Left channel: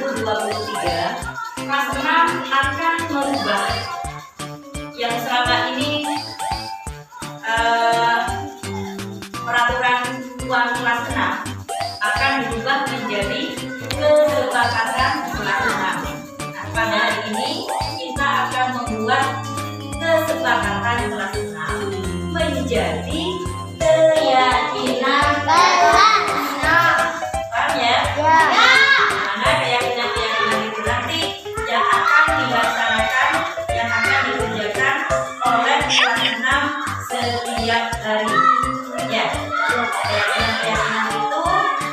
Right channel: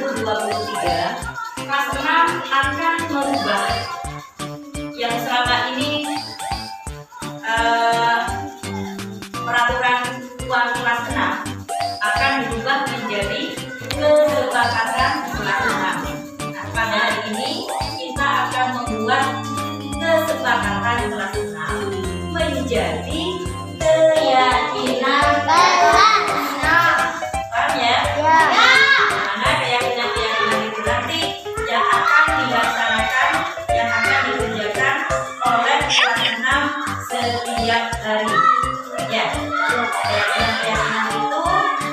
2023, kelas 6 akan merubah yang selama ini peraturan uang kelas 6 akan dirubah menjadi kesepakatan kelas 6. Nah, pada hari ini kita akan membuat kesepakatan kelas 6 menjadi keyakinan kelas 6. Paham ya? Ya. Mana keyakinan-keyakinan itu nanti yang akan dilaksanakan, yang akan dikerjakan oleh kelas 6 setiap hari. Ya, keyakinan-keyakinan itu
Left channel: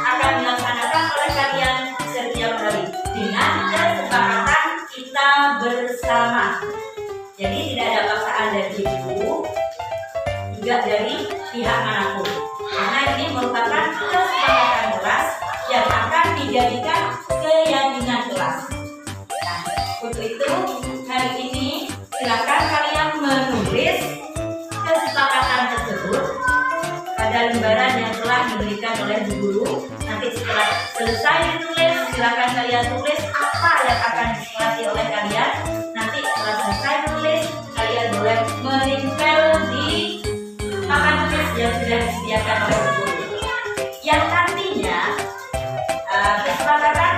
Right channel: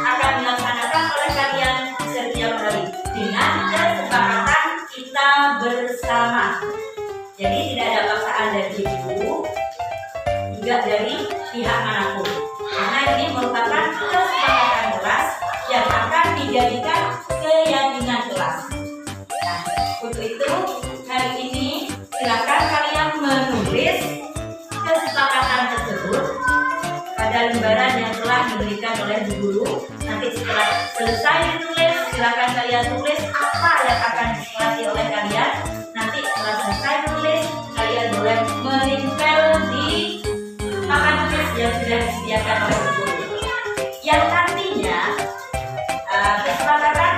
akan dilaksanakan oleh kalian setiap hari dengan kesepakatan kita bersama. Jadi tidak ada paksaan dari ibu, juga dari pihak manapun. Karena ini merupakan kesepakatan kelas yang akan dijadikan keyakinan kelas. Nah, untuk itu hari ini silakan kalian menulis kesepakatan tersebut pada lembaran yang telah diberikan oleh Bu Guru. Nanti setelah selesai ditulis, silakan kalian tulis apa yang akan disepakati oleh kalian. Nanti setelah selesai tulis, kalian boleh menempel di papan tulis yang sudah disediakan oleh Bu Guru. Yang nantinya kesepakatan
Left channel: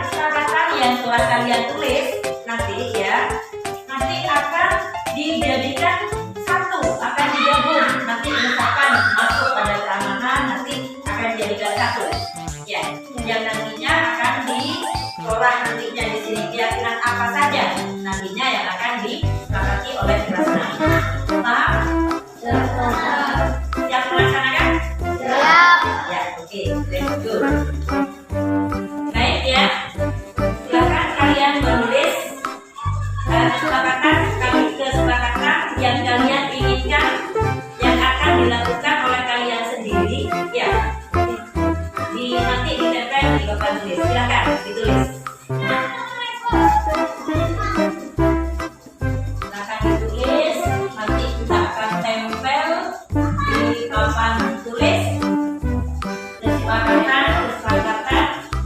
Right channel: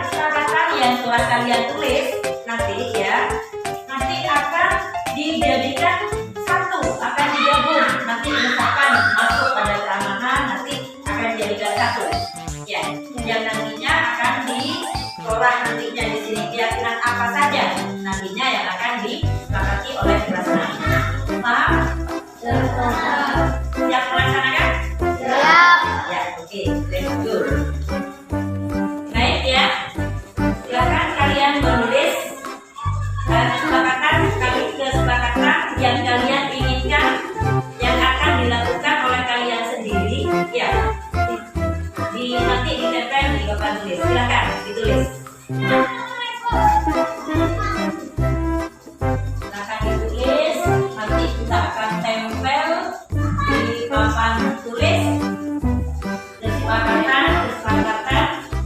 yang telah kalian tulis nanti akan dijadikan satu, akan digabung. Nanti misalkan masuk pada keamanan, nanti akan dijadikan satu. Ya, yang nantinya akan diolah nantinya di sini keyakinan apa saja nantinya yang akan disepakati oleh kelas 6. Paham? Siap melaksanakan? Siap. Ya, oke, let's go. Baik ya, silakan kalian menulis kesepakatan yang kalian inginkan yang akan dilakukan oleh kalian sendiri. Ya, nanti ditempel di papan tulis. Silakan ditulis. Silakan ditulis. Nanti kita akan tempel di papan tulis kesepakatan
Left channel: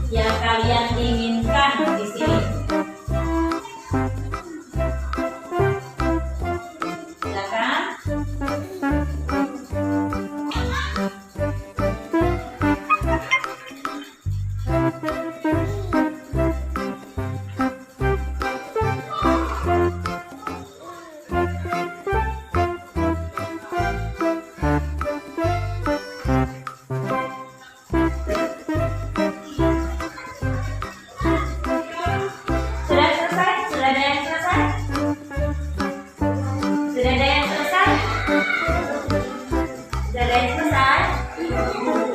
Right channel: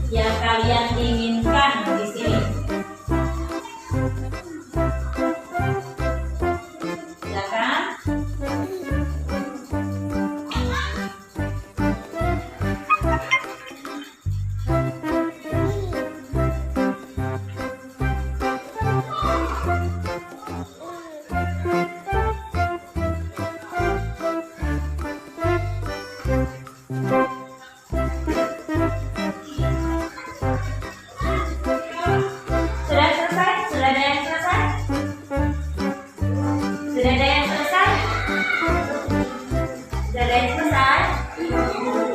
yang kalian inginkan di sini. Silakan.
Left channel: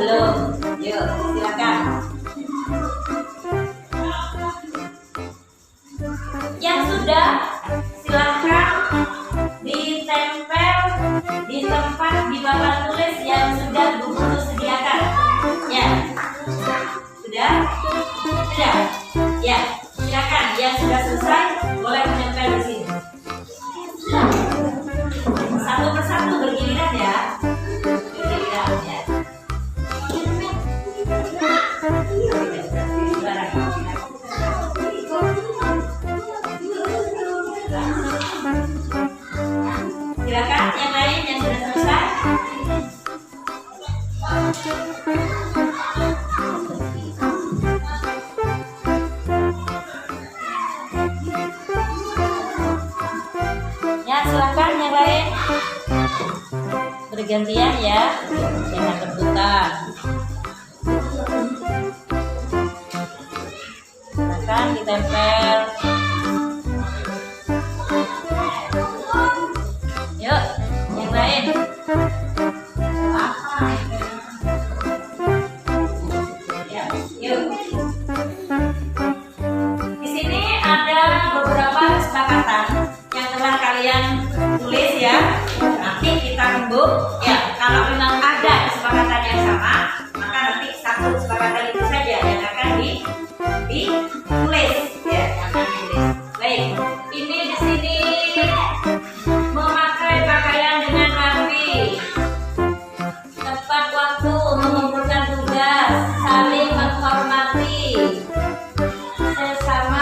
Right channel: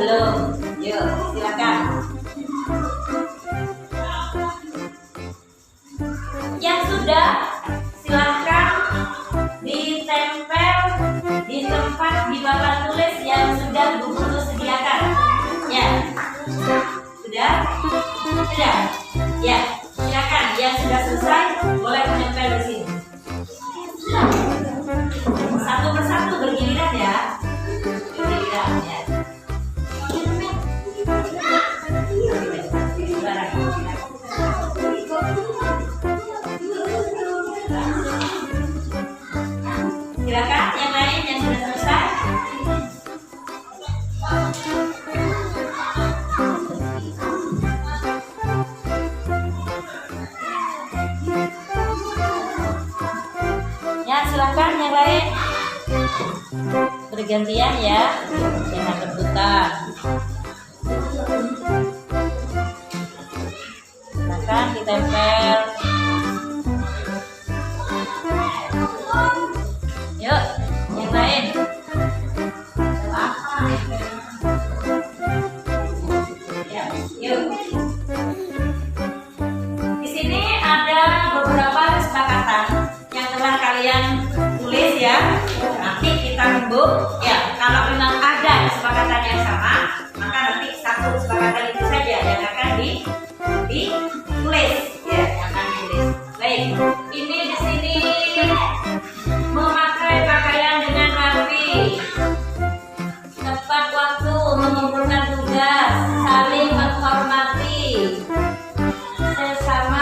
Belum? Yuk, silakan. Yang sudah, silakan ditempel di tempat di papan tulis yang sudah Bu Guru sediakan. Ya, sudah? Sudah? Ya, silakan. Yang sudah selesai boleh menempel di sini. Satu persatu bergiliran ya. Bergiliran ya. Silakan yang lain yang sudah selesai. Ya, silakan yang lain. Bergantian ya, jangan rebutan. Silakan ditempel. Yuk, yang lain. Ya, yuk. Di sini ada beberapa kesepakatan yang telah kalian tulis ya. Nanti kita rembuk. Ya, kalau memang ada kesepakatan yang sama, maka nanti satu kesepakatan itu saja yang akan ditulis. Ya, yang akan ditulis. Baik, ini di sini memakai pakaian dengan rapi, tepat waktu, mengumpulkan tugas, saling menghormati sesama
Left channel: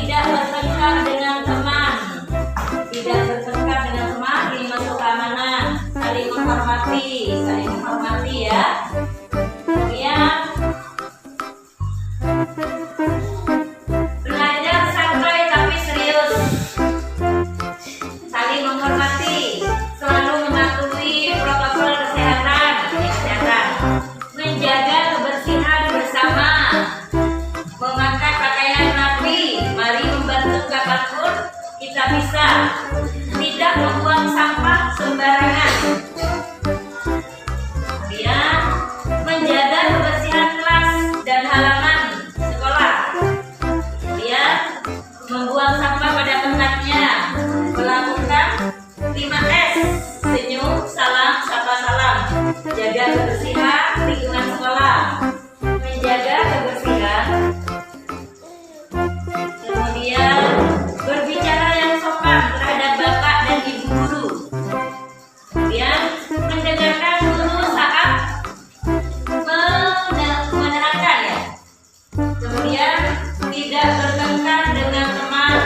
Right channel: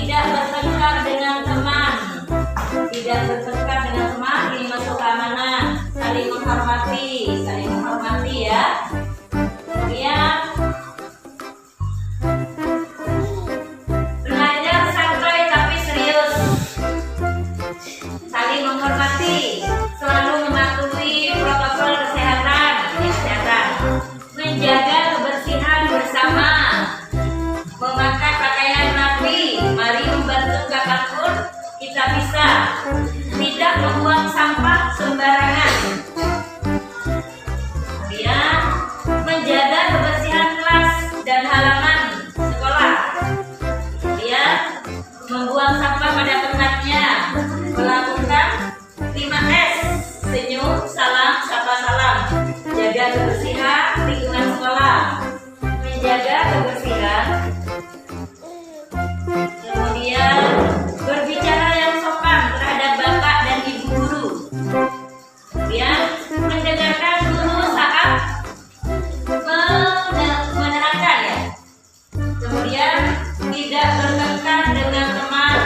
tidak bertengkar dengan teman. Tidak bertengkar dengan teman, ini masuk keamanan. Saling menghormati ya. Kemudian belajar santai tapi serius. Saling menghormati, selalu mematuhi protokol kesehatan. Menjaga kebersihan bersama. Memakai pakaian rapi, mari membantu kapanpun kita bisa. Tidak membuang sampah sembarangan. Kemudian menjaga kebersihan kelas dan halaman sekolah. Kemudian membuang sampah pada tempatnya. Melakukan 5S, senyum, salam, sapa salam. Jaga kebersihan lingkungan sekolah. Menjaga kebersihan. Kemudian berbicara yang sopan terhadap bapak dan ibu guru. Kemudian mendengarkan guru saat menerangkan ya. Kemudian tidak bertengkar dengan teman.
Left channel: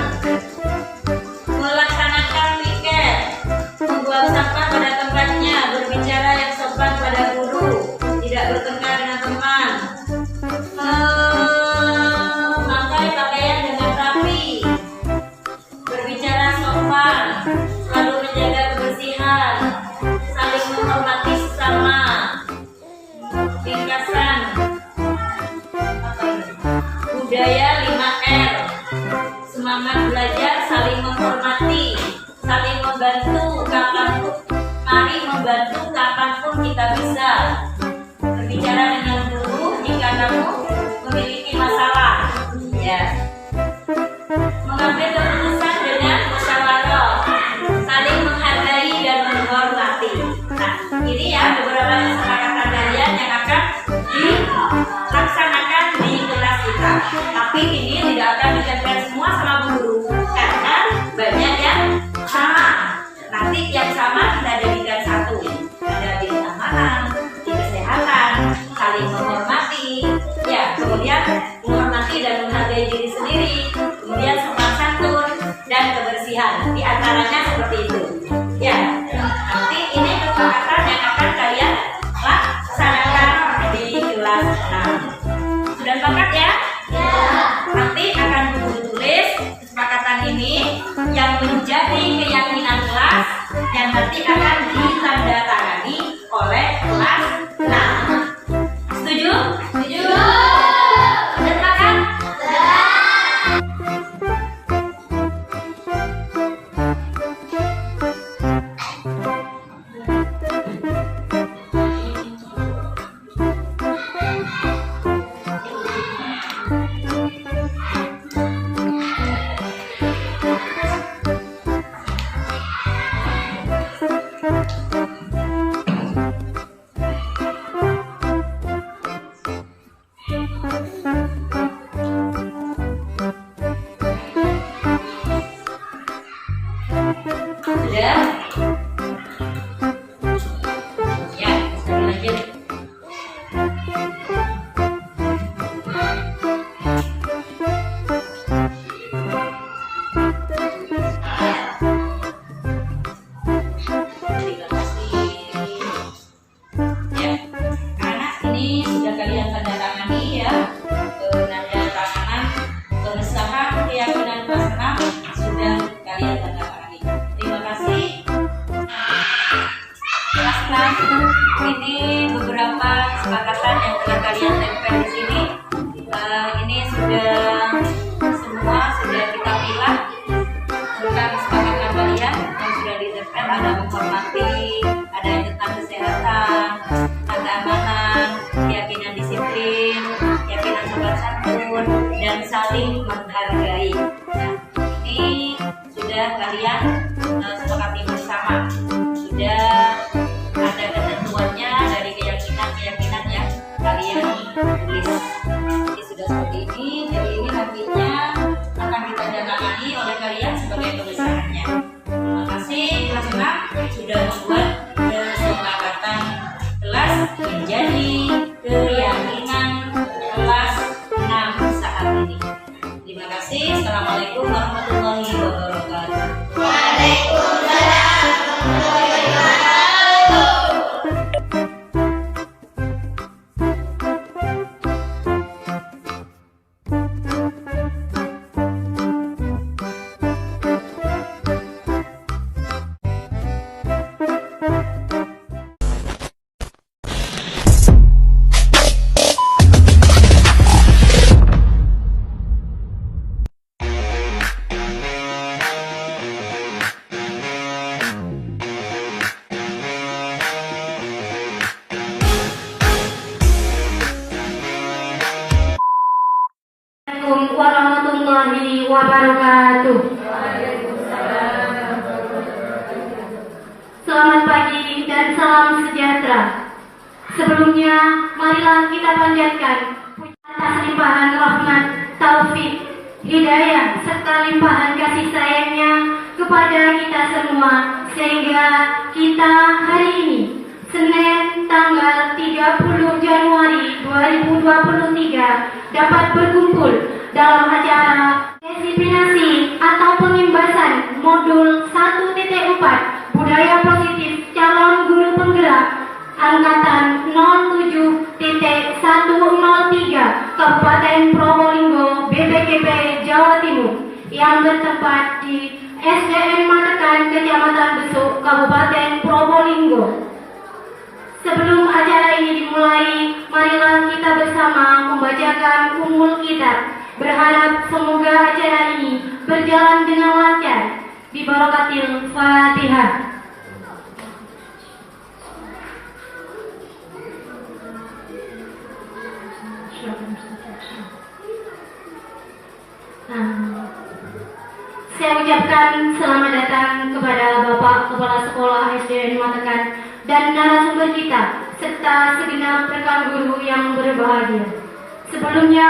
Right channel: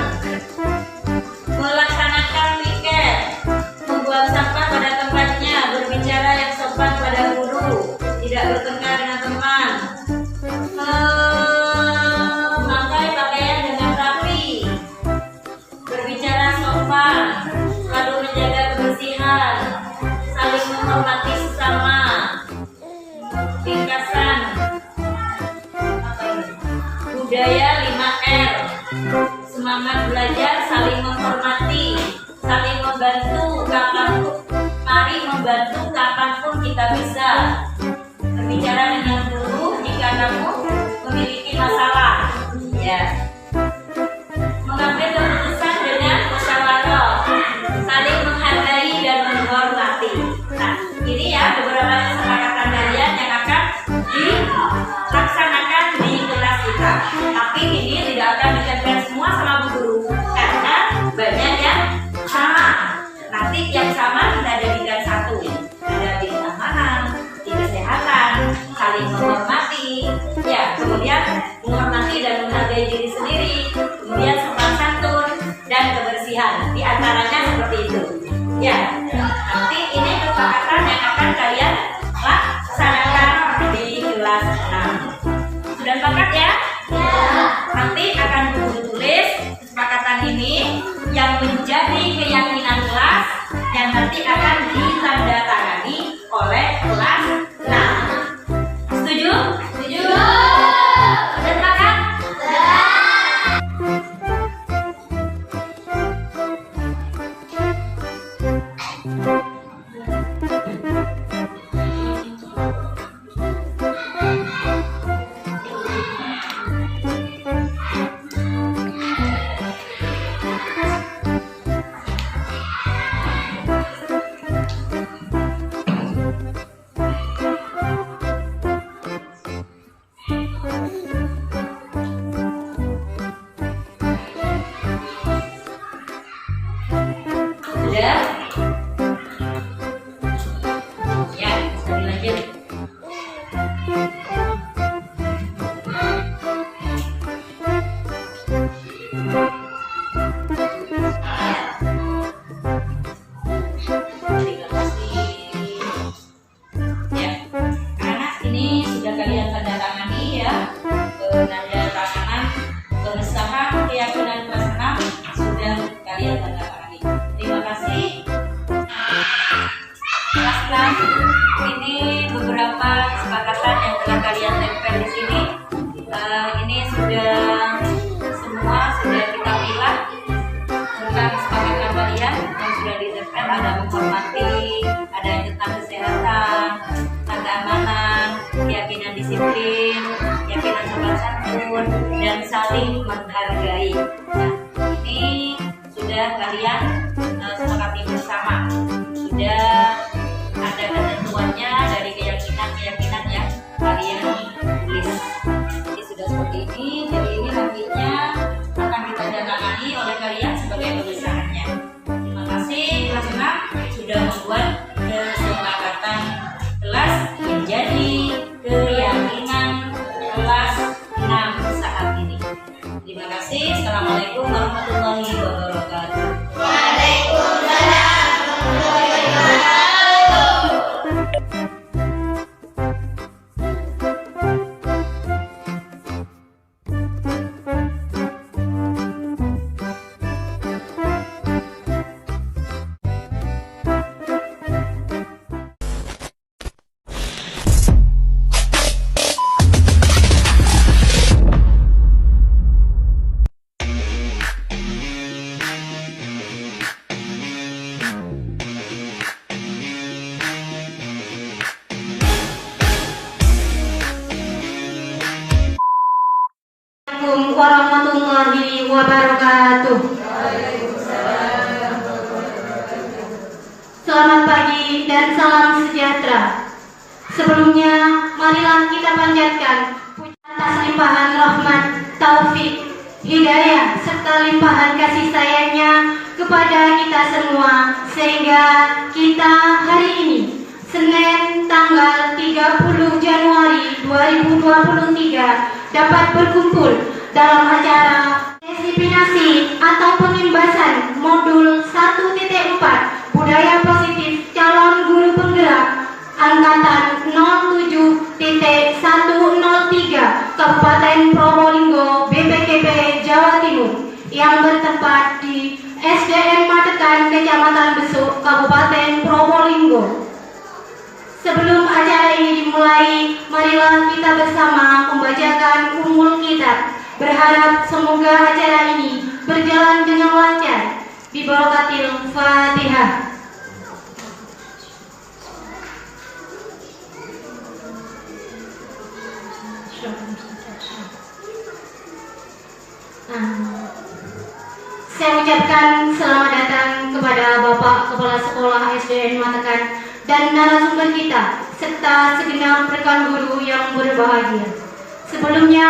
Melaksanakan piket. Membuang sampah pada tempatnya. Berbicara yang sopan pada guru. Tidak bertengkar dengan teman. Memakai pakaian dengan rapi. Berbicara sopan. Selalu menjaga kebersihan. Saling menghormati sesama. Ringkasan budaya 5R. Semangat belajar, saling menghormati, saling membantu kapanpun. Mari membantu kapanpun kita bisa. Berbicara dengan guru jika kamu memiliki masalah. Ya. Mengambil keputusan dengan musyawarah. Saling menghargai dan menghormati. Nah, ini ya beberapa kesepakatan kalian yang akan dilaksanakan di kelas kita. Tapi ini tidak akan ditempel semua sama bu guru karena banyak yang sama. Nanti yang sama kita jadikan satu. Ada di keamanan, di kesehatan, saling menghormati. Ya, kemudian menghormati dan menghargai diri sendiri. Kemudian sopan santun dan kebersihan. Di antaranya seperti itu. Ya, nanti ini kesepakatan yang akan kalian laksanakan di kelas 6. Sudah sepakat ya? Nanti akan guru tulis kesepakatan ini yang menjadi keyakinan kelas yang nanti akan ditandatangani oleh kelas 6. Setuju? Setuju. Sudah sepakat? Sudah. Sudah? Ya, bisa dilanjut. Terima kasih. Ya, anak ini sudah kalian tanda tangani ya. Nanda tanganan pengesahan keyakinan kelas 6 sudah kalian tanda tangani. Terima kasih. Kelas 6 ini beberapa kesepakatan yang telah kalian tempel di sini. Ini sudah semua sudah kita pilih tentang kesepakatan kalian yang sudah ditempel. Ada menghormati, ada yang tentang kesehatan, tentang keamanan, keyakinan disiplin, keyakinan sopan santun, dan saling menghargai. Nah, ini sudah kalian sepakati bersama. Sudah ada ketentuannya dari keyakinan yang kalian tulis. Jadi sudah seperti ini. Jadi ini nantinya akan ditandatangani oleh kalian sebagai tulisannya. Terima kasih kelas 6 sudah membuat kesepakatan kelas menjadi keyakinan kelas 6 saat ini. Terima kasih. Assalamualaikum. warahmatullahi wabarakatuh. Waalaikumsalam warahmatullahi wabarakatuh. Assalamualaikum warahmatullahi wabarakatuh. Selamat pagi dan salam sejahtera. Sebelumnya, marilah kita panjatkan pujian atas limpahan rahmat, taufik, hidayah, serta limpahan kasih sayangnya kepada kita semua, sehingga kita hari ini, Senin tanggal 30 Januari 2023, dapat berkumpul dalam acara disiplinasi atau pengimbasan modul 1.4 budaya positif calon guru penggerak angkatan 07.103 Kabupaten Probolinggo BPKB Jawa Timur yang bertempat di SDN Matekan Kecamatan Besuk Kabupaten Probolinggo. Sebelum acara ini dimulai, marilah kita bersama membacakan Ummul Kitab. Berharap semoga acara ini berjalan dengan lancar. Bibarakatil Fatihah. Saya ucapkan selamat datang kepada Bapak Kepala Sekolah SDN Matekan dan narasumber kita, serta segenap rekan guru yang berbahagia. Sebelumnya,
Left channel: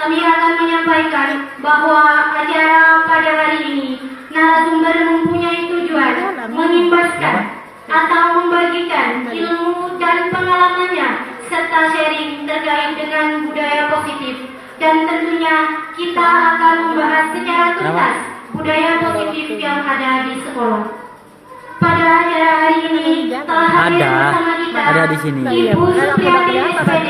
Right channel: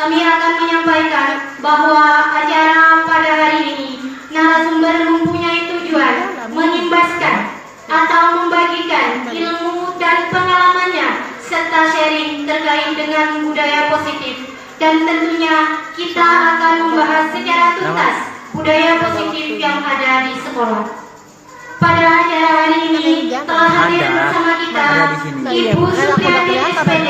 kami akan menyampaikan bahwa acara pada hari ini narasumber mempunyai tujuan mengimbaskan atau membagikan ilmu dan pengalamannya serta sharing terkait dengan budaya positif, dan tentunya kita akan membahas secara tuntas budaya positif yang ada di sekolah. Pada acara hari ini telah hadir bersama kita Ibu Supriyati SPD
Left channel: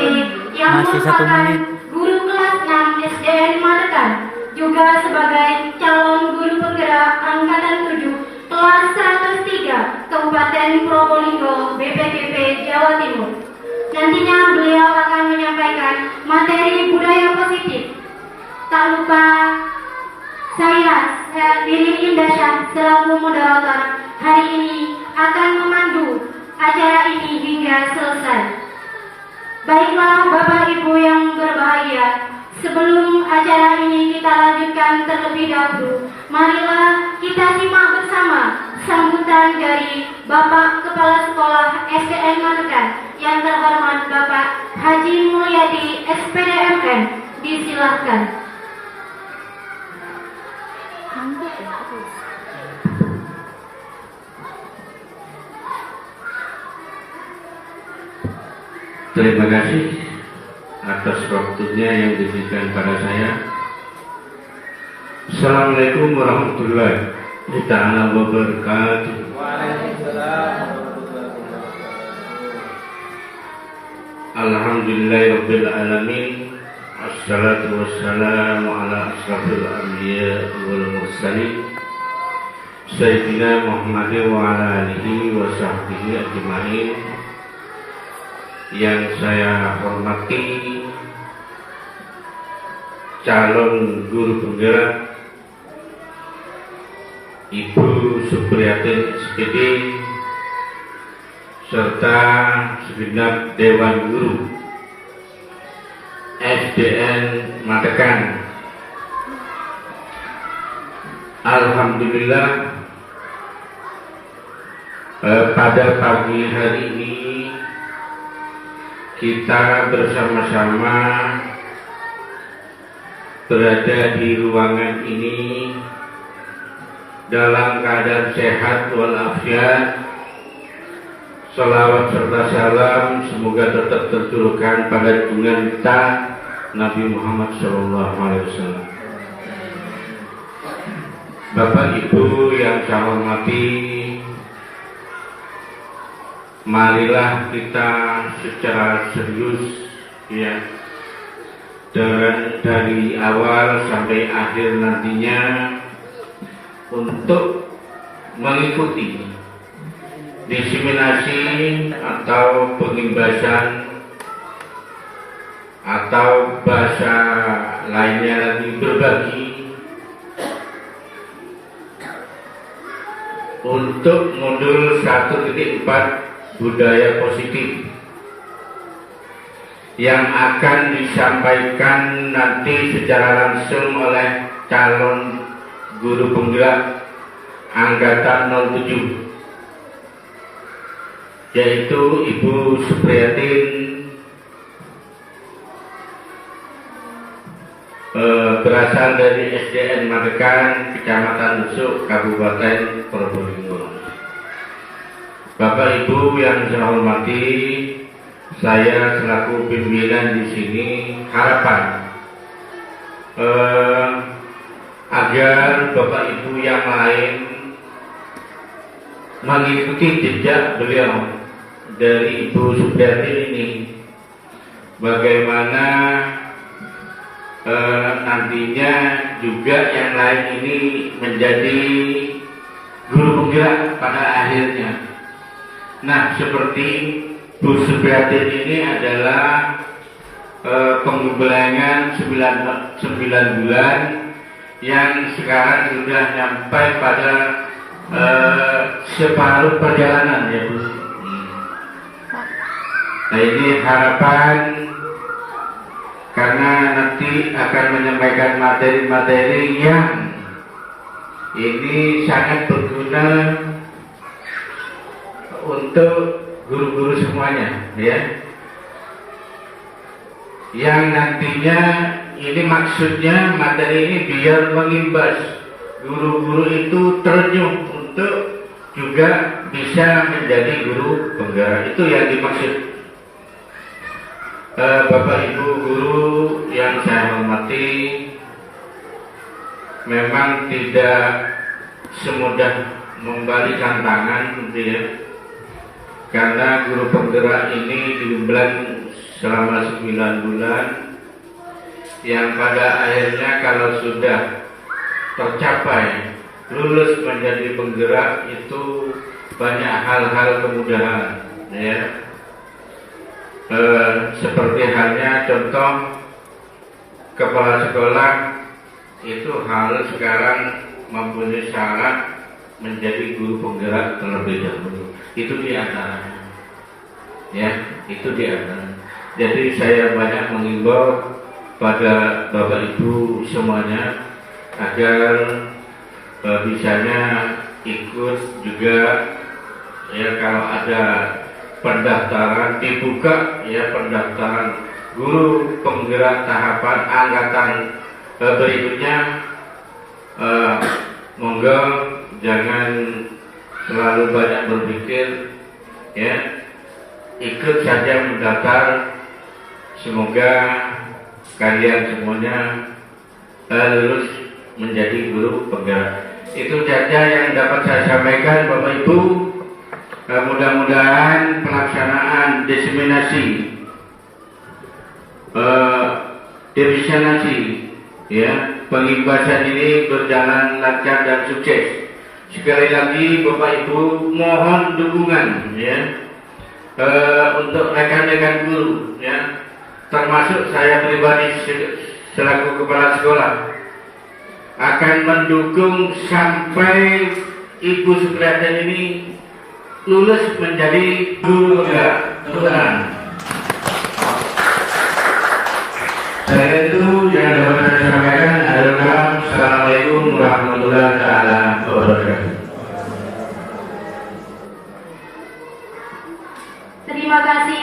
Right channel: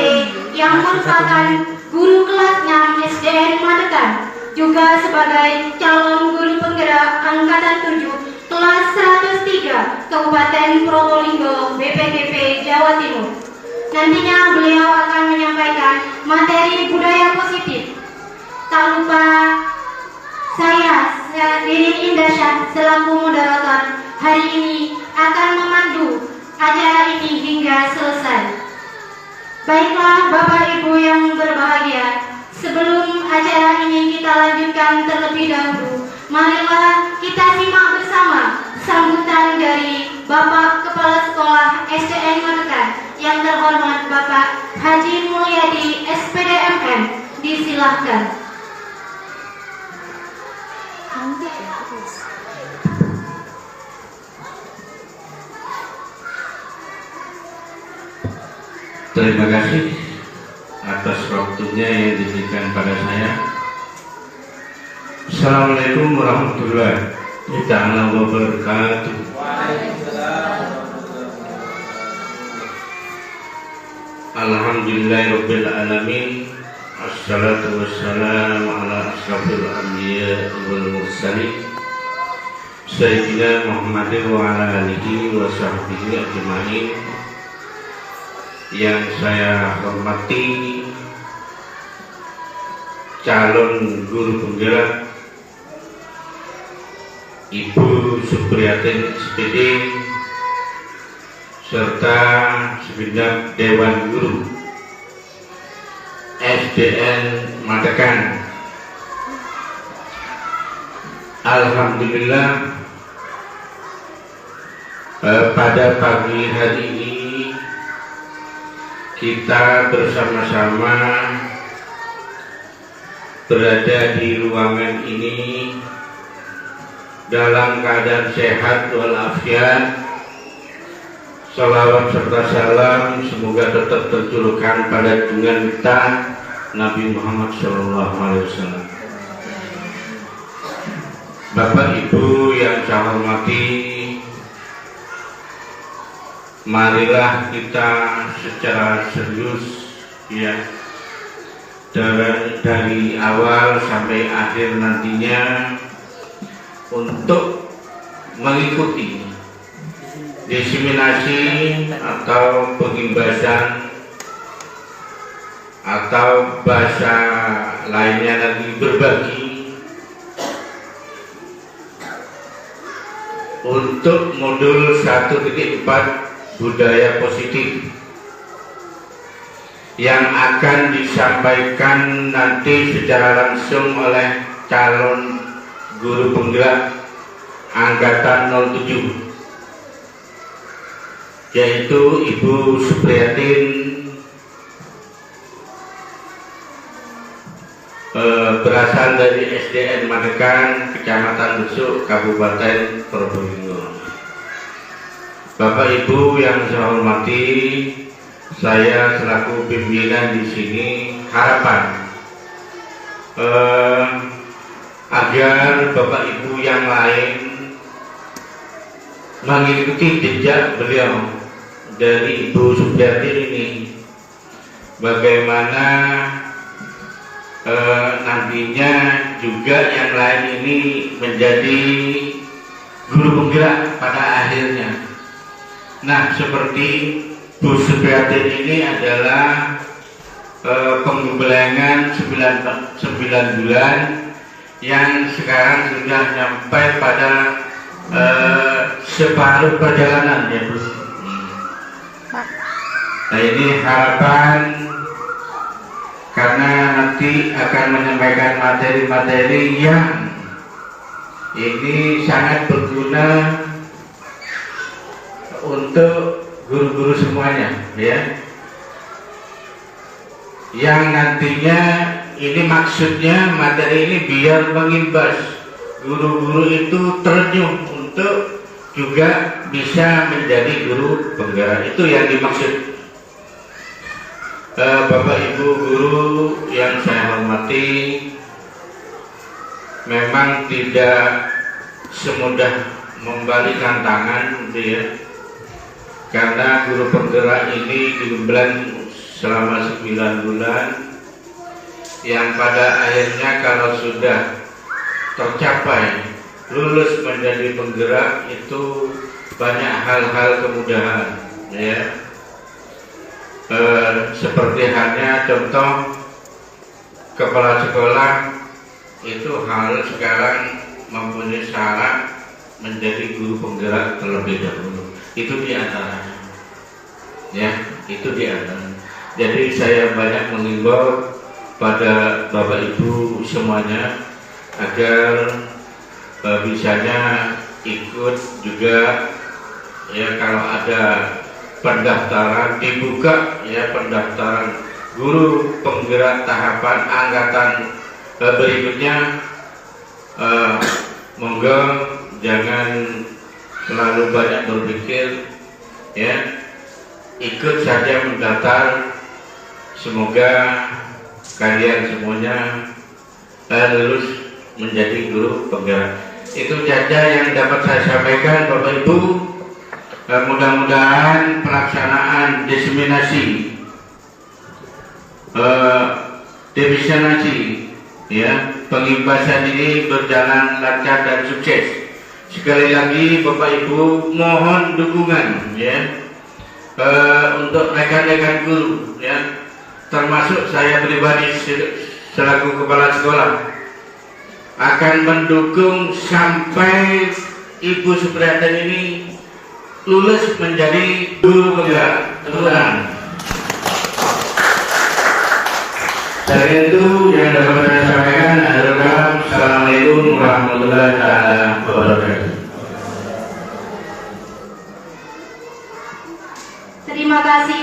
yang merupakan guru kelas 6 SDN Matekan, juga sebagai calon guru penggerak angkatan 7 kelas 103 Kabupaten Probolinggo BPKB Jawa Timur. Nantinya beliau akan menyampaikan materi budaya positif. Tak lupa saya Dini Indah selaku moderator hari ini akan memandu acara ini hingga selesai. Baiklah Bapak Ibu yang berbahagia, sebelum acara ini kita lanjutkan terlebih dahulu, marilah kita simak bersama sambutan dari Bapak Kepala Sekolah SDN Matekan yang terhormat Bapak Haji Mulyadi SPDMM. Disilahkan. Terima kasih atas waktunya yang diberikan pada saya. Assalamualaikum warahmatullahi wabarakatuh. Alhamdulillahirabbil alamin. Assalatu wassalamu ala asrafil anbiya wal mursalin Sayyidina Muhammadin wa ala alihi wa sahbihi ajma'in. Yang saya hormati calon guru penggerak Ibu Supriyati SPD serta segenap Dewan Guru SDN Matekan. Alhamdulillah, pada pagi hari ini kita bersama-sama berada di ruangan ini dalam keadaan sehat walafiat. Salawat serta salam semoga tetap tercurahkan pada junjungan kita Nabi Muhammad SAW. Bapak Ibu yang saya hormati, marilah kita secara serius ya, dari awal sampai akhir nantinya untuk mengikuti diseminasi atau pengimbasan atau bahasa lainnya lagi berbagi untuk modul 1.4 budaya positif yang akan disampaikan nanti secara langsung oleh calon guru penggerak angkatan 07, yaitu Ibu Supriyatin, berasal dari SDN Magekan, Kecamatan Besuk, Kabupaten Probolinggo. Bapak Ibu yang saya hormati, saya selaku pimpinan di sini harapan agar Bapak Ibu yang lain mengikuti jejak beliau dari Ibu Supriyatin ini, bagaimana nantinya juga yang lain ini menjadi guru penggerak pada akhirnya. Nah, seperti Bu Supriyatin ini adalah penggembelengan 9 bulan yang sekarang sudah sampai pada separuh perjalanan ya Bu. Nah, ini harapan karena nanti akan menyampaikan materi-materi yang ini sangat berguna untuk guru-guru semuanya ya, yang nantinya ini maksudnya materi ini biar mengimbas guru-guru itu ternyuh untuk juga bisa menjadi guru penggerak. Itu yang dimaksud. Bapak Ibu guru yang saya hormati, memang tidak semudah membalikan tangan gitu ya, karena guru penggerak ini digembelang selama 9 bulan, yang pada akhirnya kalau sudah tercapai lulus menjadi penggerak itu banyak hal-hal kemudahan ya. Seperti halnya contoh kepala sekolah itu harus sekarang mempunyai syarat menjadi guru penggerak terlebih dahulu. Itu di antaranya ya, itu di antaranya. Jadi saya banyak mengimbau pada Bapak Ibu semuanya agar bisanya ikut juga ya, kalau ada pendaftaran dibuka ya, pendaftaran guru penggerak tahapan angkatan berikutnya, monggo jangan selalu banyak berpikir ya, ikut saja mendaftar. Semoga kalian semuanya lulus menjadi guru penggerak. Itu saja yang dapat saya sampaikan Bapak Ibu. Mudah-mudahan pelaksanaan diseminasi ya, pengimbasan ini berjalan lancar dan sukses. Sekali lagi Bapak Ibu mohon dukungan ya, untuk rekan-rekan guru ya, termasuk saya pribadi selaku kepala sekolah akan mendukung sampai Ibu Supriyatin ini lulus menjadi guru penggerak Tuhan. Saya itu yang dapat saya sampaikan adalah Assalamualaikum warahmatullahi wabarakatuh. Terima kasih.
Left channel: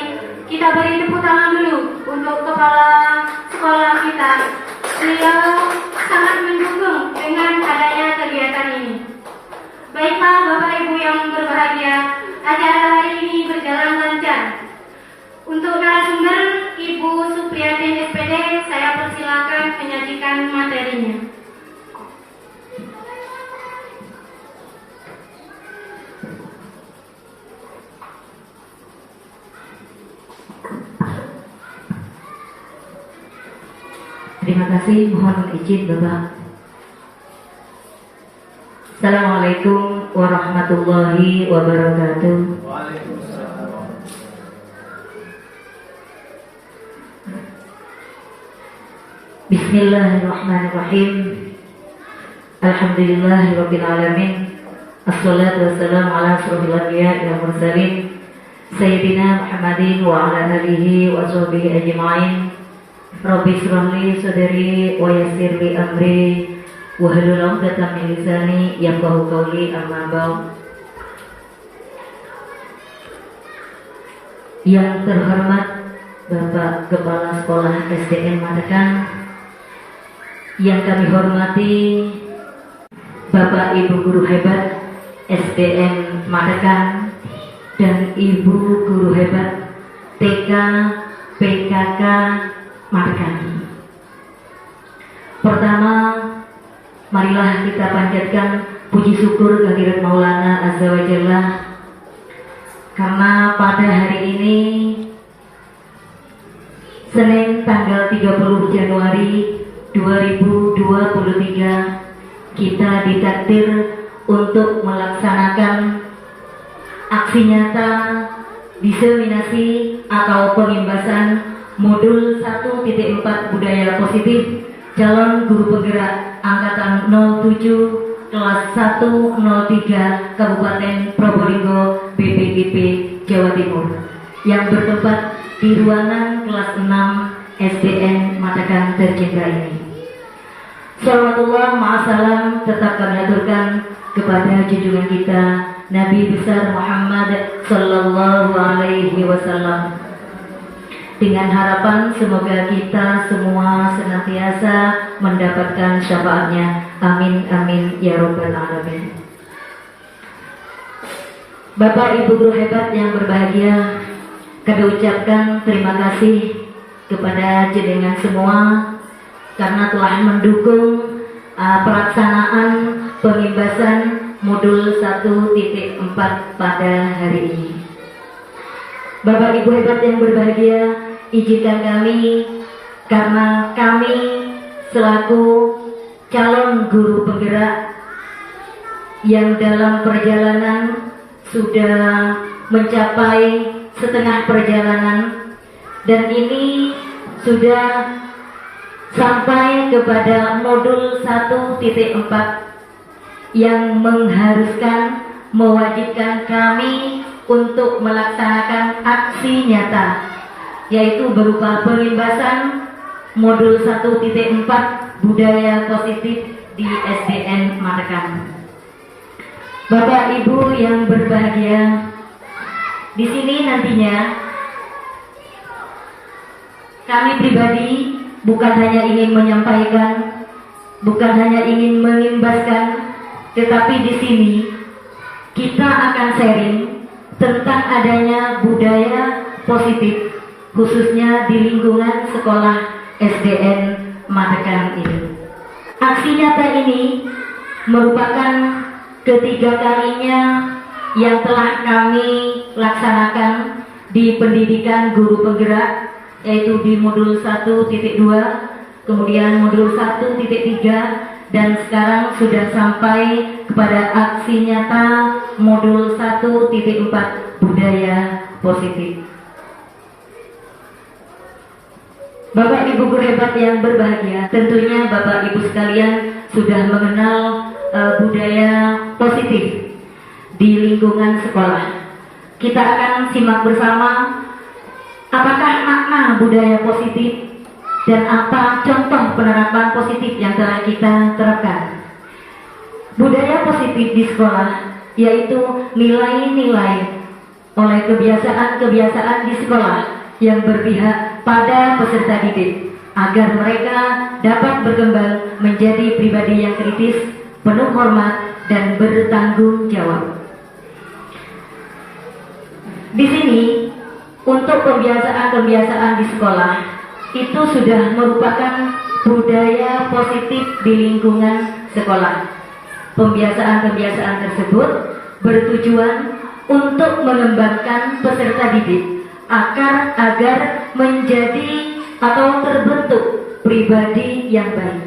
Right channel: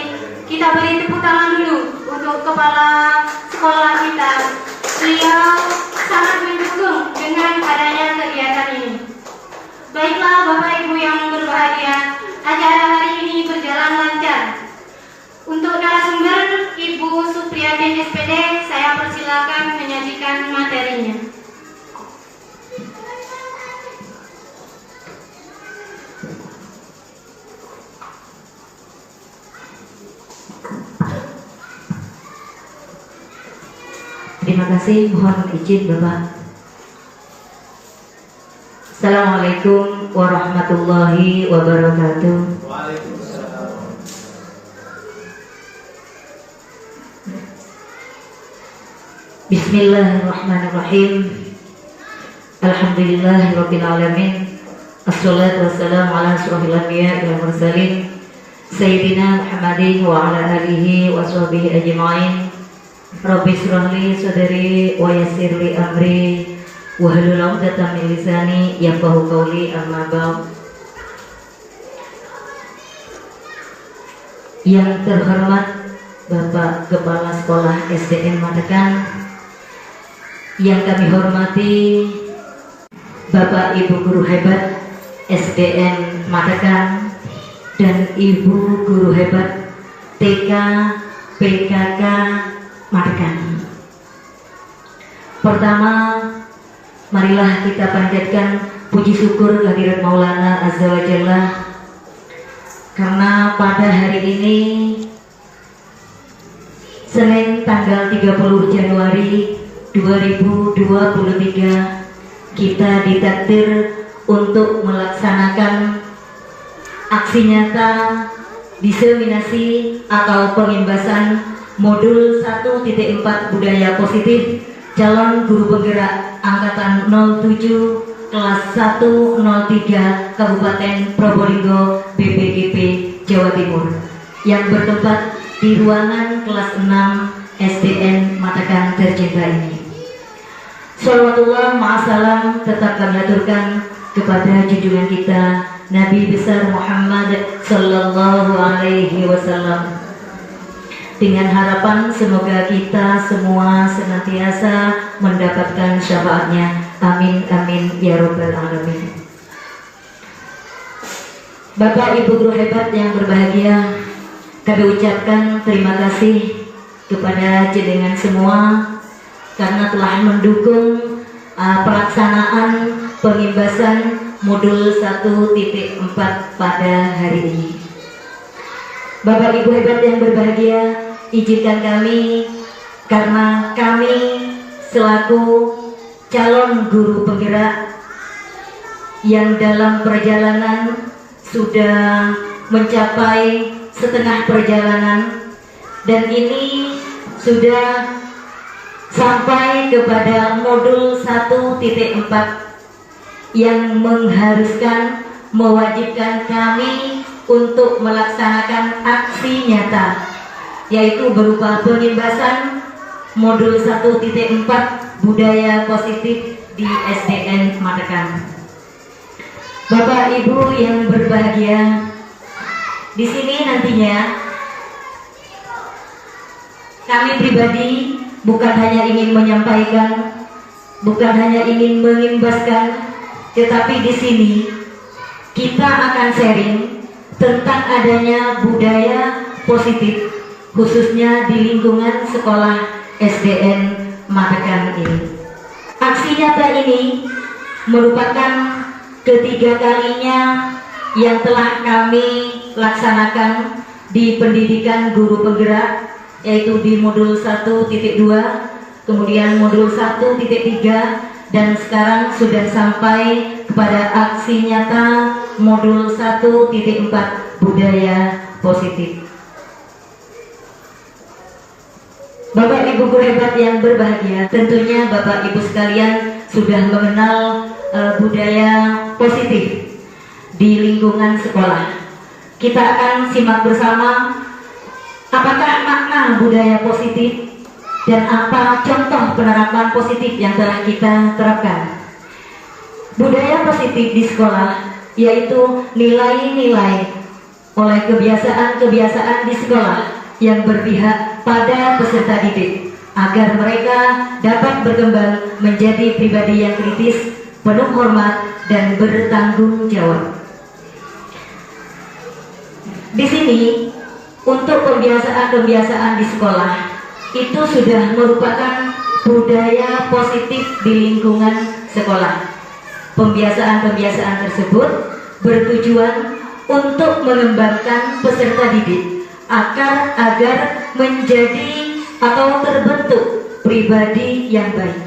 Kita beri tepuk tangan dulu untuk kepala sekolah kita. Beliau sangat mendukung dengan adanya kegiatan ini. Baiklah Bapak Ibu yang berbahagia, acara hari ini berjalan lancar. Untuk narasumber Ibu Supriyatin SPD, saya persilakan menyajikan materinya. Terima kasih, mohon izin Bapak. Assalamualaikum warahmatullahi wabarakatuh. Bismillahirrahmanirrahim. Alhamdulillahirabbil alamin. Assalatu wassalamu ala asyrofil anbiya'i wal mursalin Sayyidina Muhammadin wa ala alihi wa sahbihi ajma'in. Rabbi shrah li sadri wa yassir li amri wahlul 'uqdatam min lisani yafqahu qawli, amma ba'd. Yang terhormat Bapak Kepala Sekolah SDN Matekan, yang kami hormati Bapak Ibu Guru Hebat SDN Matekan dan Ibu Guru Hebat TK PKK Matekan. Pertama, marilah kita panjatkan puji syukur kehadirat Maulana Azza wa Jalla, karena pada hari ini Senin tanggal 30 Januari 2023 kita ditakdir untuk melaksanakan aksi nyata diseminasi atau pengimbasan modul 1.4 budaya positif calon guru penggerak angkatan 07 kelas 103 Kabupaten Probolinggo BPDP Jawa Timur yang bertempat di ruangan kelas 6 SDN Matekan tercinta ini. Shalawatullah ma'asalam tetap kami aturkan kepada junjungan kita Nabi besar Muhammad Sallallahu Alaihi Wasallam, dengan harapan semoga kita semua senantiasa mendapatkan syafaatnya. Amin amin ya rabbal alamin. Bapak Ibu guru hebat yang berbahagia, kami ucapkan terima kasih kepada jenengan semua karena telah mendukung pelaksanaan pengimbasan modul 1.4 pada hari ini. Bapak Ibu hebat yang berbahagia, izinkan kami, karena kami selaku calon guru penggerak yang dalam perjalanan sudah mencapai setengah perjalanan dan ini sudah sampai kepada modul 1.4 yang mengharuskan, mewajibkan kami untuk melaksanakan aksi nyata, yaitu berupa pengimbasan modul 1.4 budaya positif di SDN Matekan. Bapak Ibu yang berbahagia, di sini nantinya kami pribadi bukan hanya ingin menyampaikan, bukan hanya ingin mengimbaskan, tetapi di sini kita akan sharing tentang adanya budaya positif, khususnya di lingkungan sekolah SDN Matekan ini. Aksi nyata ini merupakan ketiga kalinya yang telah kami laksanakan di pendidikan guru penggerak, yaitu di modul 1.2, kemudian modul 1.3, dan sekarang sudah sampai kepada aksi nyata modul 1.4 budaya positif. Bapak Ibu guru hebat yang berbahagia, tentunya Bapak Ibu sekalian sudah mengenal budaya positif di lingkungan sekolah. Kita akan simak bersama apakah makna budaya positif dan apa contoh penerapan positif yang telah kita terapkan. Budaya positif di sekolah yaitu nilai-nilai oleh kebiasaan-kebiasaan di sekolah yang berpihak pada peserta didik agar mereka dapat berkembang menjadi pribadi yang kritis, penuh hormat, dan bertanggung jawab. Di sini untuk kebiasaan-kebiasaan di sekolah itu sudah merupakan budaya positif di lingkungan sekolah. Pembiasaan-pembiasaan tersebut bertujuan untuk mengembangkan peserta didik agar menjadi atau terbentuk berpribadi yang baik,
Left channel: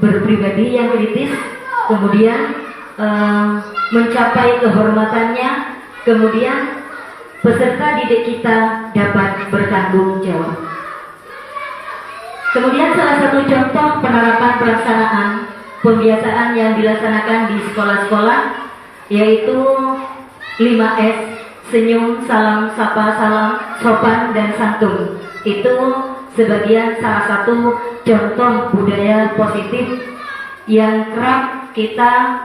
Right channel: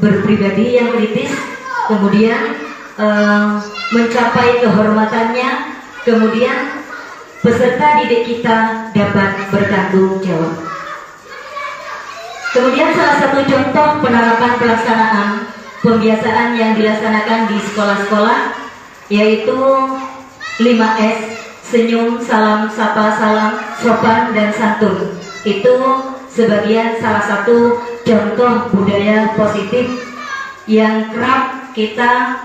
berpribadi yang kritis, kemudian mencapai kehormatannya, kemudian peserta didik kita dapat bertanggung jawab. Kemudian salah satu contoh penerapan pelaksanaan pembiasaan yang dilaksanakan di sekolah-sekolah yaitu 5S, senyum, salam, sapa, salam, sopan, dan santun. Itu sebagian salah satu contoh budaya positif yang kerap kita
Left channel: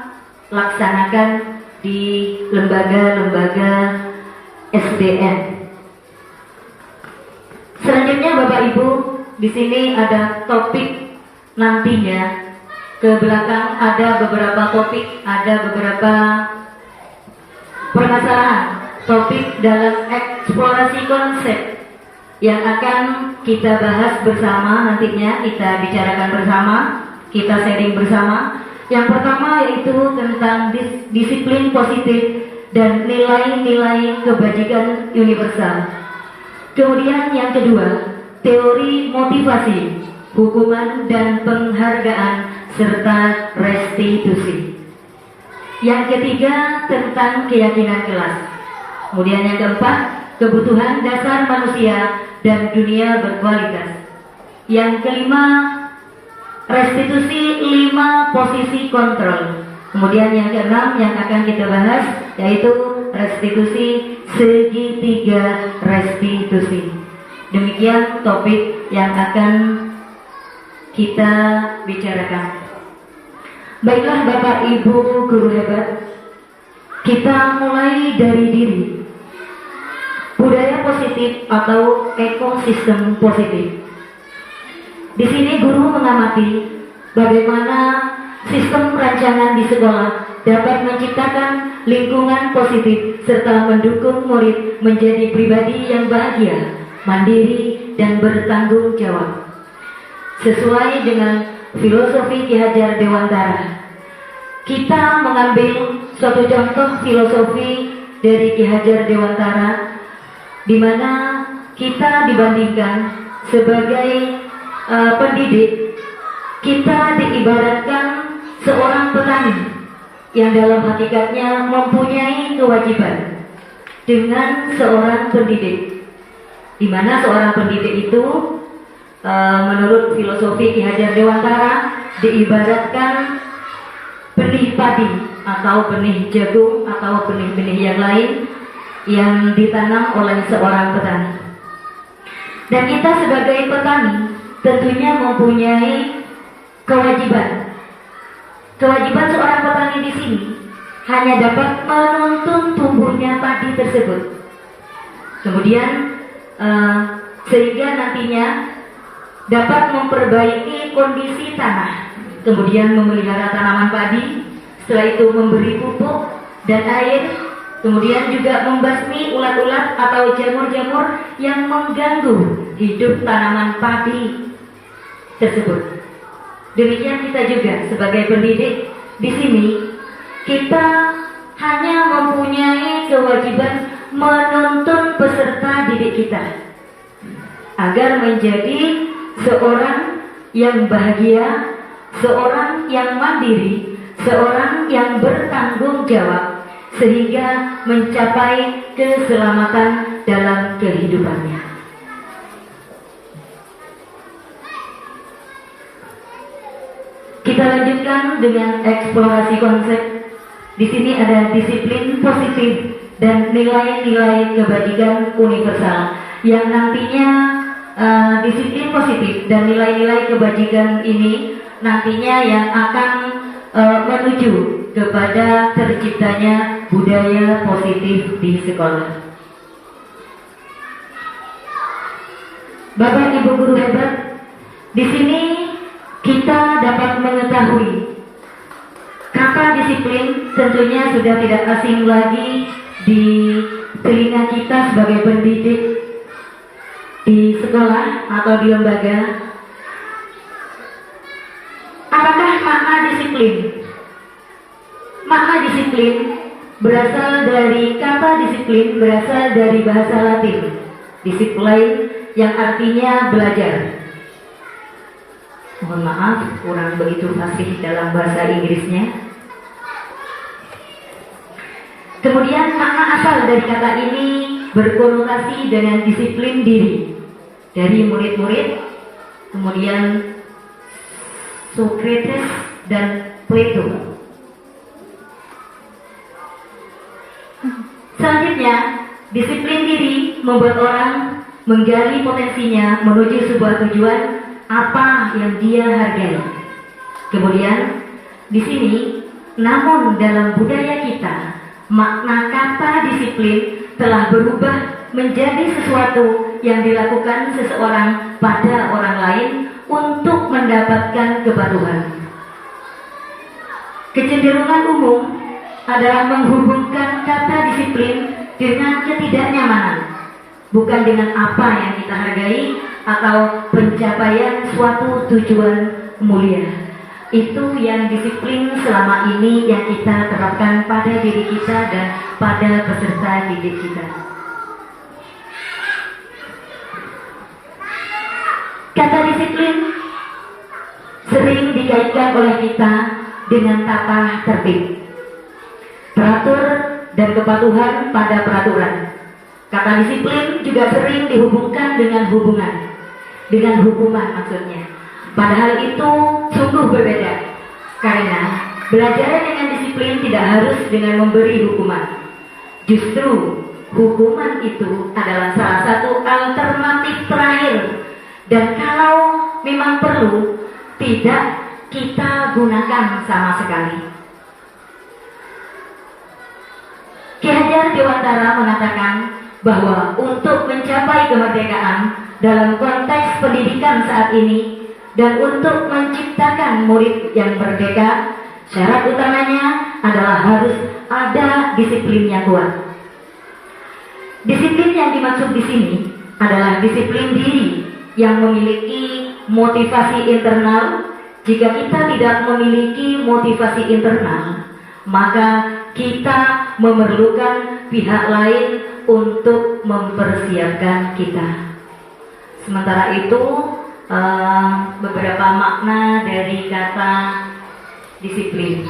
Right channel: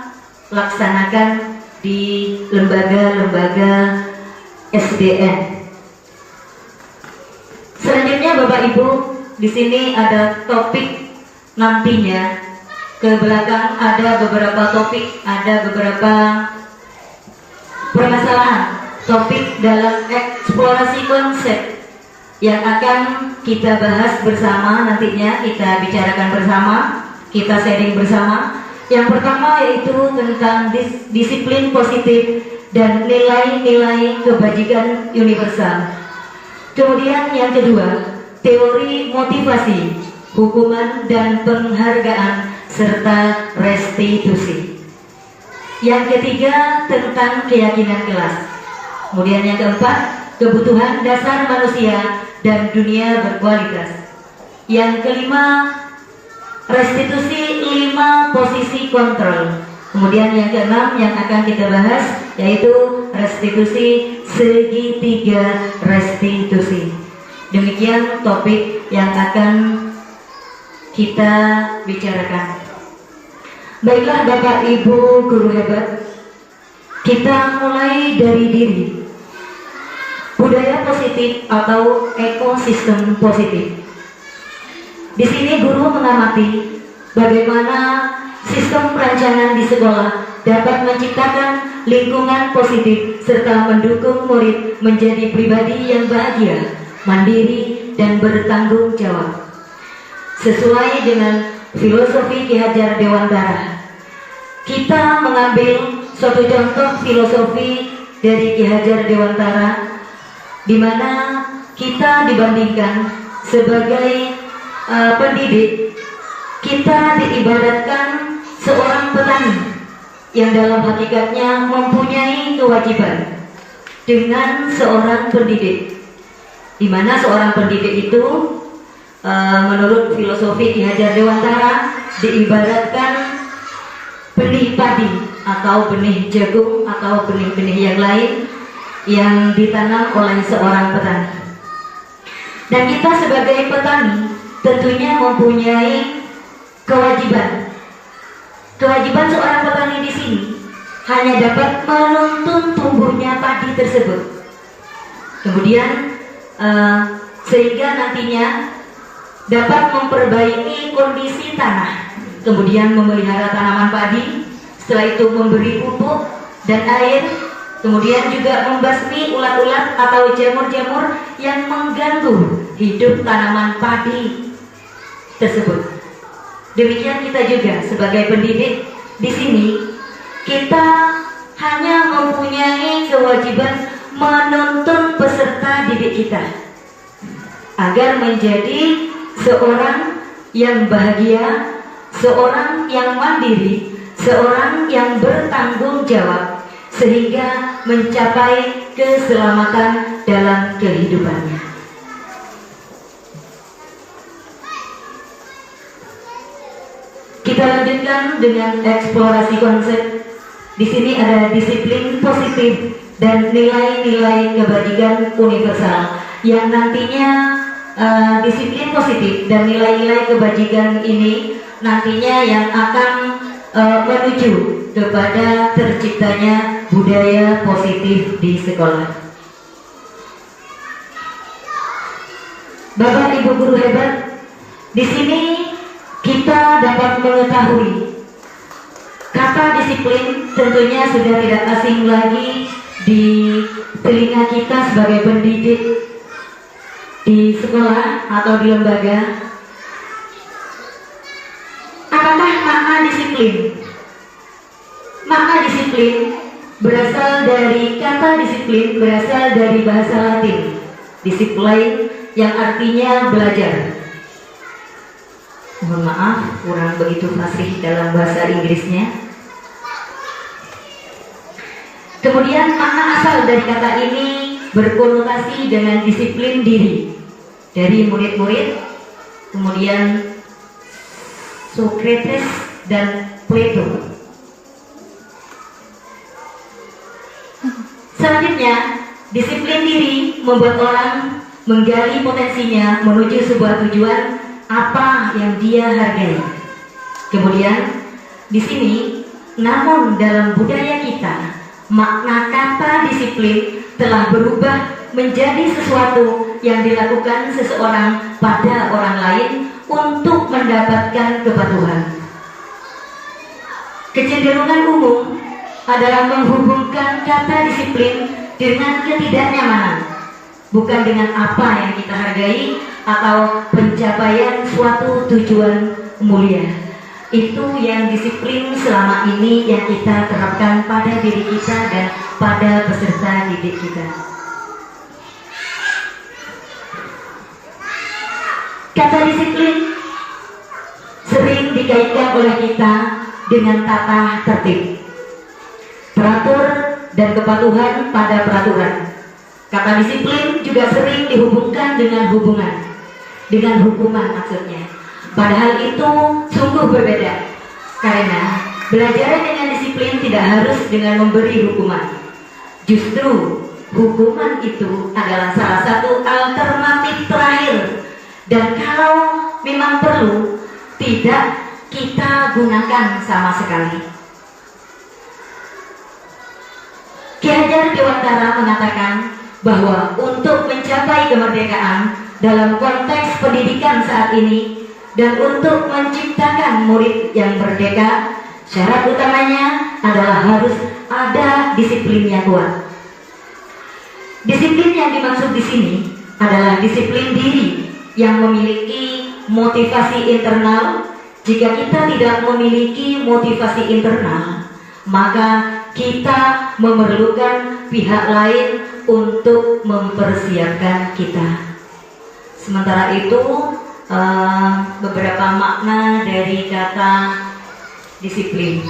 laksanakan di lembaga-lembaga SDN. Selanjutnya Bapak Ibu, di sini ada topik nantinya. Ke belakang ada beberapa topik, ada beberapa permasalahan topik dalam eksplorasi konsep yang akan kita bahas bersama nantinya, kita bicarakan bersama, kita sharing bersama. Yang pertama yaitu tentang disiplin positif dan nilai-nilai kebajikan universal. Kemudian yang kedua, teori motivasi, hukuman dan penghargaan serta restitusi. Yang ketiga tentang keyakinan kelas. Kemudian yang keempat, kebutuhan dasar manusia dan dunia berkualitas. Yang kelima, restitusi 5 posisi kontrol. Kemudian yang keenam yang akan kita bahas yaitu restitusi segitiga restitusi. Demikian topik yang akan kita bicarakan. Baiklah Bapak Ibu guru hebat, kita mulai dari diri. Budaya positif atau ekosistem positif. Di sini guru mengamati bagaimana sistem perancangan di sekolah dapat menciptakan lingkungan positif serta mendukung murid menjadi pribadi yang bahagia, mandiri, dan bertanggung jawab. Sesuai dengan filosofi Ki Hajar Dewantara, kita mengambil suatu contoh filosofi dari Ki Hajar Dewantara, di mana kita dibandingkan sebagai pendidik, kita diibaratkan seorang petani yang dalam hakikatnya mempunyai kewajiban dengan seorang pendidik, di mana seorang pendidik itu menurut filosofi Ki Hajar Dewantara diibaratkan benih padi atau benih jagung atau benih-benih yang lain yang ditanam oleh seorang petani. Dan kita sebagai petani tentunya mempunyai kewajiban. Kewajiban seorang petani di sini hanya dapat menuntun tumbuhnya padi tersebut. Kemudian sehingga nantinya dapat memperbaiki kondisi tanah, kemudian memelihara tanaman padi, setelah itu memberi pupuk dan air, kemudian juga membasmi ulat-ulat atau jamur-jamur yang mengganggu hidup tanaman padi tersebut. Demikian kita juga sebagai pendidik di sini, kita hanya mempunyai kewajiban menuntun peserta didik kita agar menjadi seorang yang bahagia, seorang yang mandiri, seorang yang bertanggung jawab, sehingga mencapai keselamatan dalam kehidupannya. Kita lanjutkan dengan eksplorasi konsep. Di sini ada disiplin positif dan nilai-nilai kebajikan universal, yang nantinya disiplin positif dan nilai-nilai kebajikan ini nantinya yang akan menuju kepada terciptanya budaya positif di sekolah. Bapak Ibu guru hebat, di sini kita dapat mengetahui kata disiplin tentunya sudah tidak asing lagi di telinga kita sebagai pendidik di sekolah atau di lembaga. Apakah makna disiplin? Makna disiplin berasal dari kata disiplin, berasal dari bahasa Latin, disiplin, yang artinya belajar. Mohon maaf, kurang begitu fasih dalam bahasa Inggrisnya. Kemudian makna asal dari kata ini berkonotasi dengan disiplin diri dari murid-murid, kemudian Socrates dan Plato. Selanjutnya, disiplin diri membuat orang menggali potensinya menuju sebuah tujuan apa yang dia hargai. Kemudian, di sini, namun dalam budaya kita, makna kata disiplin telah berubah menjadi sesuatu yang dilakukan seseorang pada orang lain untuk mendapatkan kepatuhan. Kecenderungan umum adalah menghubungkan kata disiplin dengan ketidaknyamanan, bukan dengan apa yang kita hargai atau pencapaian suatu tujuan mulia. Itu yang disiplin selama ini yang kita terapkan pada diri kita dan pada peserta didik kita. Kata disiplin sering dikaitkan oleh kita dengan tata tertib, teratur dan kepatuhan pada peraturan. Kata disiplin juga sering dihubungkan dengan hukuman maksudnya. Padahal itu sungguh berbeda, karena belajar dengan disiplin tidak harus dengan memberi hukuman. Justru hukuman itu adalah salah satu alternatif terakhir, dan kalau memang perlu, tidak kita gunakan sama sekali. Ki Hajar Dewantara mengatakan bahwa untuk mencapai kemerdekaan dalam konteks pendidikan saat ini dan untuk menciptakan murid yang merdeka, syarat utamanya adalah harus ada disiplin yang kuat. Disiplin yang dimaksud di sini adalah disiplin diri yang memiliki motivasi internal. Jika kita tidak memiliki motivasi internal, maka kita memerlukan pihak lain untuk mempersiapkan kita. Sementara itu, beberapa makna dari kata disiplin.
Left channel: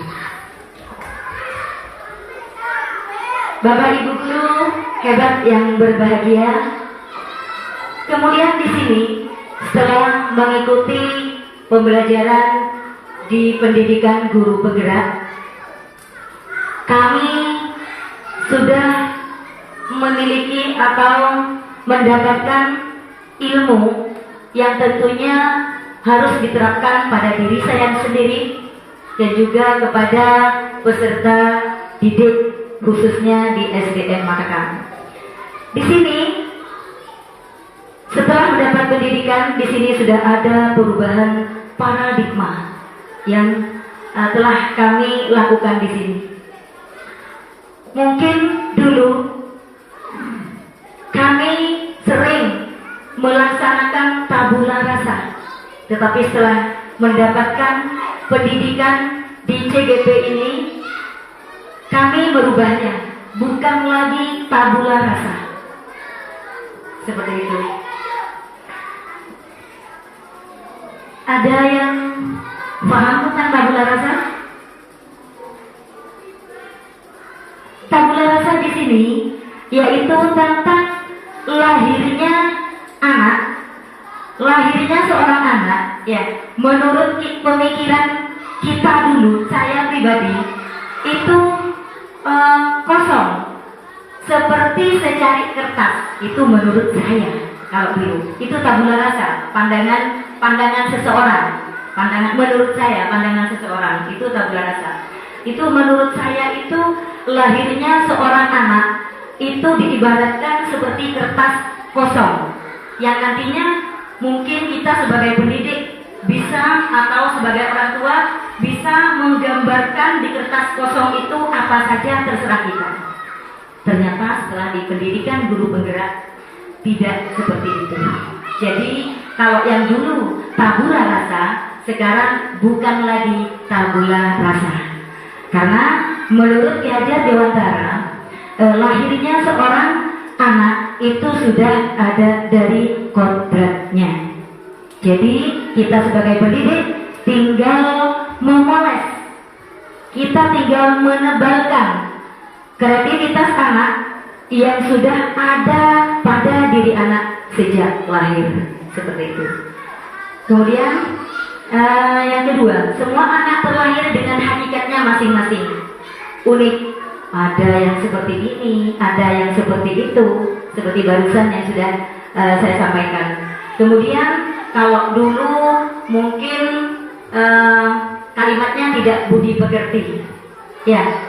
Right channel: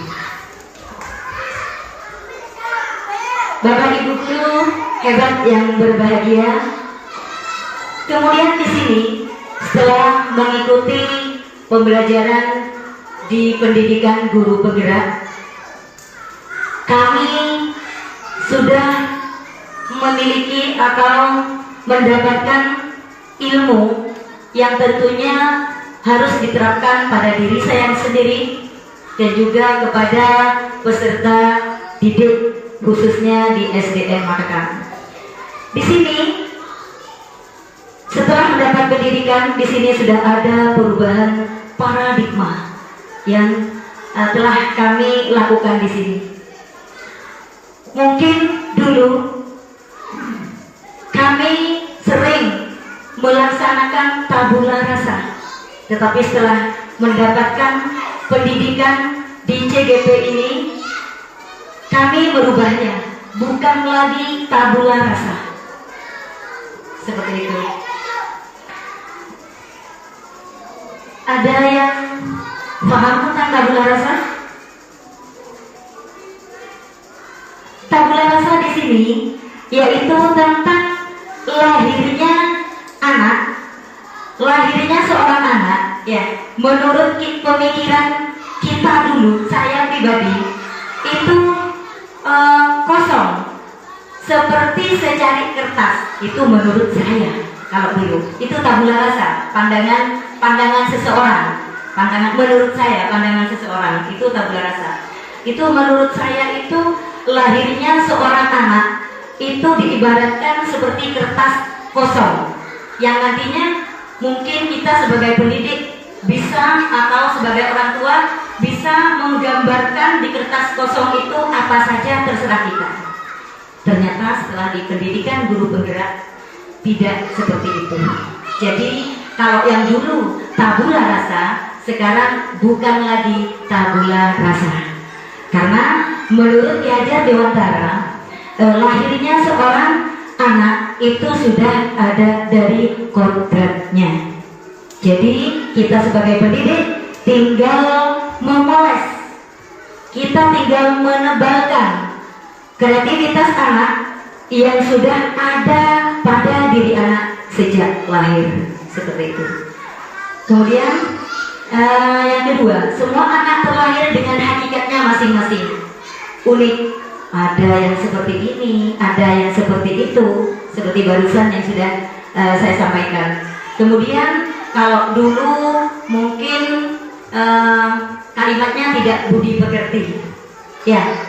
Bapak Ibu guru hebat yang berbahagia. Kemudian di sini setelah mengikuti pembelajaran di pendidikan guru penggerak, kami sudah memiliki atau mendapatkan ilmu yang tentunya harus diterapkan pada diri saya sendiri dan juga kepada peserta didik khususnya di SDN Matakan. Di sini setelah mendapat pendidikan, di sini sudah ada perubahan paradigma yang telah kami lakukan di sini. Mungkin dulu kami sering melaksanakan tabula rasa, tetapi setelah mendapatkan pendidikan di CGP ini, kami merubahnya, bukan lagi tabula rasa seperti itu. Ada yang paham tentang tabula rasa? Tabula rasa di sini yaitu tentang lahirnya seorang anak, ya. Menurut pemikiran kita dulu, saya pribadi itu kosong, seperti secari kertas. Itu menurut saya kalau dulu. Itu tabula rasa, pandangan seseorang. Menurut saya pandangan seseorang itu tabula rasa. Itu menurut saya itu lahirnya seorang anak itu diibaratkan seperti kertas kosong yang nantinya mungkin kita sebagai pendidik bisa atau sebagai orang tua bisa menggambarkan di kertas kosong itu apa saja, terserah kita. Ternyata setelah di pendidikan guru penggerak tidak seperti itu. Jadi kalau yang dulu tabula rasa, sekarang bukan lagi tabula rasa. Karena menurut Ki Hajar Dewantara, lahirnya seorang anak itu sudah ada dari kodratnya. Jadi kita sebagai pendidik tinggal memoles, kita tinggal menebalkan kreativitas anak yang sudah ada pada diri anak sejak lahir, seperti itu. Kemudian yang kedua, semua anak terlahir dengan hakikatnya masing-masing, unik. Ada yang seperti ini, ada yang seperti itu, seperti barusan yang sudah saya sampaikan. Kemudian kalau dulu mungkin kalimatnya tidak budi pekerti, ya,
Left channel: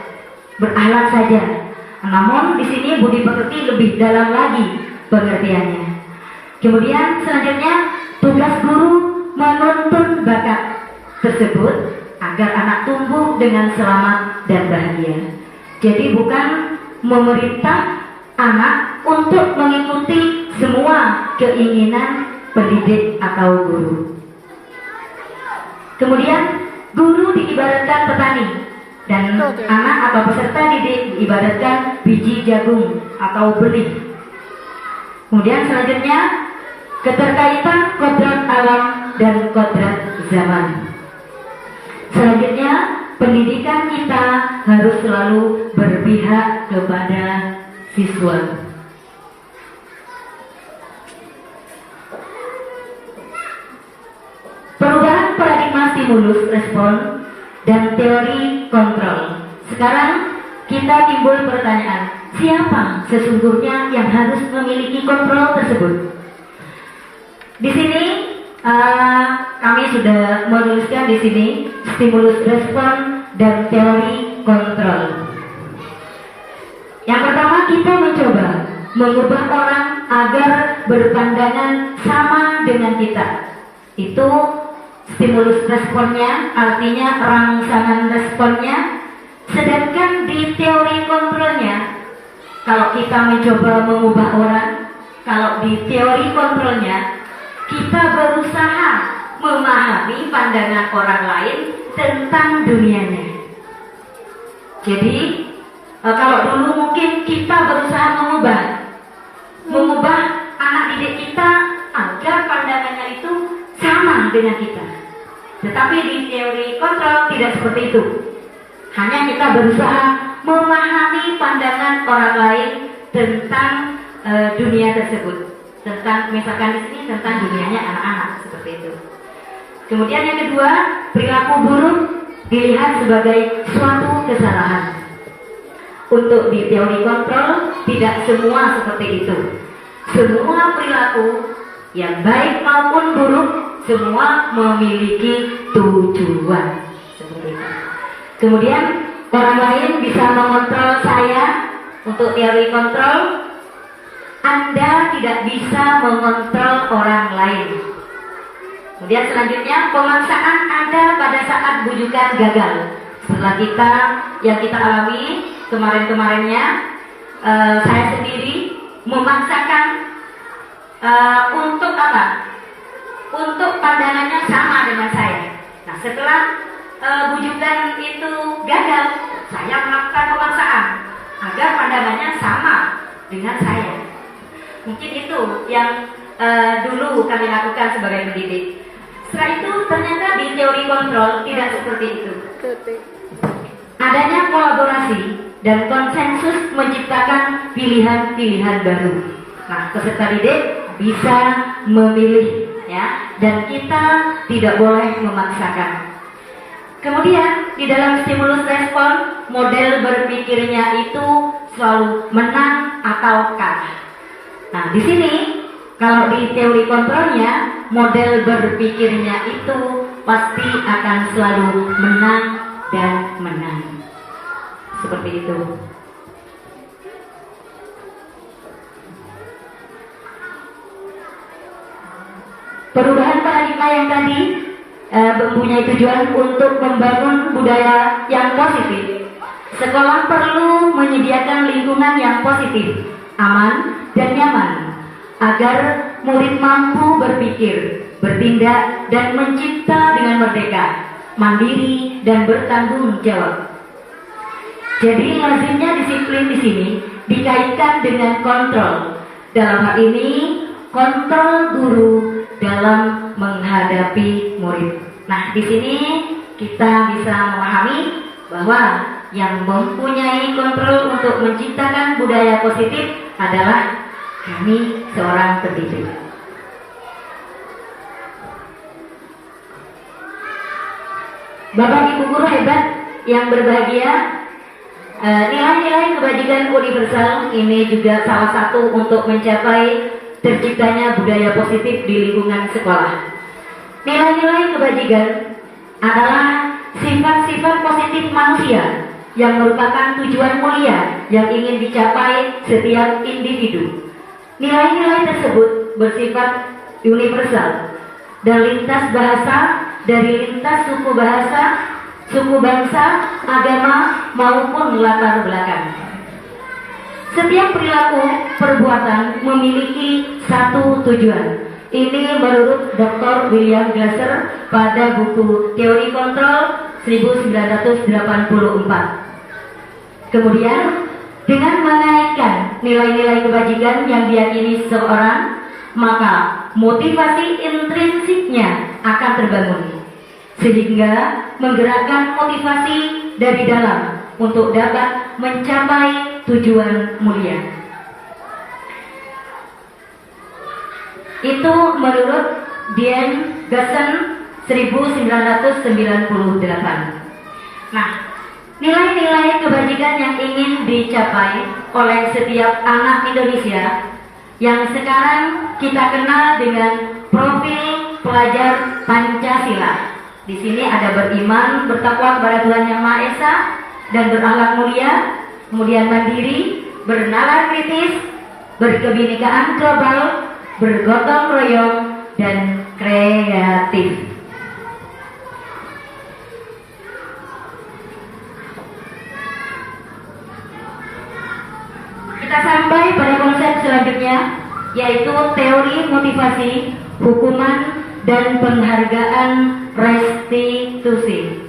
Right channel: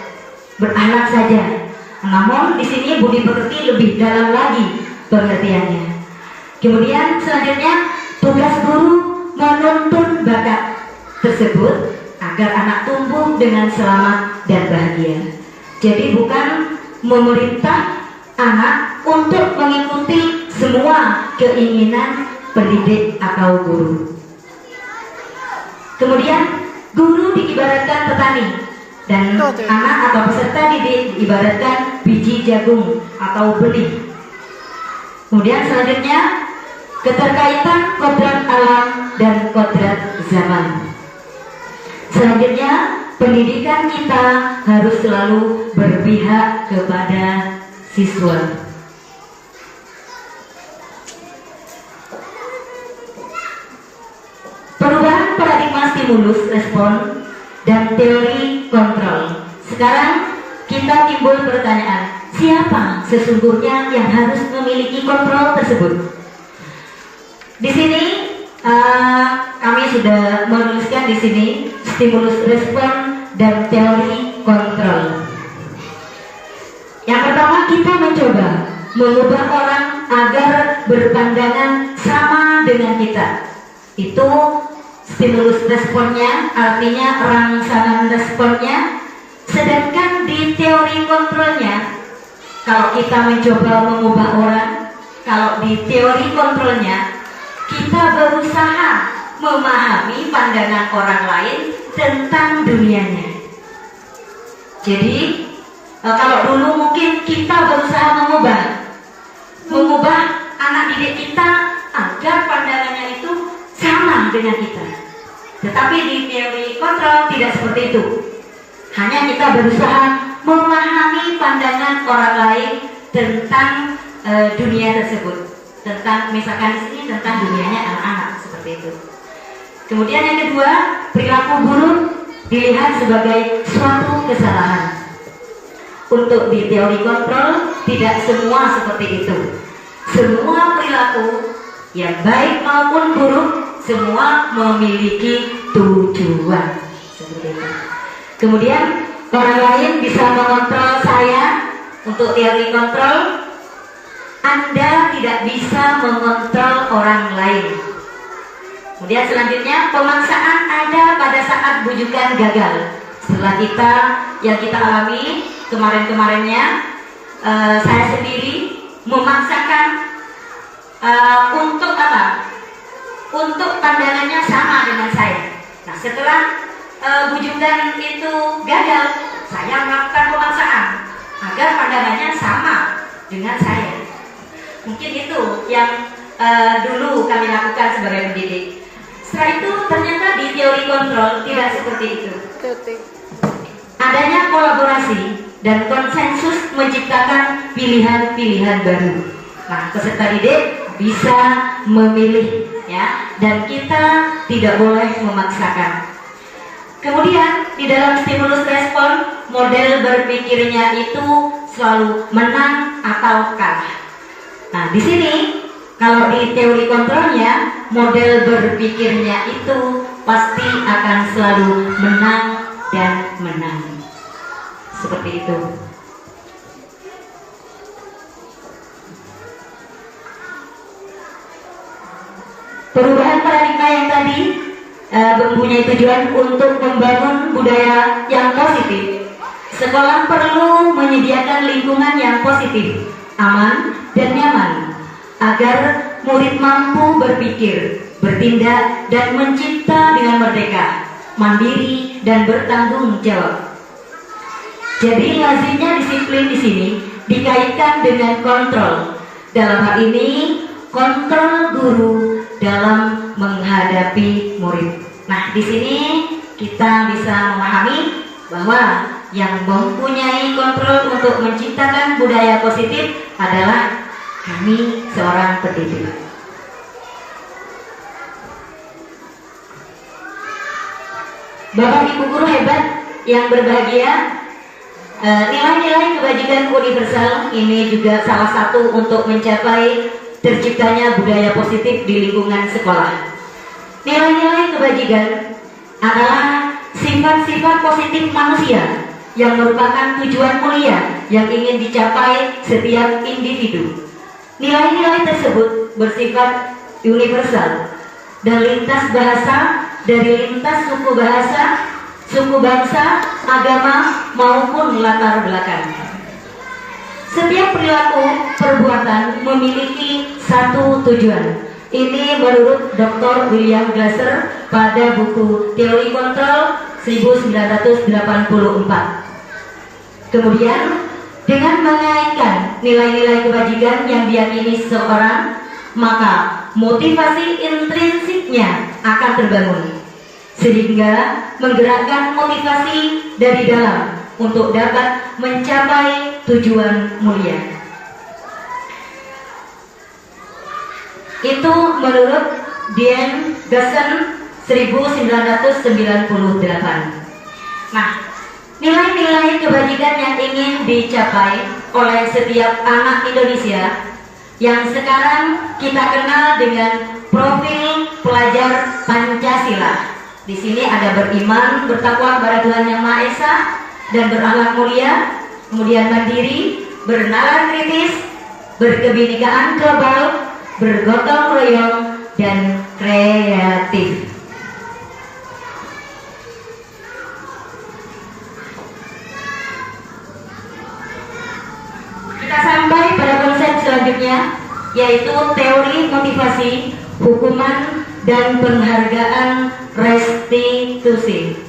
berakhlak saja. Namun di sini budi pekerti lebih dalam lagi pengertiannya. Kemudian selanjutnya tugas guru menuntun bakat tersebut agar anak tumbuh dengan selamat dan bahagia. Jadi bukan memerintah anak untuk mengikuti semua keinginan pendidik atau guru. Kemudian guru diibaratkan petani dan anak atau peserta didik diibaratkan biji jagung atau benih. Kemudian selanjutnya keterkaitan kodrat alam dan kodrat zaman. Selanjutnya pendidikan kita harus selalu berpihak kepada siswa. Perubahan paradigma stimulus respon dan teori kontrol. Sekarang kita timbul pertanyaan, siapa sesungguhnya yang harus memiliki kontrol tersebut? Di sini kami sudah menuliskan di sini stimulus respon dan teori kontrol. Yang pertama, kita mencoba mengubah orang agar berpandangan sama dengan kita. Itu stimulus responnya, artinya rangsangan responnya. Sedangkan di teori kontrolnya, kalau kita mencoba mengubah orang, kalau di teori kontrolnya kita berusaha memahami pandangan orang lain tentang dunianya. Jadi kalau dulu mungkin kita berusaha mengubah anak didik kita agar pandangannya itu sama dengan kita. Tetapi di teori kontrol tidak seperti itu. Hanya kita berusaha memahami pandangan orang lain tentang dunia tersebut, tentang misalkan di sini tentang dunianya anak-anak, seperti itu. Kemudian yang kedua, perilaku buruk dilihat sebagai suatu kesalahan. Untuk di teori kontrol tidak semua seperti itu. Semua perilaku yang baik maupun buruk semua memiliki tujuan, seperti itu. Kemudian orang lain bisa mengontrol saya. Untuk teori kontrol, Anda tidak bisa mengontrol orang lain. Kemudian selanjutnya, pemaksaan ada pada saat bujukan gagal. Setelah yang kita alami kemarin-kemarinnya, saya sendiri memaksakan untuk apa? Untuk pandangannya sama dengan saya. Nah, setelah bujukan itu gagal, saya melakukan pemaksaan agar pandangannya sama dengan saya. Mungkin itu yang dulu kami lakukan sebagai pendidik. Setelah itu ternyata di teori kontrol tidak seperti itu. Adanya kolaborasi dan konsensus menciptakan pilihan-pilihan baru. Nah, peserta didik bisa memilih, ya, dan kita tidak boleh memaksakan. Kemudian di dalam stimulus respon, model berpikirnya itu selalu menang atau kalah. Nah, di sini kalau di teori kontrolnya, model berpikirnya itu pasti akan selalu menang dan menang. Seperti itu. Perubahan paradigma yang tadi mempunyai tujuan untuk membangun budaya yang positif. Sekolah perlu menyediakan lingkungan yang positif, aman, dan nyaman agar murid mampu berpikir, bertindak, dan mencipta dengan merdeka, mandiri, dan bertanggung jawab. Jadi lazimnya disiplin di sini dikaitkan dengan kontrol. Dalam hal ini kontrol guru dalam menghadapi murid. Nah, di sini kita bisa memahami bahwa yang mempunyai kontrol untuk menciptakan budaya positif adalah kami seorang pendidik. Bapak Ibu guru hebat yang berbahagia, nilai-nilai kebajikan universal ini juga salah satu untuk mencapai terciptanya budaya positif di lingkungan sekolah. Nilai-nilai kebajikan adalah sifat-sifat positif manusia yang merupakan tujuan mulia yang ingin dicapai setiap individu. Nilai-nilai tersebut bersifat universal dan lintas bahasa, dari lintas suku bahasa, suku bangsa, agama maupun latar belakang. Setiap perilaku perbuatan memiliki satu tujuan. Ini menurut Dr. William Glasser pada buku Teori Kontrol 1984. Kemudian dengan menaikkan nilai-nilai kebajikan yang diyakini seseorang, maka motivasi intrinsiknya akan terbangun, sehingga menggerakkan motivasi dari dalam untuk dapat mencapai tujuan mulia. Itu menurut Dean Gassen 1998. Nah, nilai-nilai kebajikan yang ingin dicapai oleh setiap anak Indonesia yang sekarang kita kenal dengan profil pelajar Pancasila. Di sini ada beriman, bertakwa kepada Tuhan Yang Maha Esa, dan berakhlak mulia, kemudian mandiri, bernalar kritis, berkebinekaan global, bergotong royong, dan kreatif. Kita sampai pada konsep selanjutnya, yaitu teori motivasi, hukuman, dan penghargaan restitusi.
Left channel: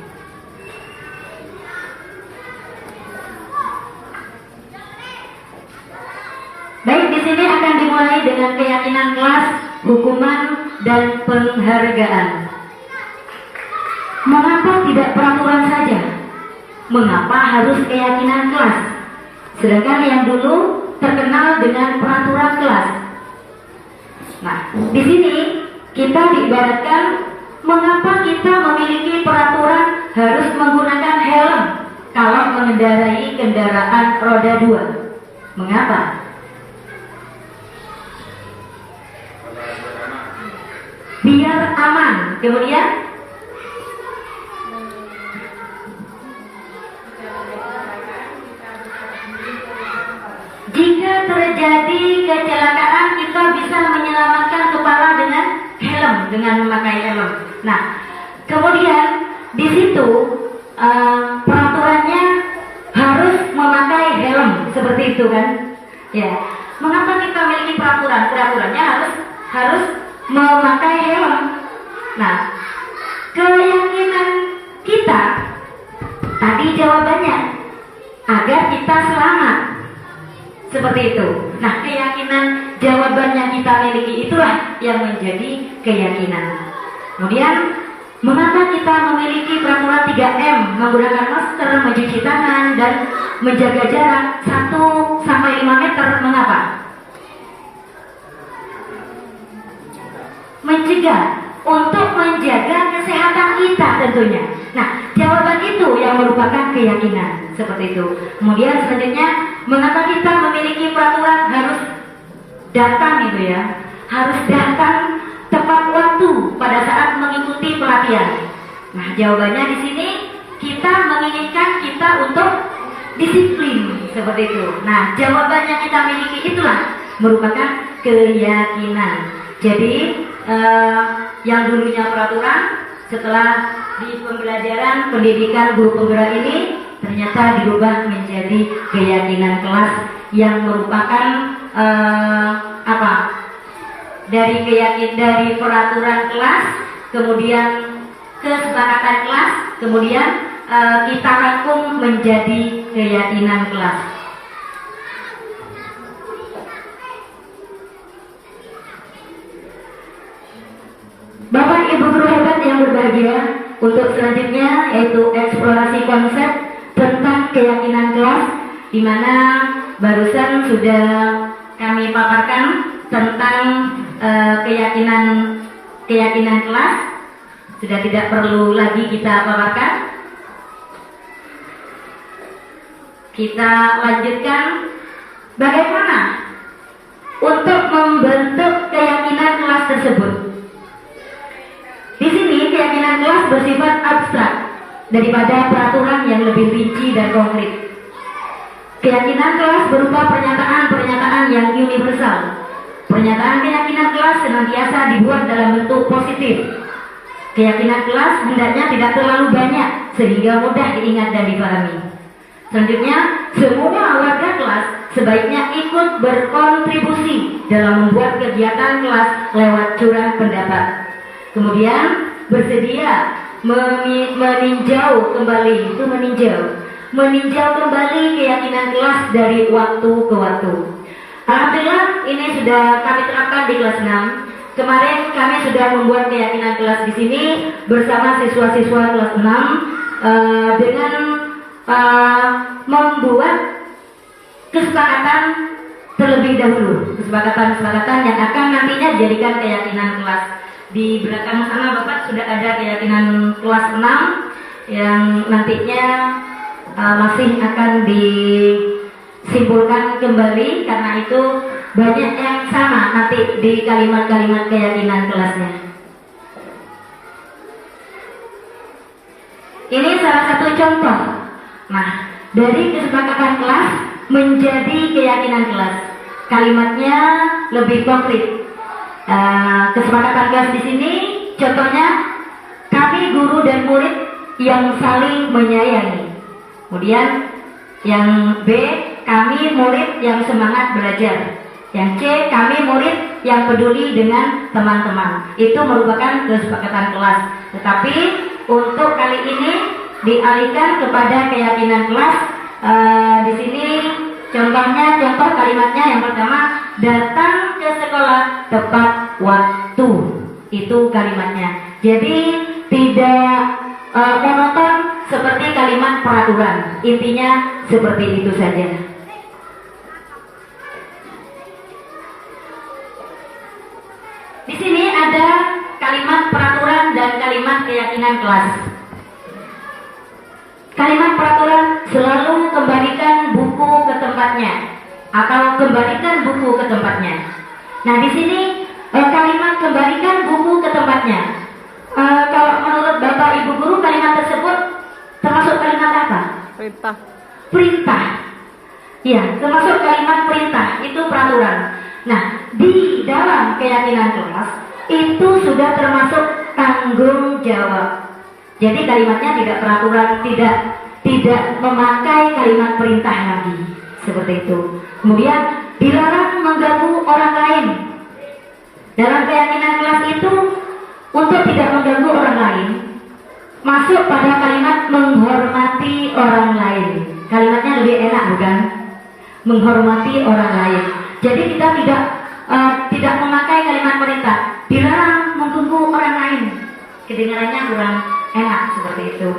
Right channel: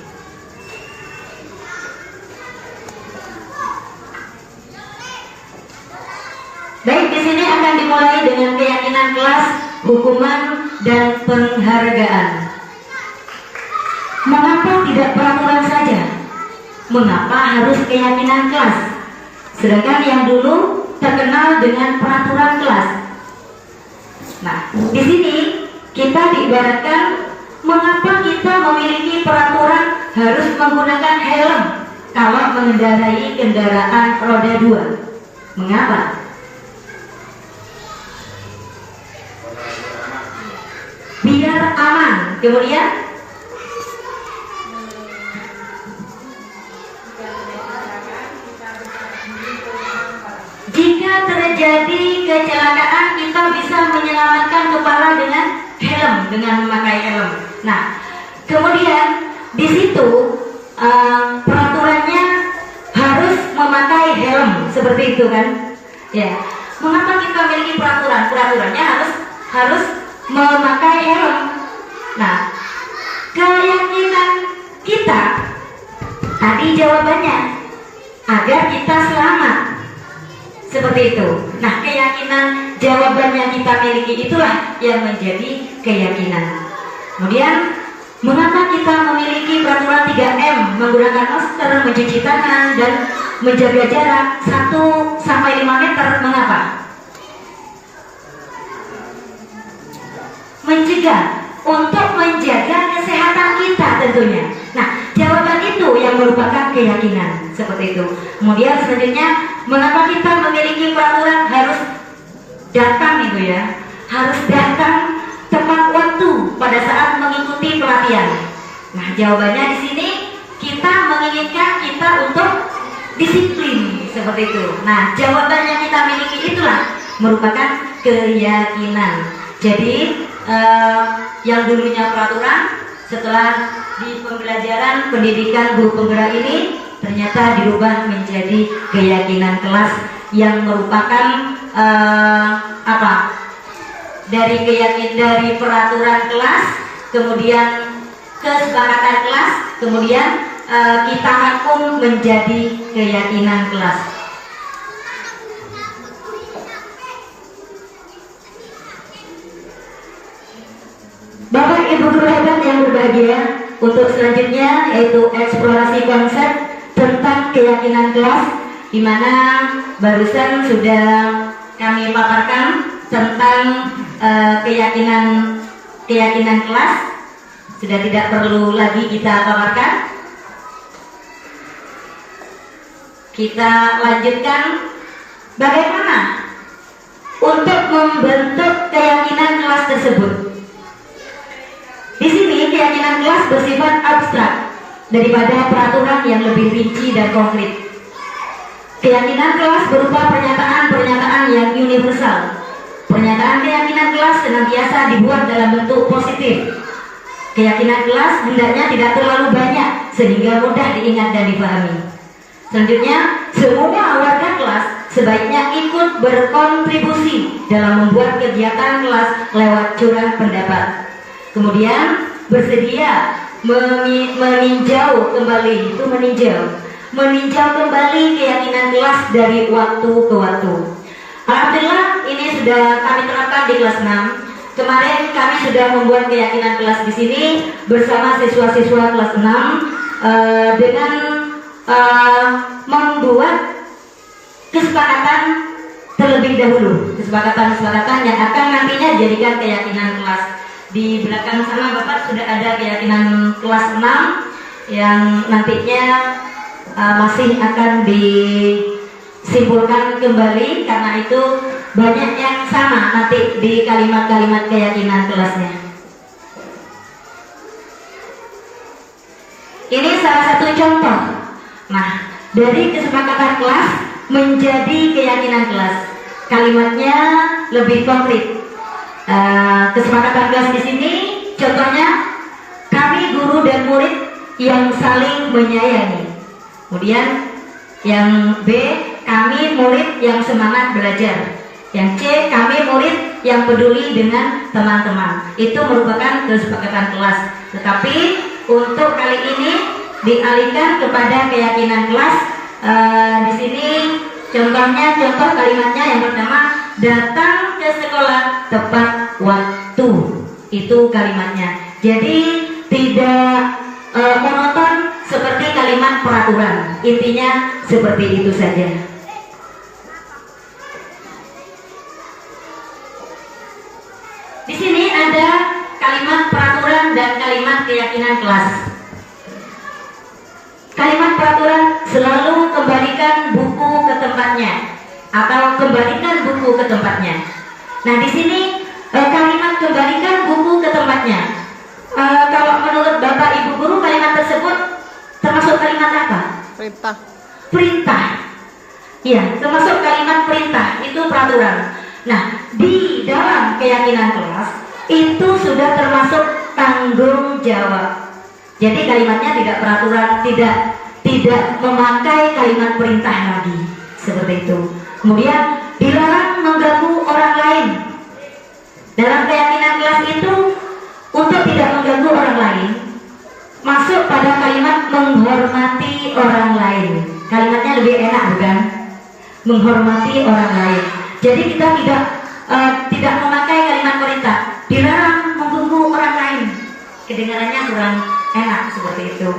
Baik, di sini akan dimulai dengan keyakinan kelas, hukuman, dan penghargaan. Mengapa tidak peraturan saja? Mengapa harus keyakinan kelas? Sedangkan yang dulu terkenal dengan peraturan kelas. Nah, di sini kita diibaratkan mengapa kita memiliki peraturan harus menggunakan helm kalau mengendarai kendaraan roda 2. Mengapa? Biar aman. Kemudian jika terjadi kecelakaan kita bisa menyelamatkan kepala dengan helm, dengan memakai helm. Nah, kemudian di situ peraturannya harus memakai helm, seperti itu kan? Ya. Mengapa kita memiliki peraturan? Peraturannya harus memakai helm. Nah, keyakinan kita tadi jawabannya agar kita selamat. Seperti itu. Nah, keyakinan jawabannya kita miliki itulah yang menjadi keyakinan. Kemudian, mengapa kita memiliki peraturan 3M, menggunakan masker, mencuci tangan, dan menjaga jarak 1-5 meter? Mengapa? Mencegah, untuk menjaga kesehatan kita tentunya. Nah, jawaban itu yang merupakan keyakinan. Seperti itu. Kemudian selanjutnya, mengapa kita memiliki peraturan harus datang itu ya? Harus datang tepat waktu pada saat mengikuti pelatihan. Nah, jawabannya di sini kita menginginkan kita untuk disiplin, seperti itu. Nah, jawaban yang kita miliki itulah merupakan keyakinan. Jadi yang dulunya peraturan, setelah di pembelajaran pendidikan guru penggerak ini ternyata dirubah menjadi keyakinan kelas yang merupakan dari peraturan kelas, kemudian kesepakatan kelas, kemudian kita rangkum menjadi keyakinan kelas. Ibu guru hebat yang berbahagia, untuk selanjutnya yaitu eksplorasi konsep tentang keyakinan kelas, di mana barusan sudah kami paparkan tentang keyakinan kelas, sudah tidak perlu lagi kita paparkan. Kita lanjutkan bagaimana untuk membentuk keyakinan kelas tersebut. Di sini keyakinan kelas bersifat abstrak daripada peraturan yang lebih rinci dan konkret. Keyakinan kelas berupa pernyataan-pernyataan yang universal. Pernyataan keyakinan kelas senantiasa dibuat dalam bentuk positif. Keyakinan kelas hendaknya tidak terlalu banyak sehingga mudah diingat dan dipahami. Selanjutnya, semua warga kelas sebaiknya ikut berkontribusi dalam membuat kegiatan kelas lewat curah pendapat. Kemudian bersedia meninjau kembali keyakinan kelas dari waktu ke waktu. Alhamdulillah ini sudah kami terapkan di kelas 6. Kemarin kami sudah membuat keyakinan kelas di sini bersama siswa-siswa kelas 6 dengan membuat kesepakatan terlebih dahulu, kesepakatan yang akan nantinya dijadikan keyakinan kelas. Di belakang sana Bapak sudah ada keyakinan kelas 6 yang nantinya masih akan disimpulkan kembali, karena itu banyak yang sama nanti di kalimat-kalimat keyakinan kelasnya. Ini salah satu contoh. Nah, dari kesepakatan kelas menjadi keyakinan kelas, kalimatnya lebih konkret. Kesepakatan kelas di sini contohnya, kami guru dan murid yang saling menyayangi. Kemudian yang B, kami murid yang semangat belajar. Yang C, kami murid yang peduli dengan teman-teman. Itu merupakan kesepakatan kelas. Tetapi untuk kali ini dialihkan kepada keyakinan kelas. Di sini contoh kalimatnya yang pertama, datang ke sekolah tepat waktu. Itu kalimatnya. Jadi tidak monoton seperti kalimat peraturan. Intinya seperti itu saja. Di sini ada kalimat peraturan dan kalimat keyakinan kelas. Kalimat peraturan selalu kembalikan buku ke tempatnya atau kembalikan buku ke tempatnya. Nah, di sini kalimat kembalikan buku ke tempatnya. Kalau menurut Bapak Ibu guru, kalimat tersebut termasuk kalimat apa? Perintah. Perintah. Iya, termasuk kalimat perintah, itu peraturan. Nah, di dalam keyakinan kelas itu sudah termasuk tanggung jawab. Jadi kalimatnya tidak peraturan, tidak memakai kalimat perintah lagi, seperti itu. Kemudian dilarang mengganggu orang lain. Dalam keyakinan kelas itu untuk tidak mengganggu orang lain masuk pada kalimat menghormati orang lain. Kalimatnya lebih enak, bukan? Menghormati orang lain. Jadi kita tidak memakai kalimat perintah. Dilarang mengganggu orang lain. Kedengarannya kurang enak seperti itu.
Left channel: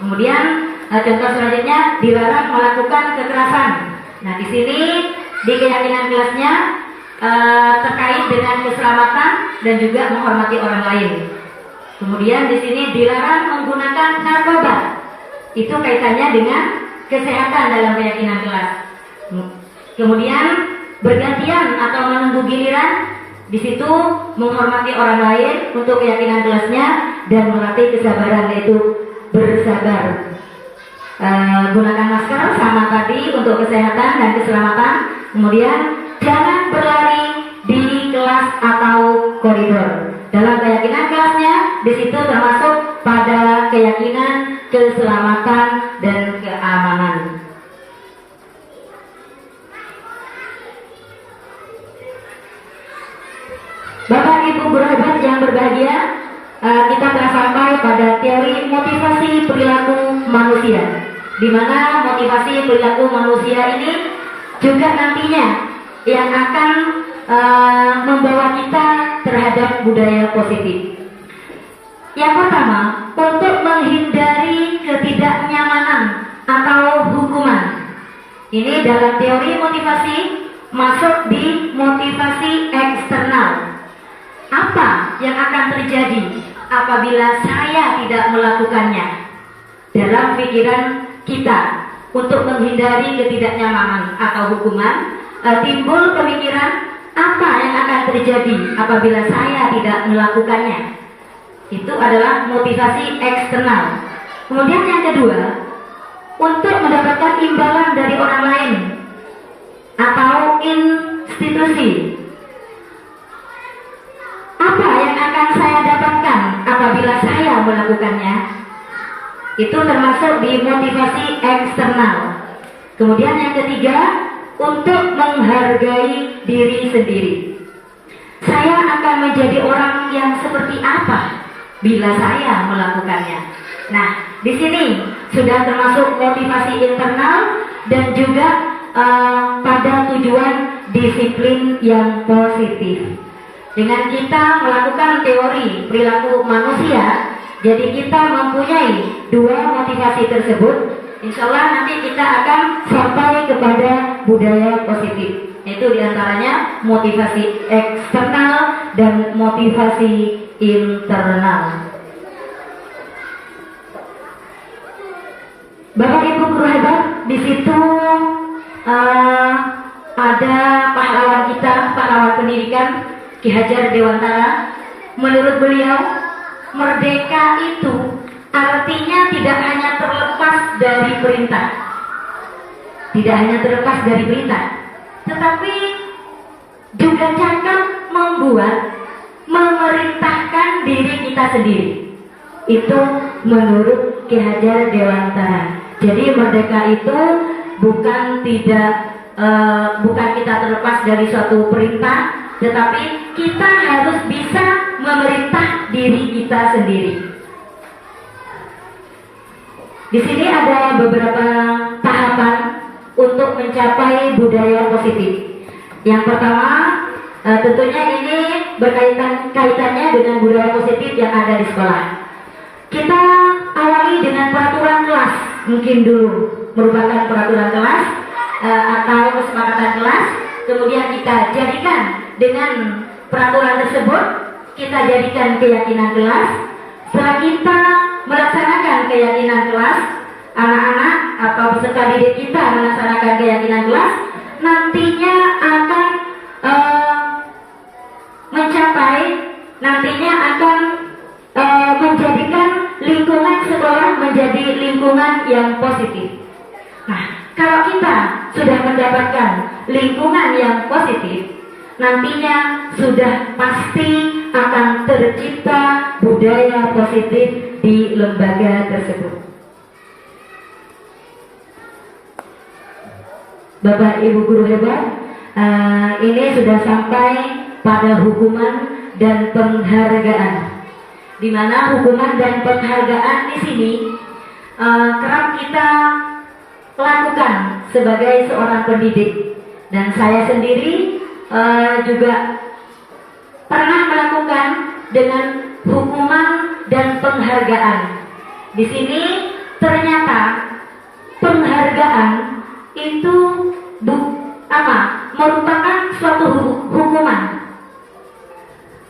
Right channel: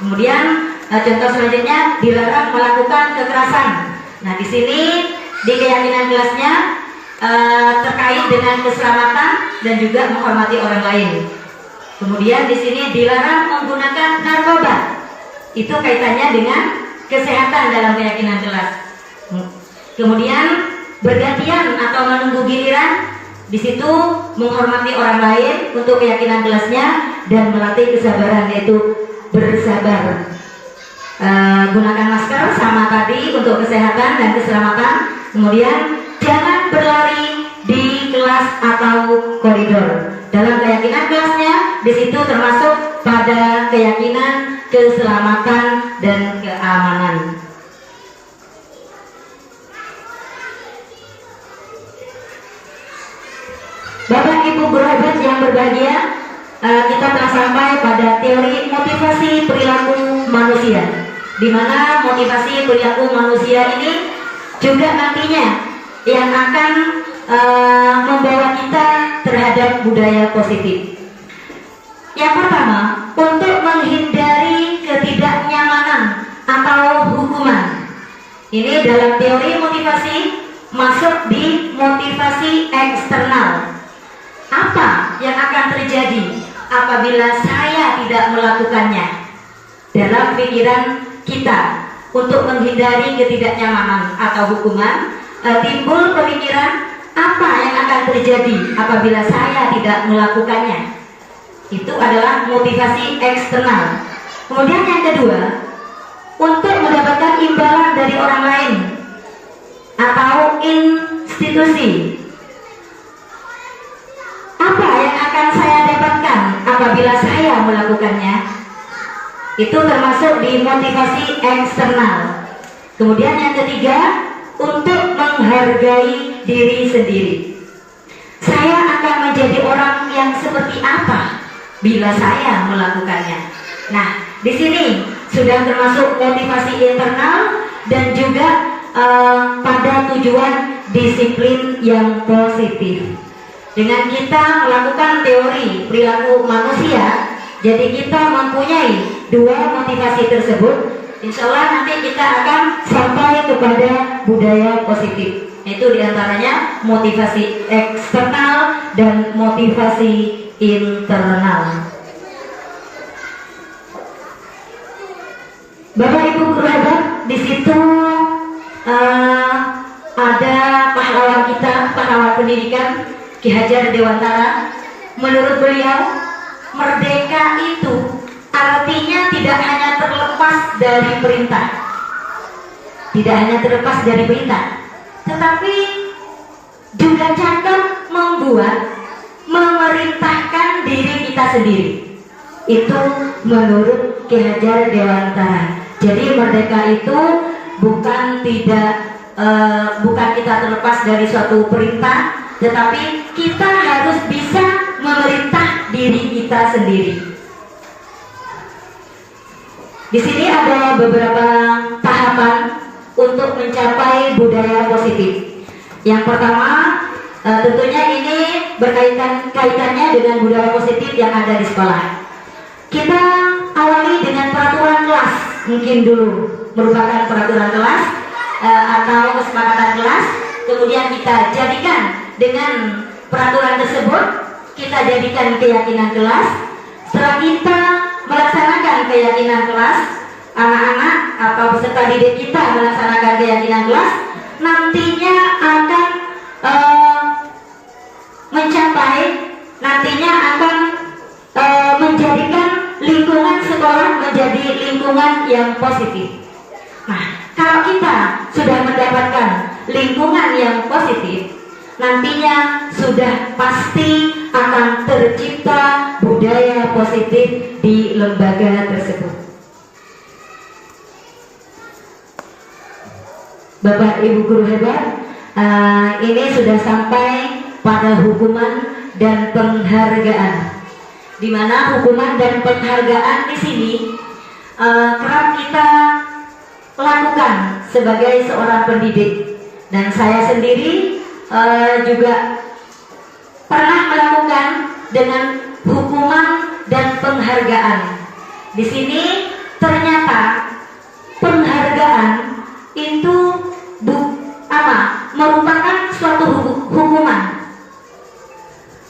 Kemudian contoh selanjutnya, dilarang melakukan kekerasan. Nah, di sini di keyakinan kelasnya terkait dengan keselamatan dan juga menghormati orang lain. Kemudian di sini dilarang menggunakan narkoba. Itu kaitannya dengan kesehatan dalam keyakinan kelas. Kemudian bergantian atau menunggu giliran, di situ menghormati orang lain untuk keyakinan kelasnya dan melatih kesabaran, yaitu bersabar. Gunakan masker sama tadi untuk kesehatan dan keselamatan. Kemudian jangan berlari di kelas atau koridor. Dalam keyakinan kelasnya, di situ termasuk pada keyakinan keselamatan dan keamanan. Bapak Ibu guru hebat yang berbahagia, kita telah sampai pada teori motivasi perilaku manusia, di mana motivasi perilaku manusia ini juga nantinya yang akan membawa kita terhadap budaya positif. Yang pertama, untuk menghindari ketidaknyamanan atau hukuman. Ini dalam teori motivasi masuk di motivasi eksternal. Apa yang akan terjadi apabila saya tidak melakukannya? Dalam pikiran kita untuk menghindari ketidaknyamanan atau hukuman, timbul pemikiran apa yang akan terjadi apabila saya tidak melakukannya. Itu adalah motivasi eksternal. Kemudian yang kedua, untuk mendapatkan imbalan dari orang lain atau institusi. Apa yang akan saya dapatkan apabila saya melakukannya? Itu termasuk di motivasi eksternal. Kemudian yang ketiga, untuk menghargai diri sendiri. Saya akan menjadi orang yang seperti apa bila saya melakukannya. Nah, di sini sudah termasuk motivasi internal dan juga pada tujuan disiplin yang positif. Dengan kita melakukan teori perilaku manusia, jadi kita mempunyai dua motivasi tersebut, insya Allah nanti kita akan sampai kepada budaya positif. Itu diantaranya motivasi eksternal dan motivasi internal. Bapak Ibu guru hebat, di situ ada pahlawan kita, pahlawan pendidikan Ki Hajar Dewantara. Menurut beliau, merdeka itu artinya tidak hanya terlepas dari perintah, tidak hanya terlepas dari perintah, tetapi juga cakap membuat, memerintahkan diri kita sendiri. Itu menurut Ki Hajar Dewantara. Jadi merdeka itu bukan kita terlepas dari suatu perintah, tetapi kita harus bisa memerintah diri kita sendiri. Di sini ada beberapa tahapan untuk mencapai budaya positif. Yang pertama, tentunya ini kaitannya dengan budaya positif yang ada di sekolah. Kita awali dengan peraturan kelas, mungkin dulu merupakan peraturan kelas atau kesepakatan kelas. Kemudian kita jadikan dengan peraturan tersebut, kita jadikan keyakinan kelas. Setelah kita melaksanakan keyakinan kelas, anak-anak atau peserta didik kita melaksanakan keyakinan kelas, nantinya akan menjadikan lingkungan sekolah menjadi lingkungan yang positif. Nah, kalau kita sudah mendapatkan lingkungan yang positif, nantinya sudah pasti akan tercipta budaya positif di lembaga tersebut. Bapak Ibu guru hebat, ini sudah sampai pada hukuman dan penghargaan, di mana hukuman dan penghargaan di sini kerap kita lakukan sebagai seorang pendidik, dan saya sendiri juga pernah melakukan dengan hukuman dan penghargaan. Di sini ternyata penghargaan itu merupakan suatu hukuman.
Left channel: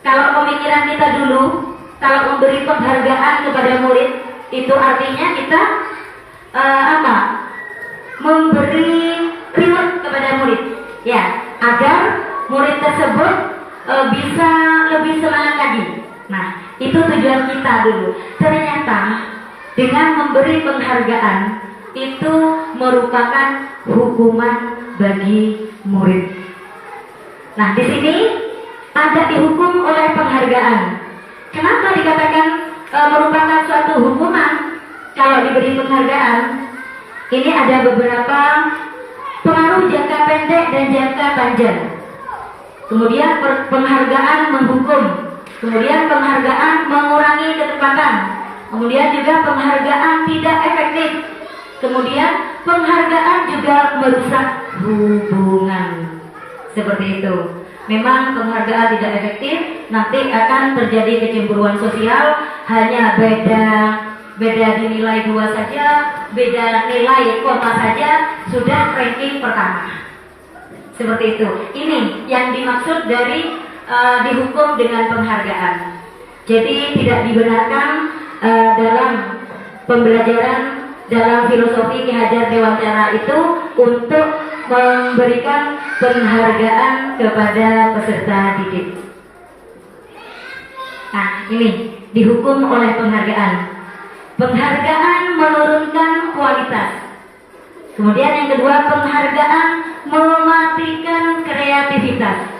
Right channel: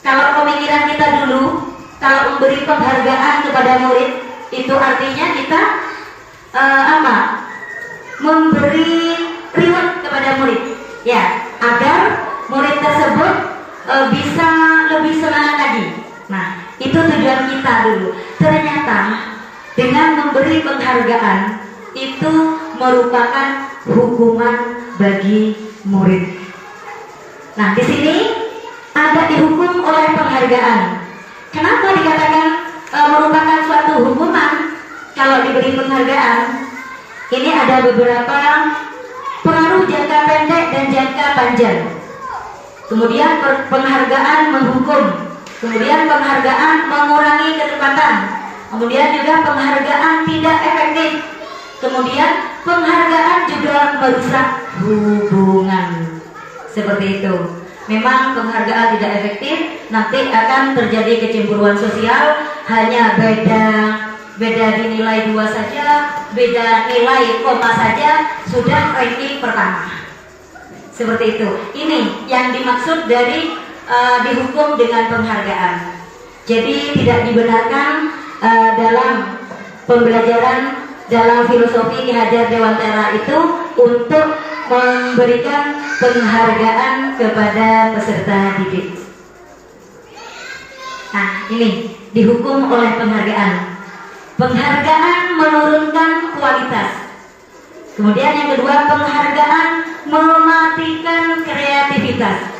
Kalau pemikiran kita dulu, kalau memberi penghargaan kepada murid, itu artinya kita memberi reward kepada murid, ya, agar murid tersebut bisa lebih semangat lagi. Nah, itu tujuan kita dulu. Ternyata dengan memberi penghargaan itu merupakan hukuman bagi murid. Nah, di sini ada dihukum oleh penghargaan. Kenapa dikatakan merupakan suatu hukuman kalau diberi penghargaan? Ini ada beberapa pengaruh jangka pendek dan jangka panjang. Kemudian penghargaan menghukum, kemudian penghargaan mengurangi ketepatan, kemudian juga penghargaan tidak efektif, kemudian penghargaan juga merusak hubungan. Seperti itu. Memang penghargaan tidak efektif, nanti akan terjadi kecemburuan sosial, hanya beda dinilai 2 saja, beda nilai koma saja sudah ranking pertama. Seperti itu. Ini yang dimaksud dari dihukum dengan penghargaan. Jadi tidak dibenarkan dalam pembelajaran dalam filosofi Ki Hajar Dewantara itu untuk memberikan penghargaan kepada peserta didik. Nah, ini dihukum oleh penghargaan. Penghargaan menurunkan kualitas. Kemudian yang kedua, penghargaan mematikan kreativitas.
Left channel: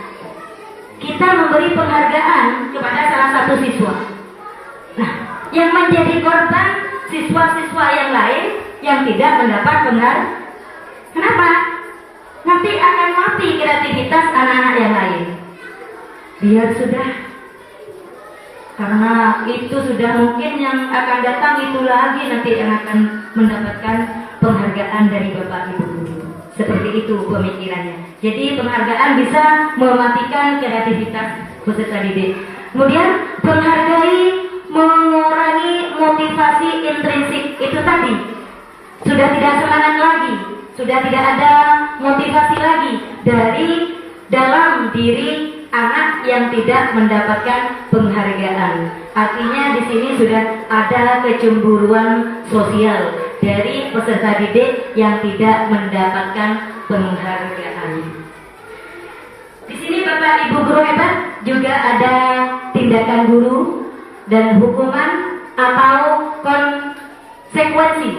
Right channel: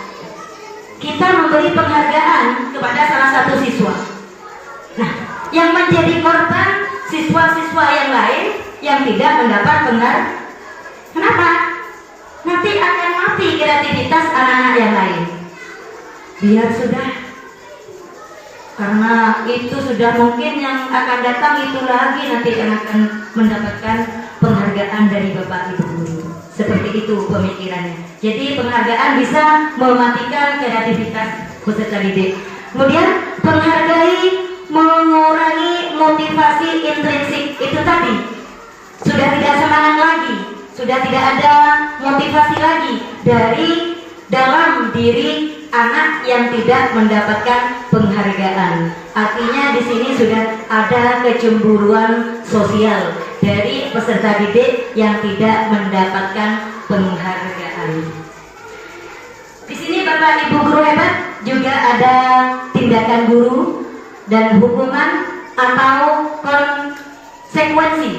Kita memberi penghargaan kepada salah satu siswa. Nah, yang menjadi korban siswa-siswa yang lain yang tidak mendapat penghargaan. Kenapa? Nanti akan mati kreativitas anak-anak yang lain. Biar sudah, karena itu sudah mungkin yang akan datang itu lagi nanti yang akan mendapatkan penghargaan dari Bapak Ibu guru. Seperti itu pemikirannya. Jadi penghargaan bisa mematikan kreativitas peserta didik. Kemudian penghargai mengurangi motivasi intrinsik itu tadi. Sudah tidak semangat lagi, sudah tidak ada motivasi lagi dari dalam diri anak yang tidak mendapatkan penghargaan. Artinya di sini sudah ada kecemburuan sosial dari peserta didik yang tidak mendapatkan penghargaan. Di sini Bapak Ibu guru hebat juga ada tindakan guru dan hukuman atau konsekuensi.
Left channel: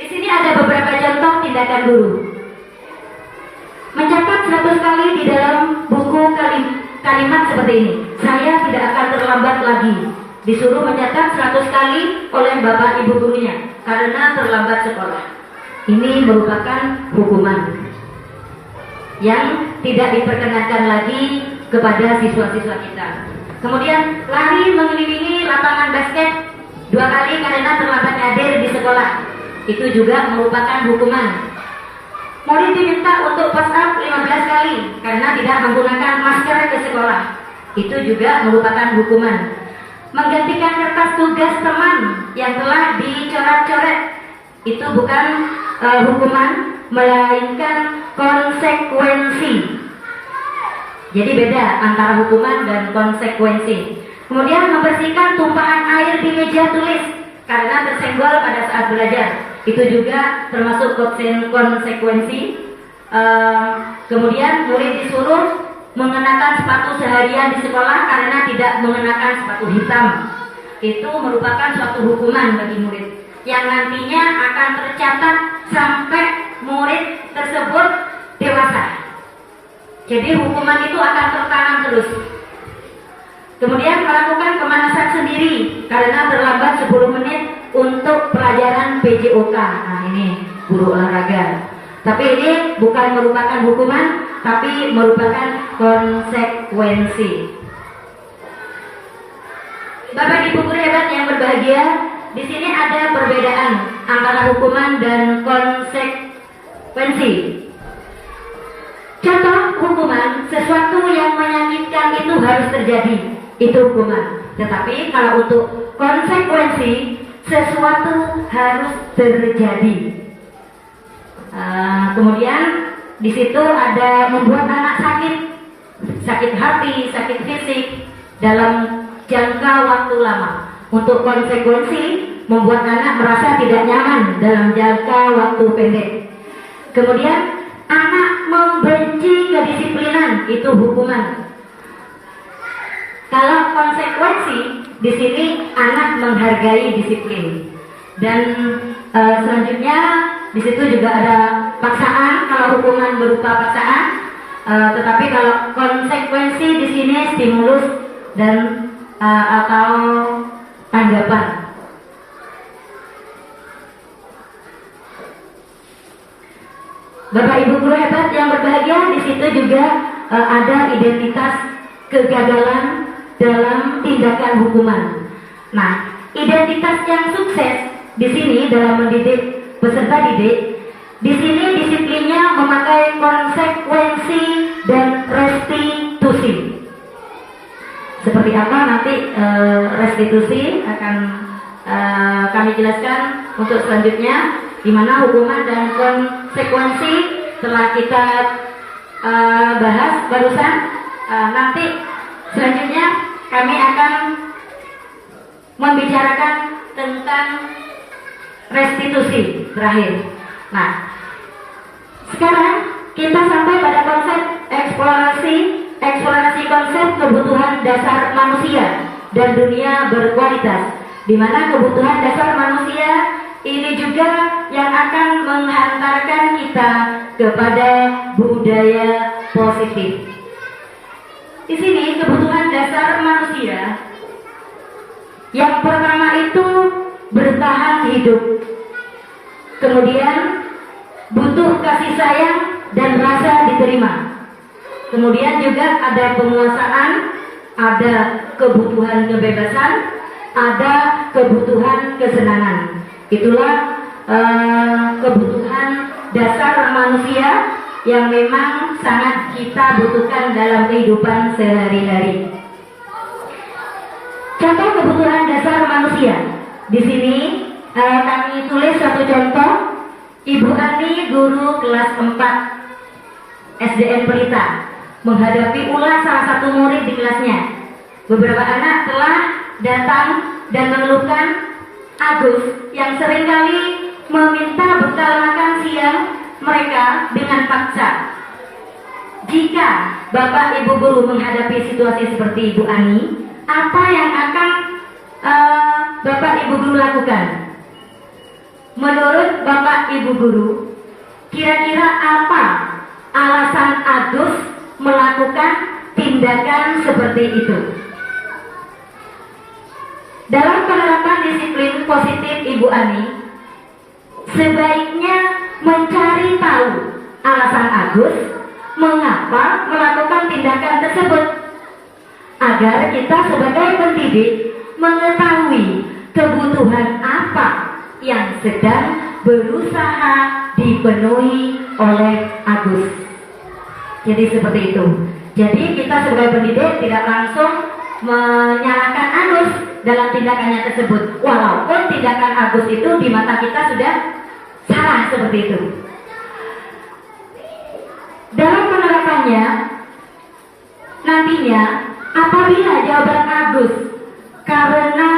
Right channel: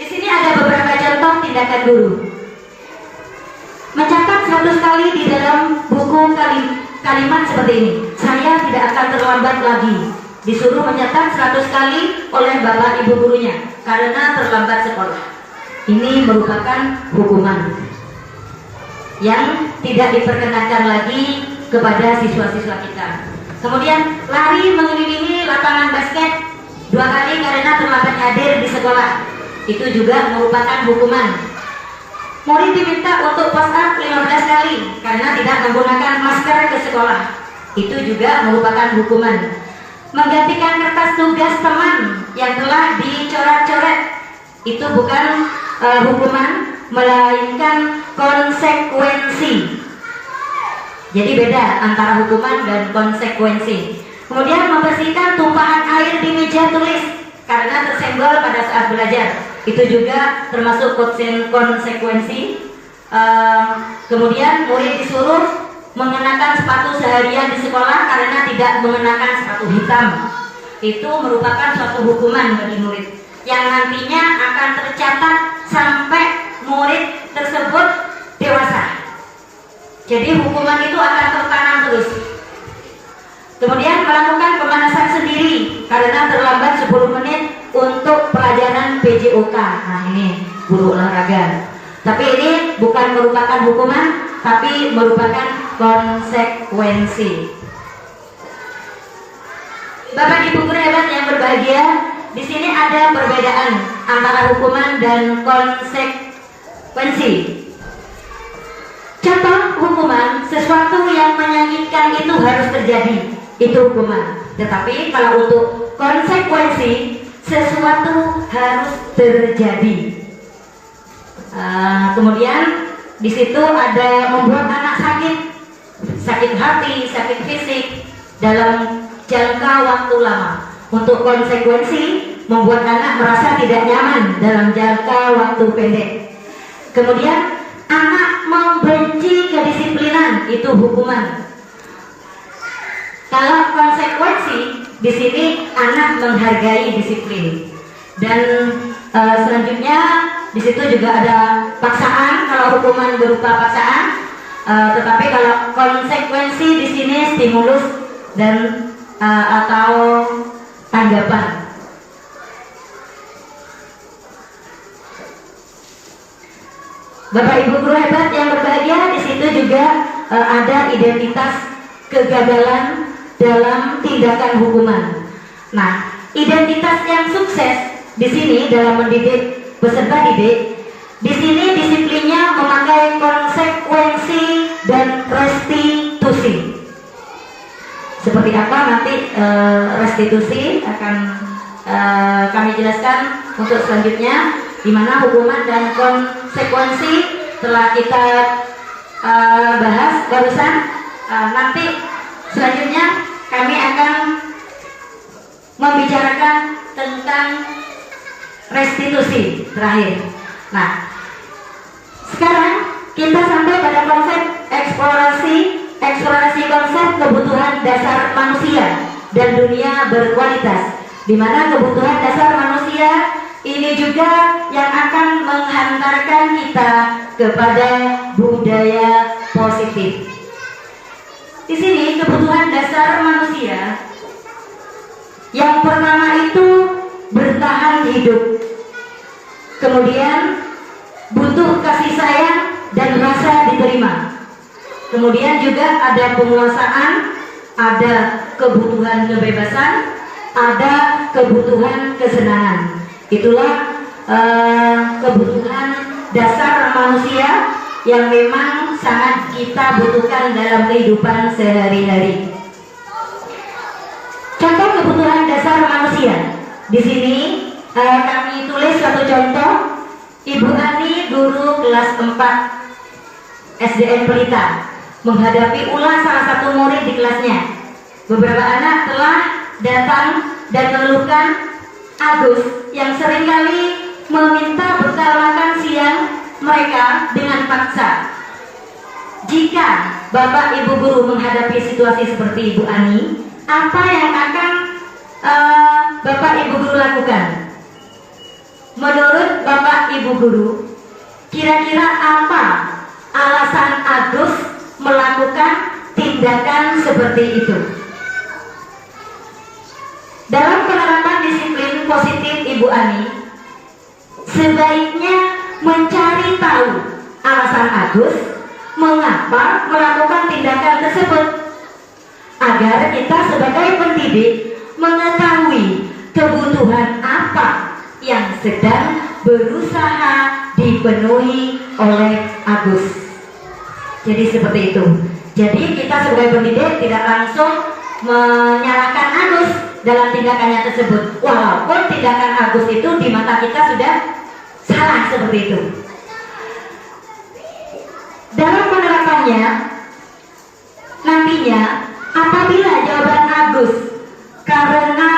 Di sini ada beberapa contoh tindakan guru. Mencatat 100 kali di dalam buku kalimat seperti ini. Saya tidak akan terlambat lagi. Disuruh mencatat 100 kali oleh Bapak Ibu gurunya karena terlambat sekolah. Ini merupakan hukuman yang tidak diperkenankan lagi kepada siswa-siswa kita. Kemudian lari mengelilingi lapangan basket 2 kali karena terlambat hadir di sekolah. Itu juga merupakan hukuman. Murid diminta untuk push up 15 kali karena tidak menggunakan masker ke sekolah. Itu juga merupakan hukuman. Menggantikan kertas tugas teman yang telah dicoret-coret. Itu bukan hukuman, melainkan konsekuensi. Jadi beda antara hukuman dan konsekuensi. Kemudian membersihkan tumpahan air di meja tulis karena tersenggol pada saat belajar. Itu juga termasuk konsekuensi. Kemudian murid disuruh mengenakan sepatu seharian di sekolah karena tidak mengenakan sepatu hitam. Itu merupakan suatu hukuman bagi murid yang nantinya akan tercatat sampai murid tersebut dewasa. Jadi hukuman itu akan tertanam terus. Kemudian melakukan pemanasan sendiri karena terlambat 10 menit untuk pelajaran PJOK. Nah, ini guru olahraga. Tapi ini bukan merupakan hukuman, tapi merupakan konsekuensi. Bapak Ibu guru hebat yang berbahagia, di sini ada perbedaan antara hukuman dan konsekuensi. Contoh hukuman, sesuatu yang menyakitkan itu harus terjadi, itu hukuman. Tetapi kalau untuk konsekuensi, sesuatu harus terjadi. Kemudian di situ ada membuat anak sakit hati, sakit fisik dalam jangka waktu lama. Untuk konsekuensi, membuat anak merasa tidak nyaman dalam jangka waktu pendek. Kemudian anak membenci kedisiplinan, itu hukuman. Kalau konsekuensi, di sini anak menghargai disiplin. Dan selanjutnya di situ juga ada paksaan. Kalau hukuman berupa paksaan, tetapi kalau konsekuensi di sini stimulus dan atau tanggapan. Bapak Ibu guru hebat yang berbahagia, di situ juga ada identitas kegagalan dalam tindakan hukuman. Nah, identitas yang sukses di sini dalam mendidik peserta didik, di sini disiplinnya memakai konsekuensi dan restitusi. Seperti apa nanti restitusi akan kami jelaskan untuk selanjutnya, di mana hukuman dan konsekuensi telah kita bahas barusan. Nanti selanjutnya kami akan membicarakan tentang restitusi terakhir. Nah, sekarang kita sampai pada konsep eksplorasi konsep kebutuhan dasar manusia dan dunia berkualitas, di mana kebutuhan dasar manusia ini juga yang akan menghantarkan kita kepada budaya positif. Di sini kebutuhan dasar manusia yang pertama itu bertahan hidup, kemudian butuh kasih sayang dan rasa diterima, kemudian juga ada penguasaan, ada kebutuhan kebebasan, ada kebutuhan kesenangan. Itulah kebutuhan dasar manusia yang memang sangat kita butuhkan dalam kehidupan sehari-hari. Contoh kebutuhan dasar manusia. Di sini kami tulis satu contoh. Ibu Ani, guru kelas 4 SDN Pelita, menghadapi ulah salah satu murid di kelasnya. Beberapa anak telah datang dan mengeluhkan Agus yang seringkali meminta bekal makan siang mereka dengan paksa. Jika Bapak Ibu guru menghadapi situasi seperti Ibu Ani, apa yang akan Bapak Ibu guru lakukan? Menurut Bapak Ibu guru, kira-kira apa alasan Agus melakukan tindakan seperti itu? Dalam penerapan disiplin positif Ibu Ani, sebaiknya mencari tahu alasan Agus mengapa melakukan tindakan tersebut, agar kita sebagai pendidik mengetahui kebutuhan apa yang sedang berusaha dipenuhi oleh Agus. Jadi seperti itu. Jadi kita sebagai pendidik tidak langsung menyalahkan Agus dalam tindakannya tersebut, walaupun tindakan Agus itu di mata kita sudah salah seperti itu. Dalam penerapannya nantinya, apabila jawaban Agus karena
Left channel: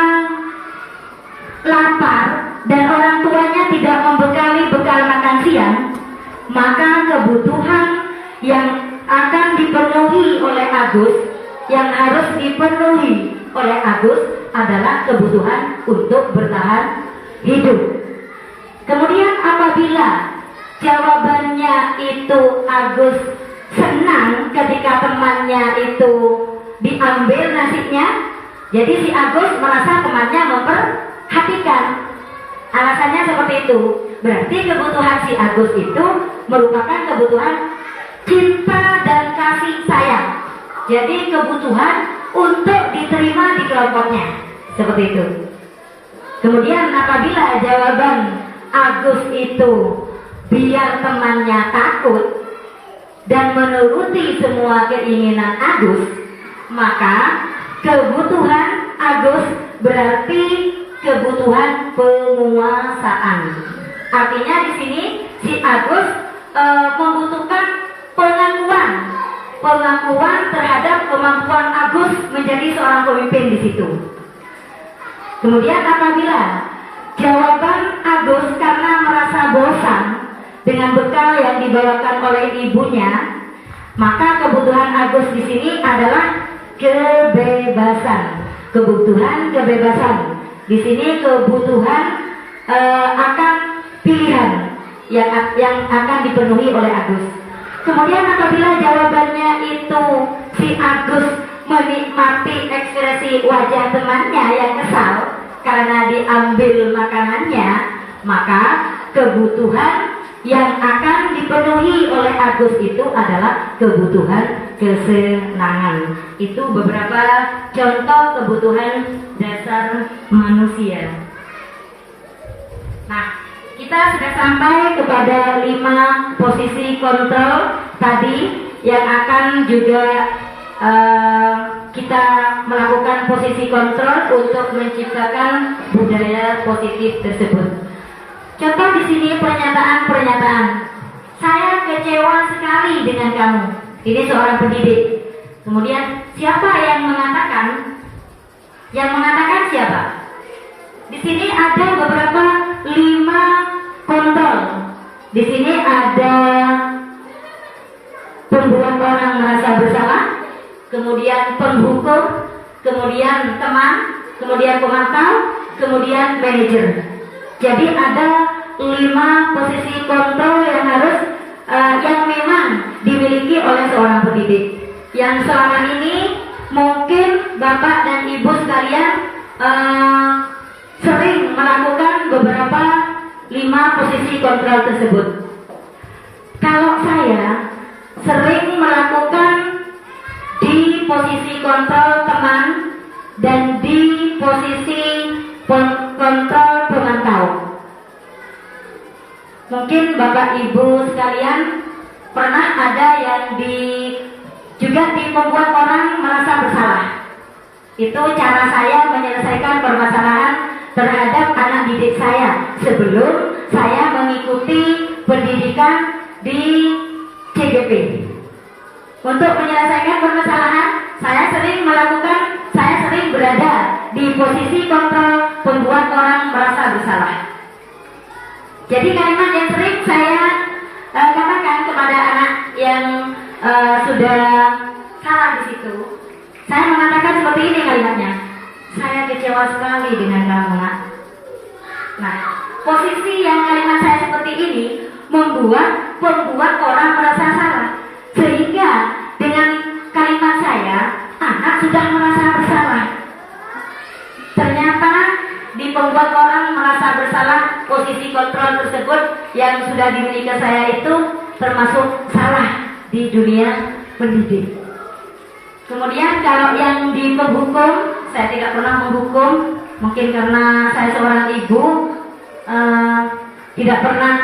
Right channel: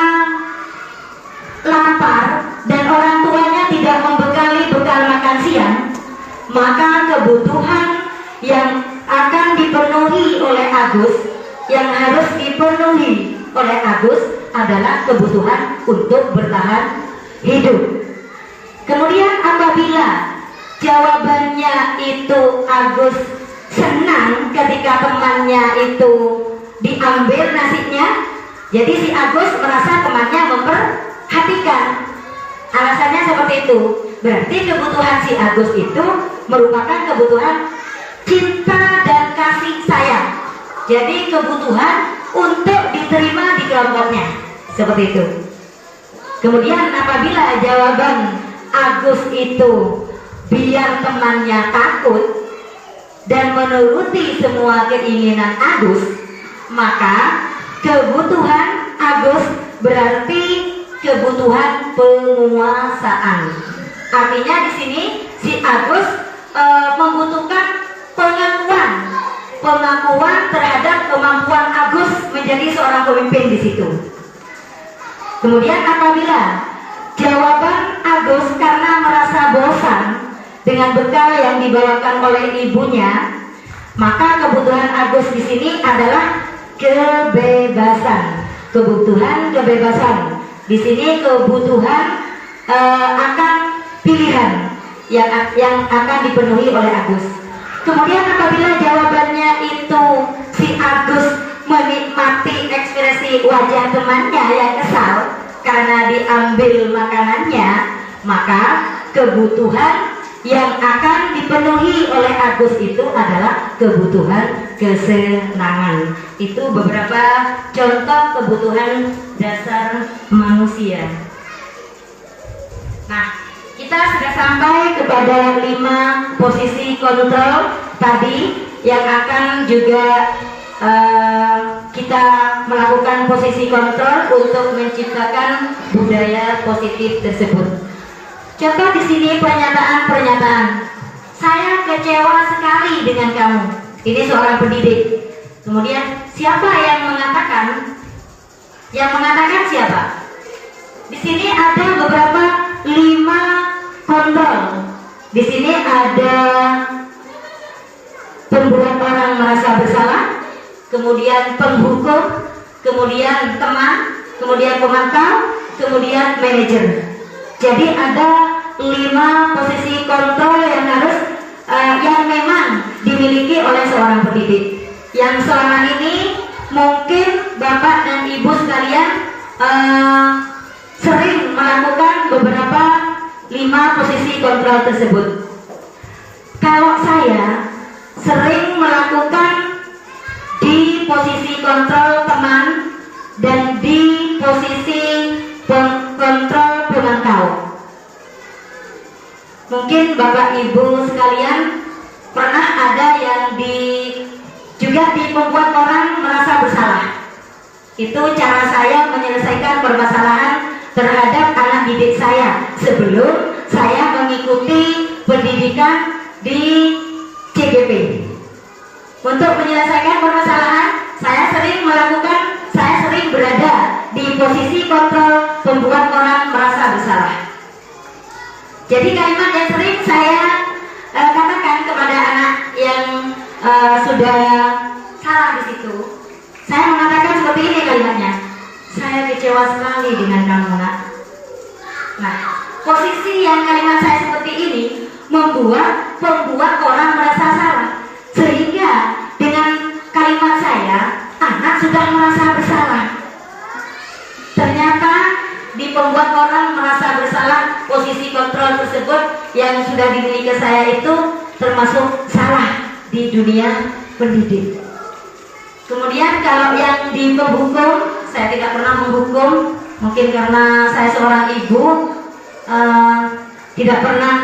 lapar dan orang tuanya tidak membekali bekal makan siang, maka kebutuhan yang akan dipenuhi oleh Agus, yang harus dipenuhi oleh Agus adalah kebutuhan untuk bertahan hidup. Kemudian apabila jawabannya itu Agus senang ketika temannya itu diambil nasinya, jadi si Agus merasa temannya memperhatikan. Alasannya seperti itu. Berarti kebutuhan si Agus itu merupakan kebutuhan cinta dan kasih sayang. Jadi kebutuhan untuk diterima di kelompoknya, seperti itu. Kemudian apabila jawaban Agus itu biar temannya takut dan menuruti semua keinginan Agus, maka kebutuhan Agus berarti kebutuhan penguasaan. Artinya di sini si Agus membutuhkan pengakuan terhadap kemampuan Agus menjadi seorang pemimpin di situ. Kemudian apabila jawaban Agus karena merasa bosan dengan bekal yang dibawakan oleh ibunya, maka kebutuhan Agus di sini adalah kebebasan. Kebutuhan kebebasan. Di sini kebutuhan akan pilihan yang akan dipenuhi oleh Agus. Kemudian apabila jawabannya itu si Agus menikmati ekspresi wajah temannya yang kesal karena diambil makanannya, maka kebutuhan yang akan dipenuhi oleh Agus itu adalah kebutuhan kesenangan. Itu beberapa contoh kebutuhan dasar manusia. Nah, kita sudah sampai kepada 5 posisi kontrol tadi yang akan juga kita melakukan posisi kontrol untuk menciptakan budaya positif tersebut. Contoh di sini pernyataan-pernyataan. Saya kecewa sekali dengan kamu. Ini seorang pendidik. Kemudian siapa yang mengatakan? Yang mengatakan siapa? Di sini ada beberapa 5 kontrol. Di sini ada pembuat orang merasa bersalah, kemudian penghukum, kemudian teman, kemudian pemantau, kemudian manajer. Jadi ada 5 posisi kontrol yang harus yang memang dimiliki oleh seorang pendidik. Yang selama ini mungkin Bapak dan Ibu sekalian sering melakukan beberapa 5 posisi kontrol tersebut. Kalau saya sering melakukan di posisi kontrol teman dan di posisi kontrol pemantau. Mungkin Bapak Ibu sekalian pernah ada yang juga membuat orang merasa bersalah. Itu cara saya menyelesaikan permasalahan terhadap anak didik saya sebelum saya mengikuti pendidikan di CGP. Untuk menyelesaikan permasalahan, saya sering berada di posisi kontrol pembuat orang merasa bersalah. Jadi kalimat yang sering saya katakan kepada anak yang sudah salah di situ, saya mengatakan seperti ini kalimatnya. Saya kecewa sekali dengan kamu, nak. Nah, posisi yang kalimat saya seperti ini membuat pembuat orang merasa salah, sehingga dengan kalimat saya anak sudah merasa bersalah. Ternyata di pembuat orang merasa bersalah, posisi kontrol tersebut yang sudah dimiliki saya itu termasuk salah di dunia pendidik. Kemudian kalau yang di penghukum, saya tidak pernah menghukum, mungkin karena saya seorang ibu, tidak pernah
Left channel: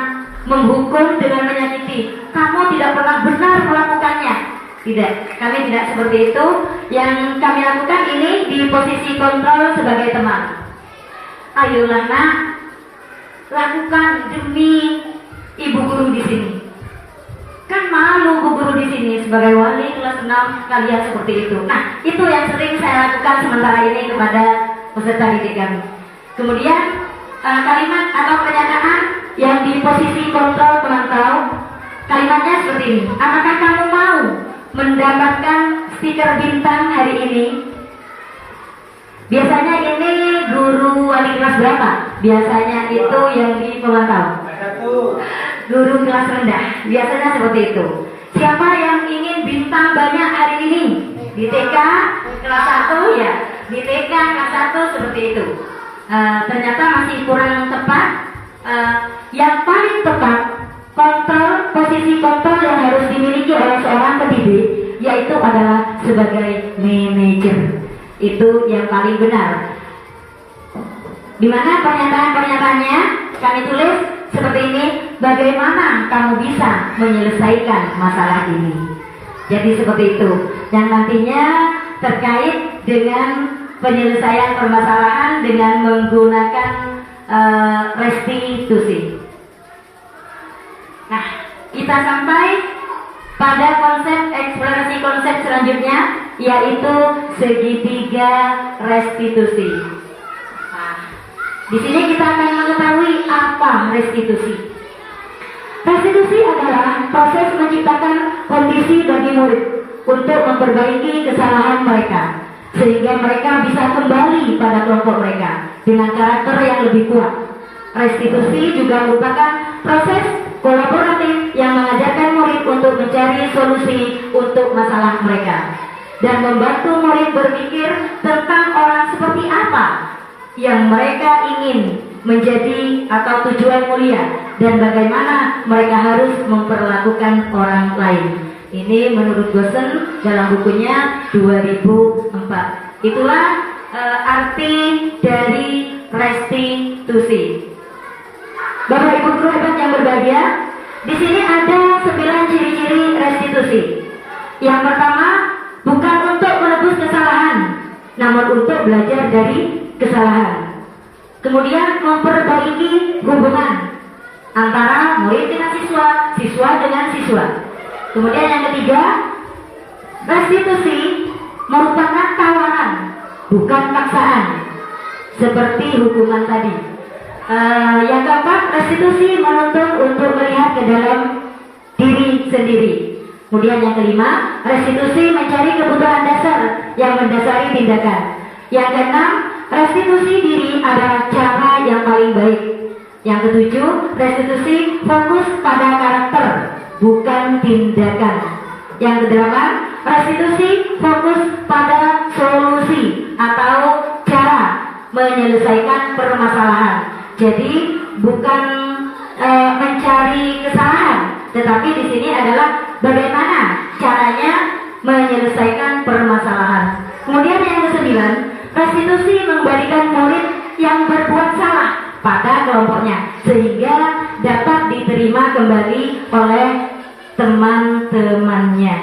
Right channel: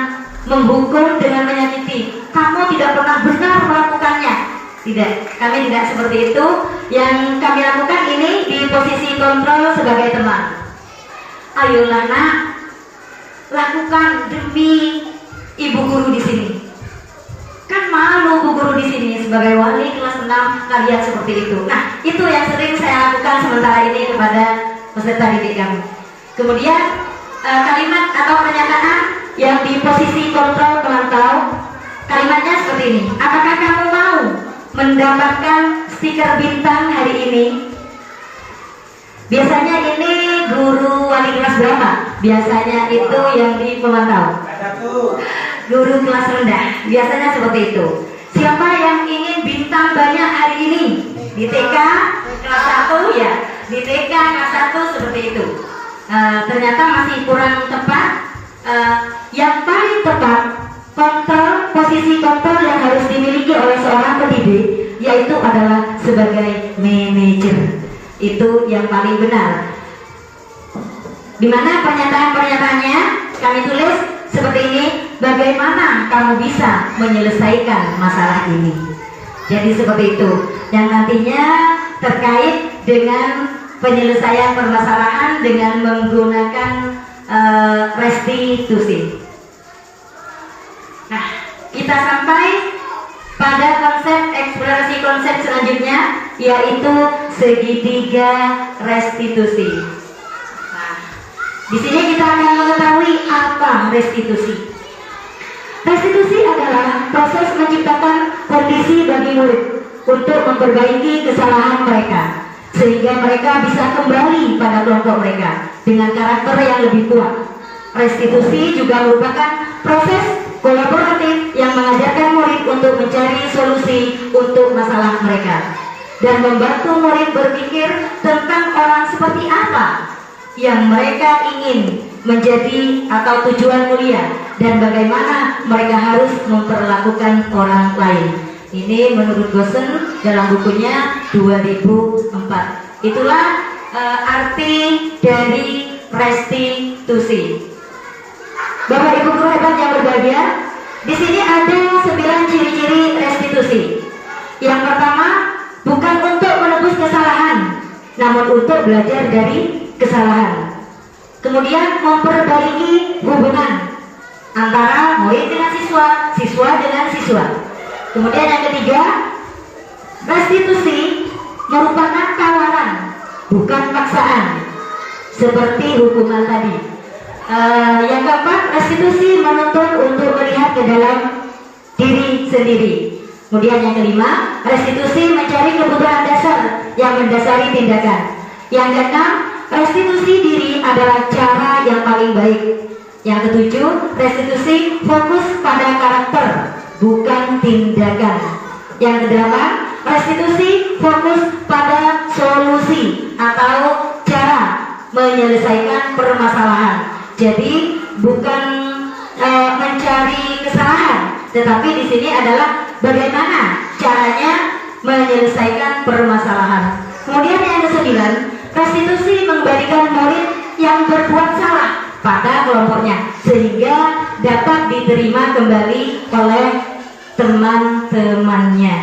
menghukum dengan menyakiti. Kamu tidak pernah benar melakukannya. Tidak, kami tidak seperti itu. Yang kami lakukan ini di posisi kontrol sebagai teman. Ayolah nak, lakukan demi ibu guru di sini. Kan malu bu guru di sini sebagai wali kelas 6 kalian seperti itu. Nah, itu yang sering saya lakukan sementara ini kepada peserta didik kami. Kemudian kalimat atau pernyataan yang di posisi kontrol pemantau, kalimatnya seperti ini. Apakah kamu mau mendapatkan stiker bintang hari ini? Biasanya ini guru wali kelas berapa? Biasanya itu yang di pemantau. Guru kelas rendah, biasanya seperti itu. Siapa yang ingin bintang banyak hari ini? Di TK kelas 1 ya, di TK kelas 1 seperti itu. Ternyata masih kurang tepat. Yang paling tepat posisi kontrol yang harus dimiliki oleh seorang pendidik yaitu adalah sebagai manajer. Itu yang paling benar. Dimana pernyataan-pernyataannya kami tulis seperti ini. Bagaimana kamu bisa menyelesaikan masalah ini? Jadi seperti itu. Yang nantinya terkait dengan penyelesaian permasalahan dengan menggunakan restitusi. Nah, kita sampai pada eksplorasi konsep selanjutnya, yaitu segitiga restitusi. Nah, di sini kita akan mengetahui apa restitusi. Restitusi adalah proses menciptakan kondisi bagi murid untuk memperbaiki kesalahan mereka, sehingga mereka bisa kembali pada kelompok mereka dengan karakter yang lebih kuat. Restitusi juga merupakan proses kolaboratif yang mengajarkan murid untuk mencari solusi untuk masalah mereka dan membantu murid berpikir tentang orang seperti apa yang mereka ingin menjadi atau tujuan mulia dan bagaimana mereka harus memperlakukan orang lain. Ini menurut Gosen dalam bukunya 2004. Itulah arti dari restitusi. Bapak Ibu guru hebat yang berbahagia, di sini ada 9 ciri-ciri restitusi. Yang pertama, bukan untuk menebus kesalahan, namun untuk belajar dari kesalahan. Kemudian memperbaiki hubungan antara murid dengan siswa, siswa dengan siswa. Kemudian yang ketiga, restitusi merupakan tawaran, bukan paksaan, seperti hukuman tadi. Yang keempat, restitusi menuntut untuk melihat ke dalam diri sendiri. Kemudian yang kelima, restitusi mencari kebutuhan dasar yang mendasari tindakan. Yang keenam, restitusi diri adalah cara yang paling baik. Yang ketujuh, restitusi fokus pada karakter, bukan tindakan. Yang kedelapan, restitusi fokus pada solusi atau cara menyelesaikan permasalahan. Jadi bukan mencari kesalahan, tetapi di sini adalah bagaimana caranya menyelesaikan permasalahan. Kemudian yang kesembilan, restitusi mengembalikan murid yang berbuat salah pada kelompoknya sehingga dapat diterima kembali oleh teman-temannya.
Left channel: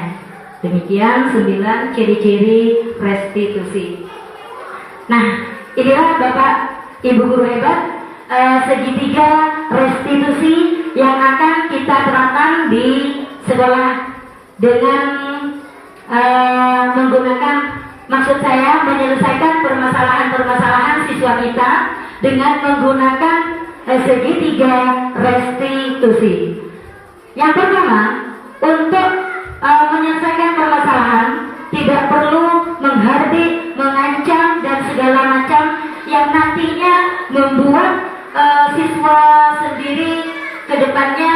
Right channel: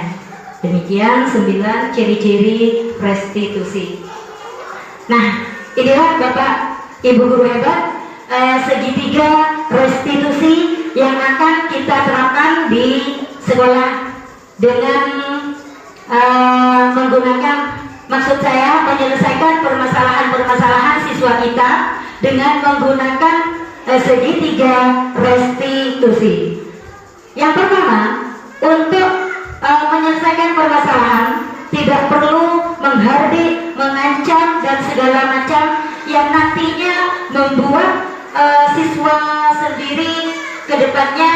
Demikian 9 ciri-ciri restitusi. Nah, inilah Bapak Ibu guru hebat, segitiga restitusi yang akan kita terapkan di sekolah dengan menggunakan, maksud saya menyelesaikan permasalahan-permasalahan siswa kita dengan menggunakan segitiga restitusi. Yang pertama, untuk menyelesaikan permasalahan tidak perlu menghardik, mengancam dan segala macam yang nantinya membuat siswa sendiri ke depannya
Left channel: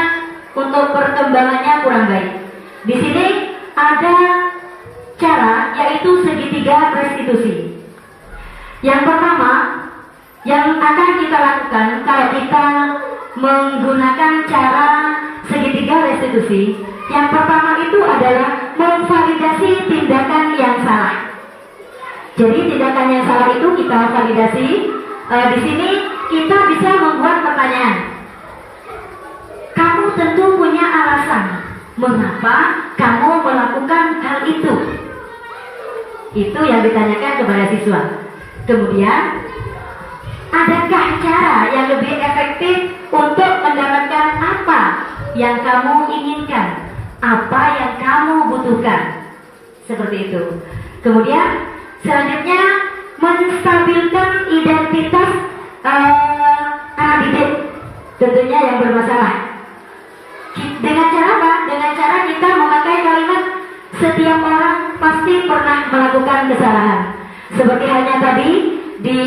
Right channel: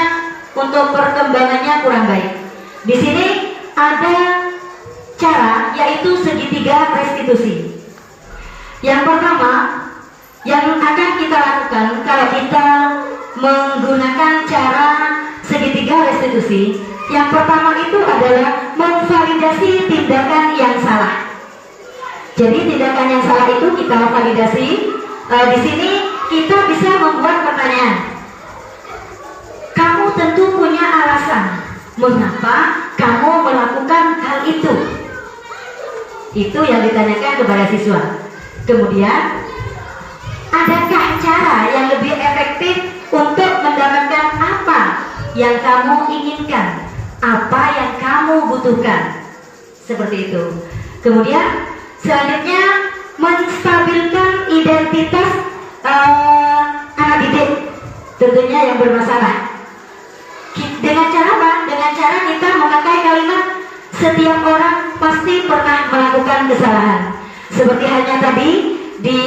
untuk perkembangannya kurang baik. Di sini ada cara, yaitu segitiga restitusi. Yang pertama yang akan kita lakukan kalau kita menggunakan cara segitiga restitusi, yang pertama itu adalah memvalidasi tindakan yang salah. Jadi tindakan yang salah itu kita validasi. Di sini kita bisa membuat pertanyaan. Kamu tentu punya alasan mengapa kamu melakukan hal itu. Itu yang ditanyakan kepada siswa. Kemudian, adakah cara yang lebih efektif untuk mendapatkan apa yang kamu inginkan, apa yang kamu butuhkan? Seperti itu. Kemudian selanjutnya, menstabilkan identitas anak didik tentunya yang bermasalah. Dengan cara apa? Dengan cara kita memakai kalimat setiap orang pasti pernah melakukan kesalahan. Seperti halnya tadi di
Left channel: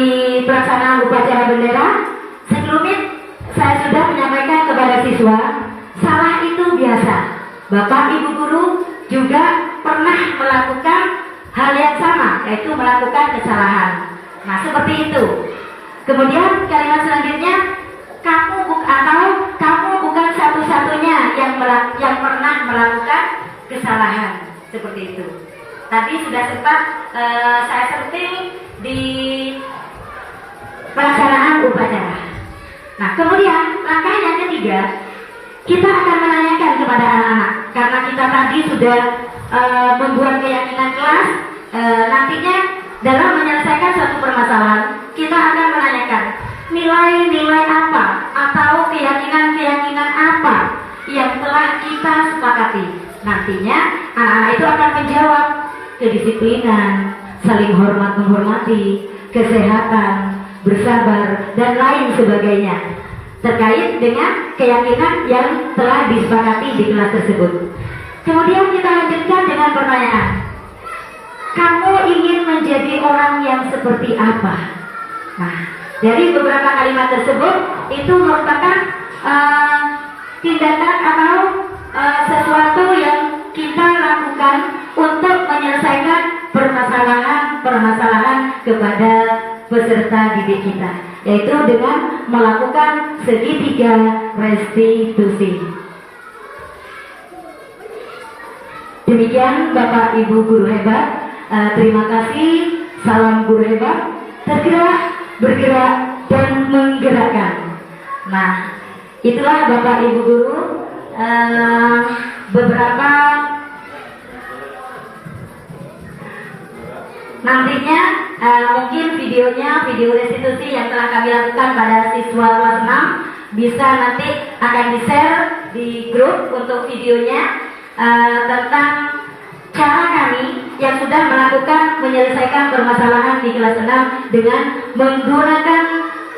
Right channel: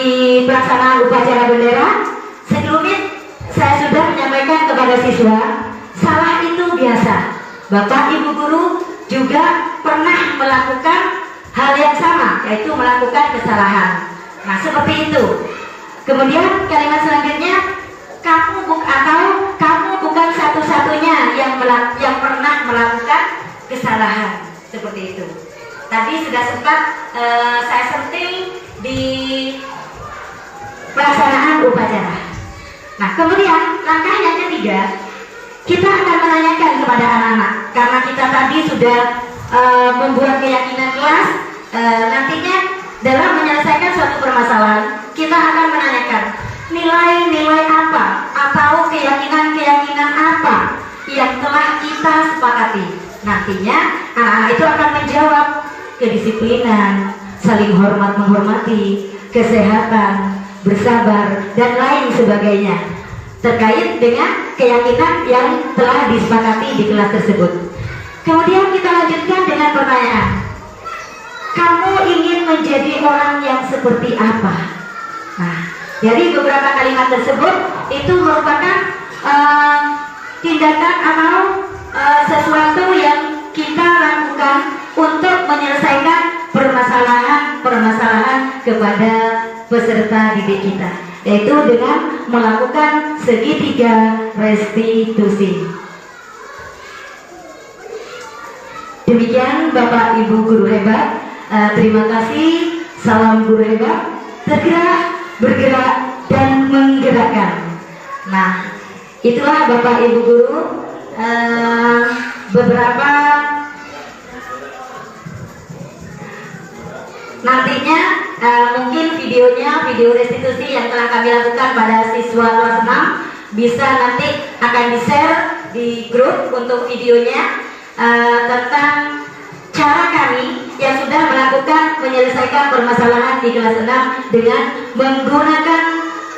pelaksanaan upacara bendera, sebelumnya saya sudah menyampaikan kepada siswa, salah itu biasa. Bapak Ibu guru juga pernah melakukan hal yang sama, yaitu melakukan kesalahan. Nah, seperti itu. Kemudian kalimat selanjutnya, kamu bukan satu-satunya yang pernah melakukan kesalahan. Seperti itu. Tadi sudah sempat saya sentil di pelaksanaan upacara. Nah, kemudian langkah yang ketiga, kita akan menanyakan kepada anak-anak, karena kita tadi sudah membuat keyakinan kelas. Nantinya dalam menyelesaikan suatu permasalahan, kita akan menanyakan nilai-nilai apa atau keyakinan-keyakinan apa yang telah kita sepakati. Nantinya anak-anak itu akan menjawab kedisiplinan, saling hormat menghormati, kesehatan, bersabar, dan lain sebagainya terkait dengan keyakinan yang telah disepakati di kelas tersebut. Kemudian kita lanjutkan dengan pertanyaan, kamu ingin menjadi orang yang seperti apa? Nah, dari beberapa kalimat tersebut itu merupakan tindakan atau sesuatu yang kita lakukan untuk menyelesaikan permasalahan kepada peserta didik kita, yaitu dengan melakukan segitiga restitusi. Demikian Bapak Ibu guru hebat. Terima kasih. Salam guru hebat. Tergerak, bergerak, dan menggerakkan. Nah, itulah Bapak Ibu guru beberapa nantinya mungkin video restitusi yang telah kami lakukan pada siswa kelas 6 bisa nanti akan di-share di grup untuk videonya tentang cara kami yang sudah melakukan menyelesaikan permasalahan di kelas 6 dengan menggunakan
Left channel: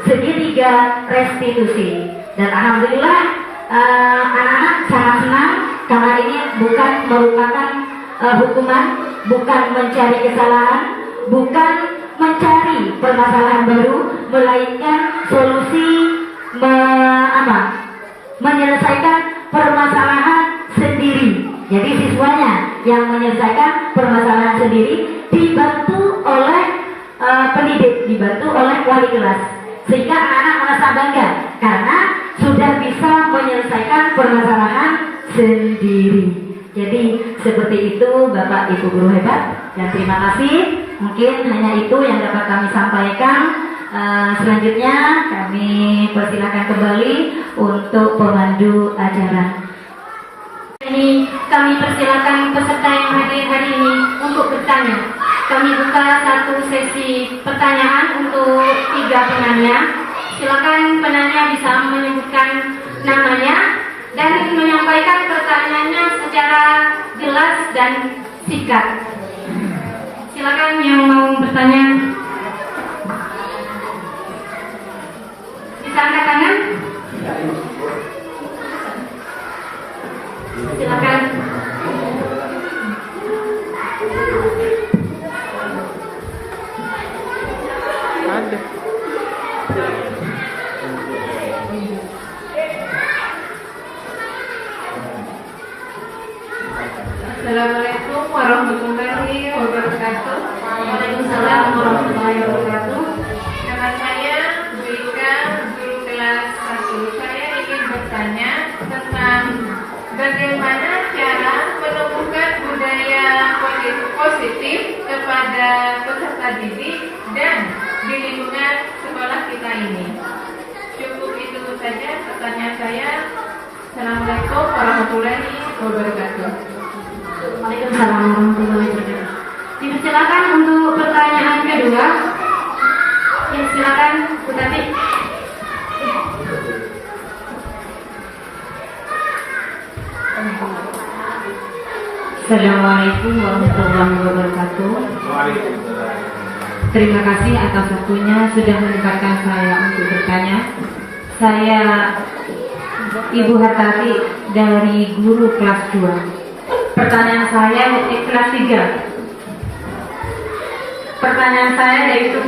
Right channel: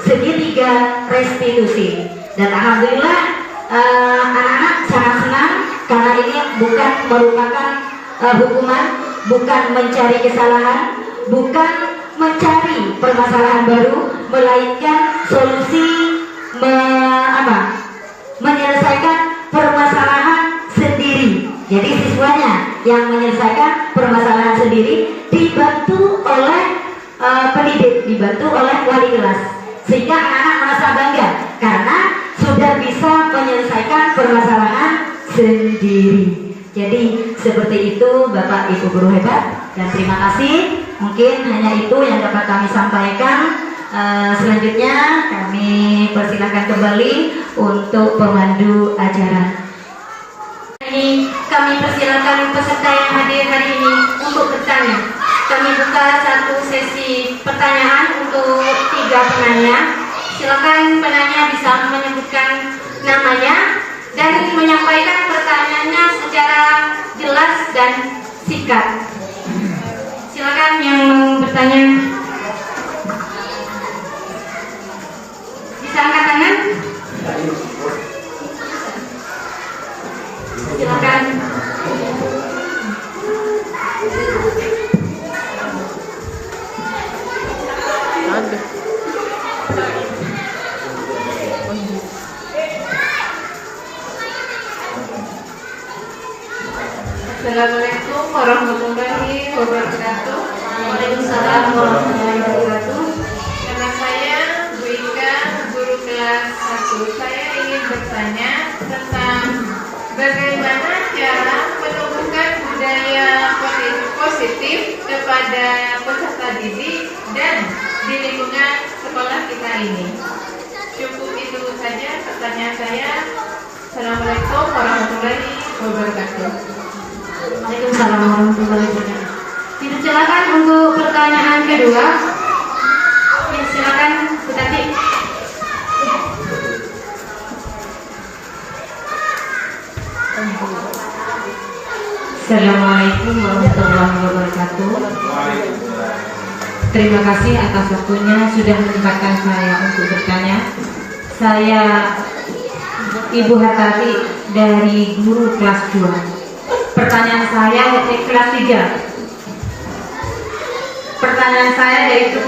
segitiga restitusi. Dan alhamdulillah anak-anak sangat senang karena ini bukan merupakan hukuman, bukan mencari kesalahan, bukan mencari permasalahan baru, melainkan solusi menyelesaikan permasalahan sendiri. Jadi siswanya yang menyelesaikan permasalahan sendiri dibantu oleh pendidik, dibantu oleh wali kelas, sehingga anak-anak merasa bangga karena sudah bisa menyelesaikan permasalahan sendiri. Jadi seperti itu Bapak Ibu guru hebat, dan terima kasih. Mungkin hanya itu yang dapat kami sampaikan. Selanjutnya kami persilakan kembali untuk pemandu acara. Ini kami persilakan peserta yang hadir hari ini untuk bertanya. Kami buka satu sesi pertanyaan untuk 3 penanya. Silakan penanya bisa menyebutkan namanya dan menyampaikan pertanyaannya secara jelas dan singkat. Silakan yang mau bertanya bisa angkat tangan. Silakan. Ada. Assalamualaikum warahmatullahi wabarakatuh. Waalaikumsalam warahmatullahi wabarakatuh. Nama saya Bu Ika, guru kelas 1. Saya ingin bertanya tentang bagaimana cara menumbuhkan budaya positif kepada peserta didik dan di lingkungan sekolah kita ini. Cukup itu saja pertanyaan saya. Assalamualaikum warahmatullahi wabarakatuh. Waalaikumsalam warahmatullahi wabarakatuh. Silakan untuk pertanyaan kedua. Ya, silakan Bu Tati. Assalamualaikum warahmatullahi wabarakatuh. Terima kasih atas waktunya sudah menyempatkan saya untuk bertanya. Saya Ibu Hartati dari guru kelas 2. Pertanyaan saya kelas 3. Pertanyaan saya yaitu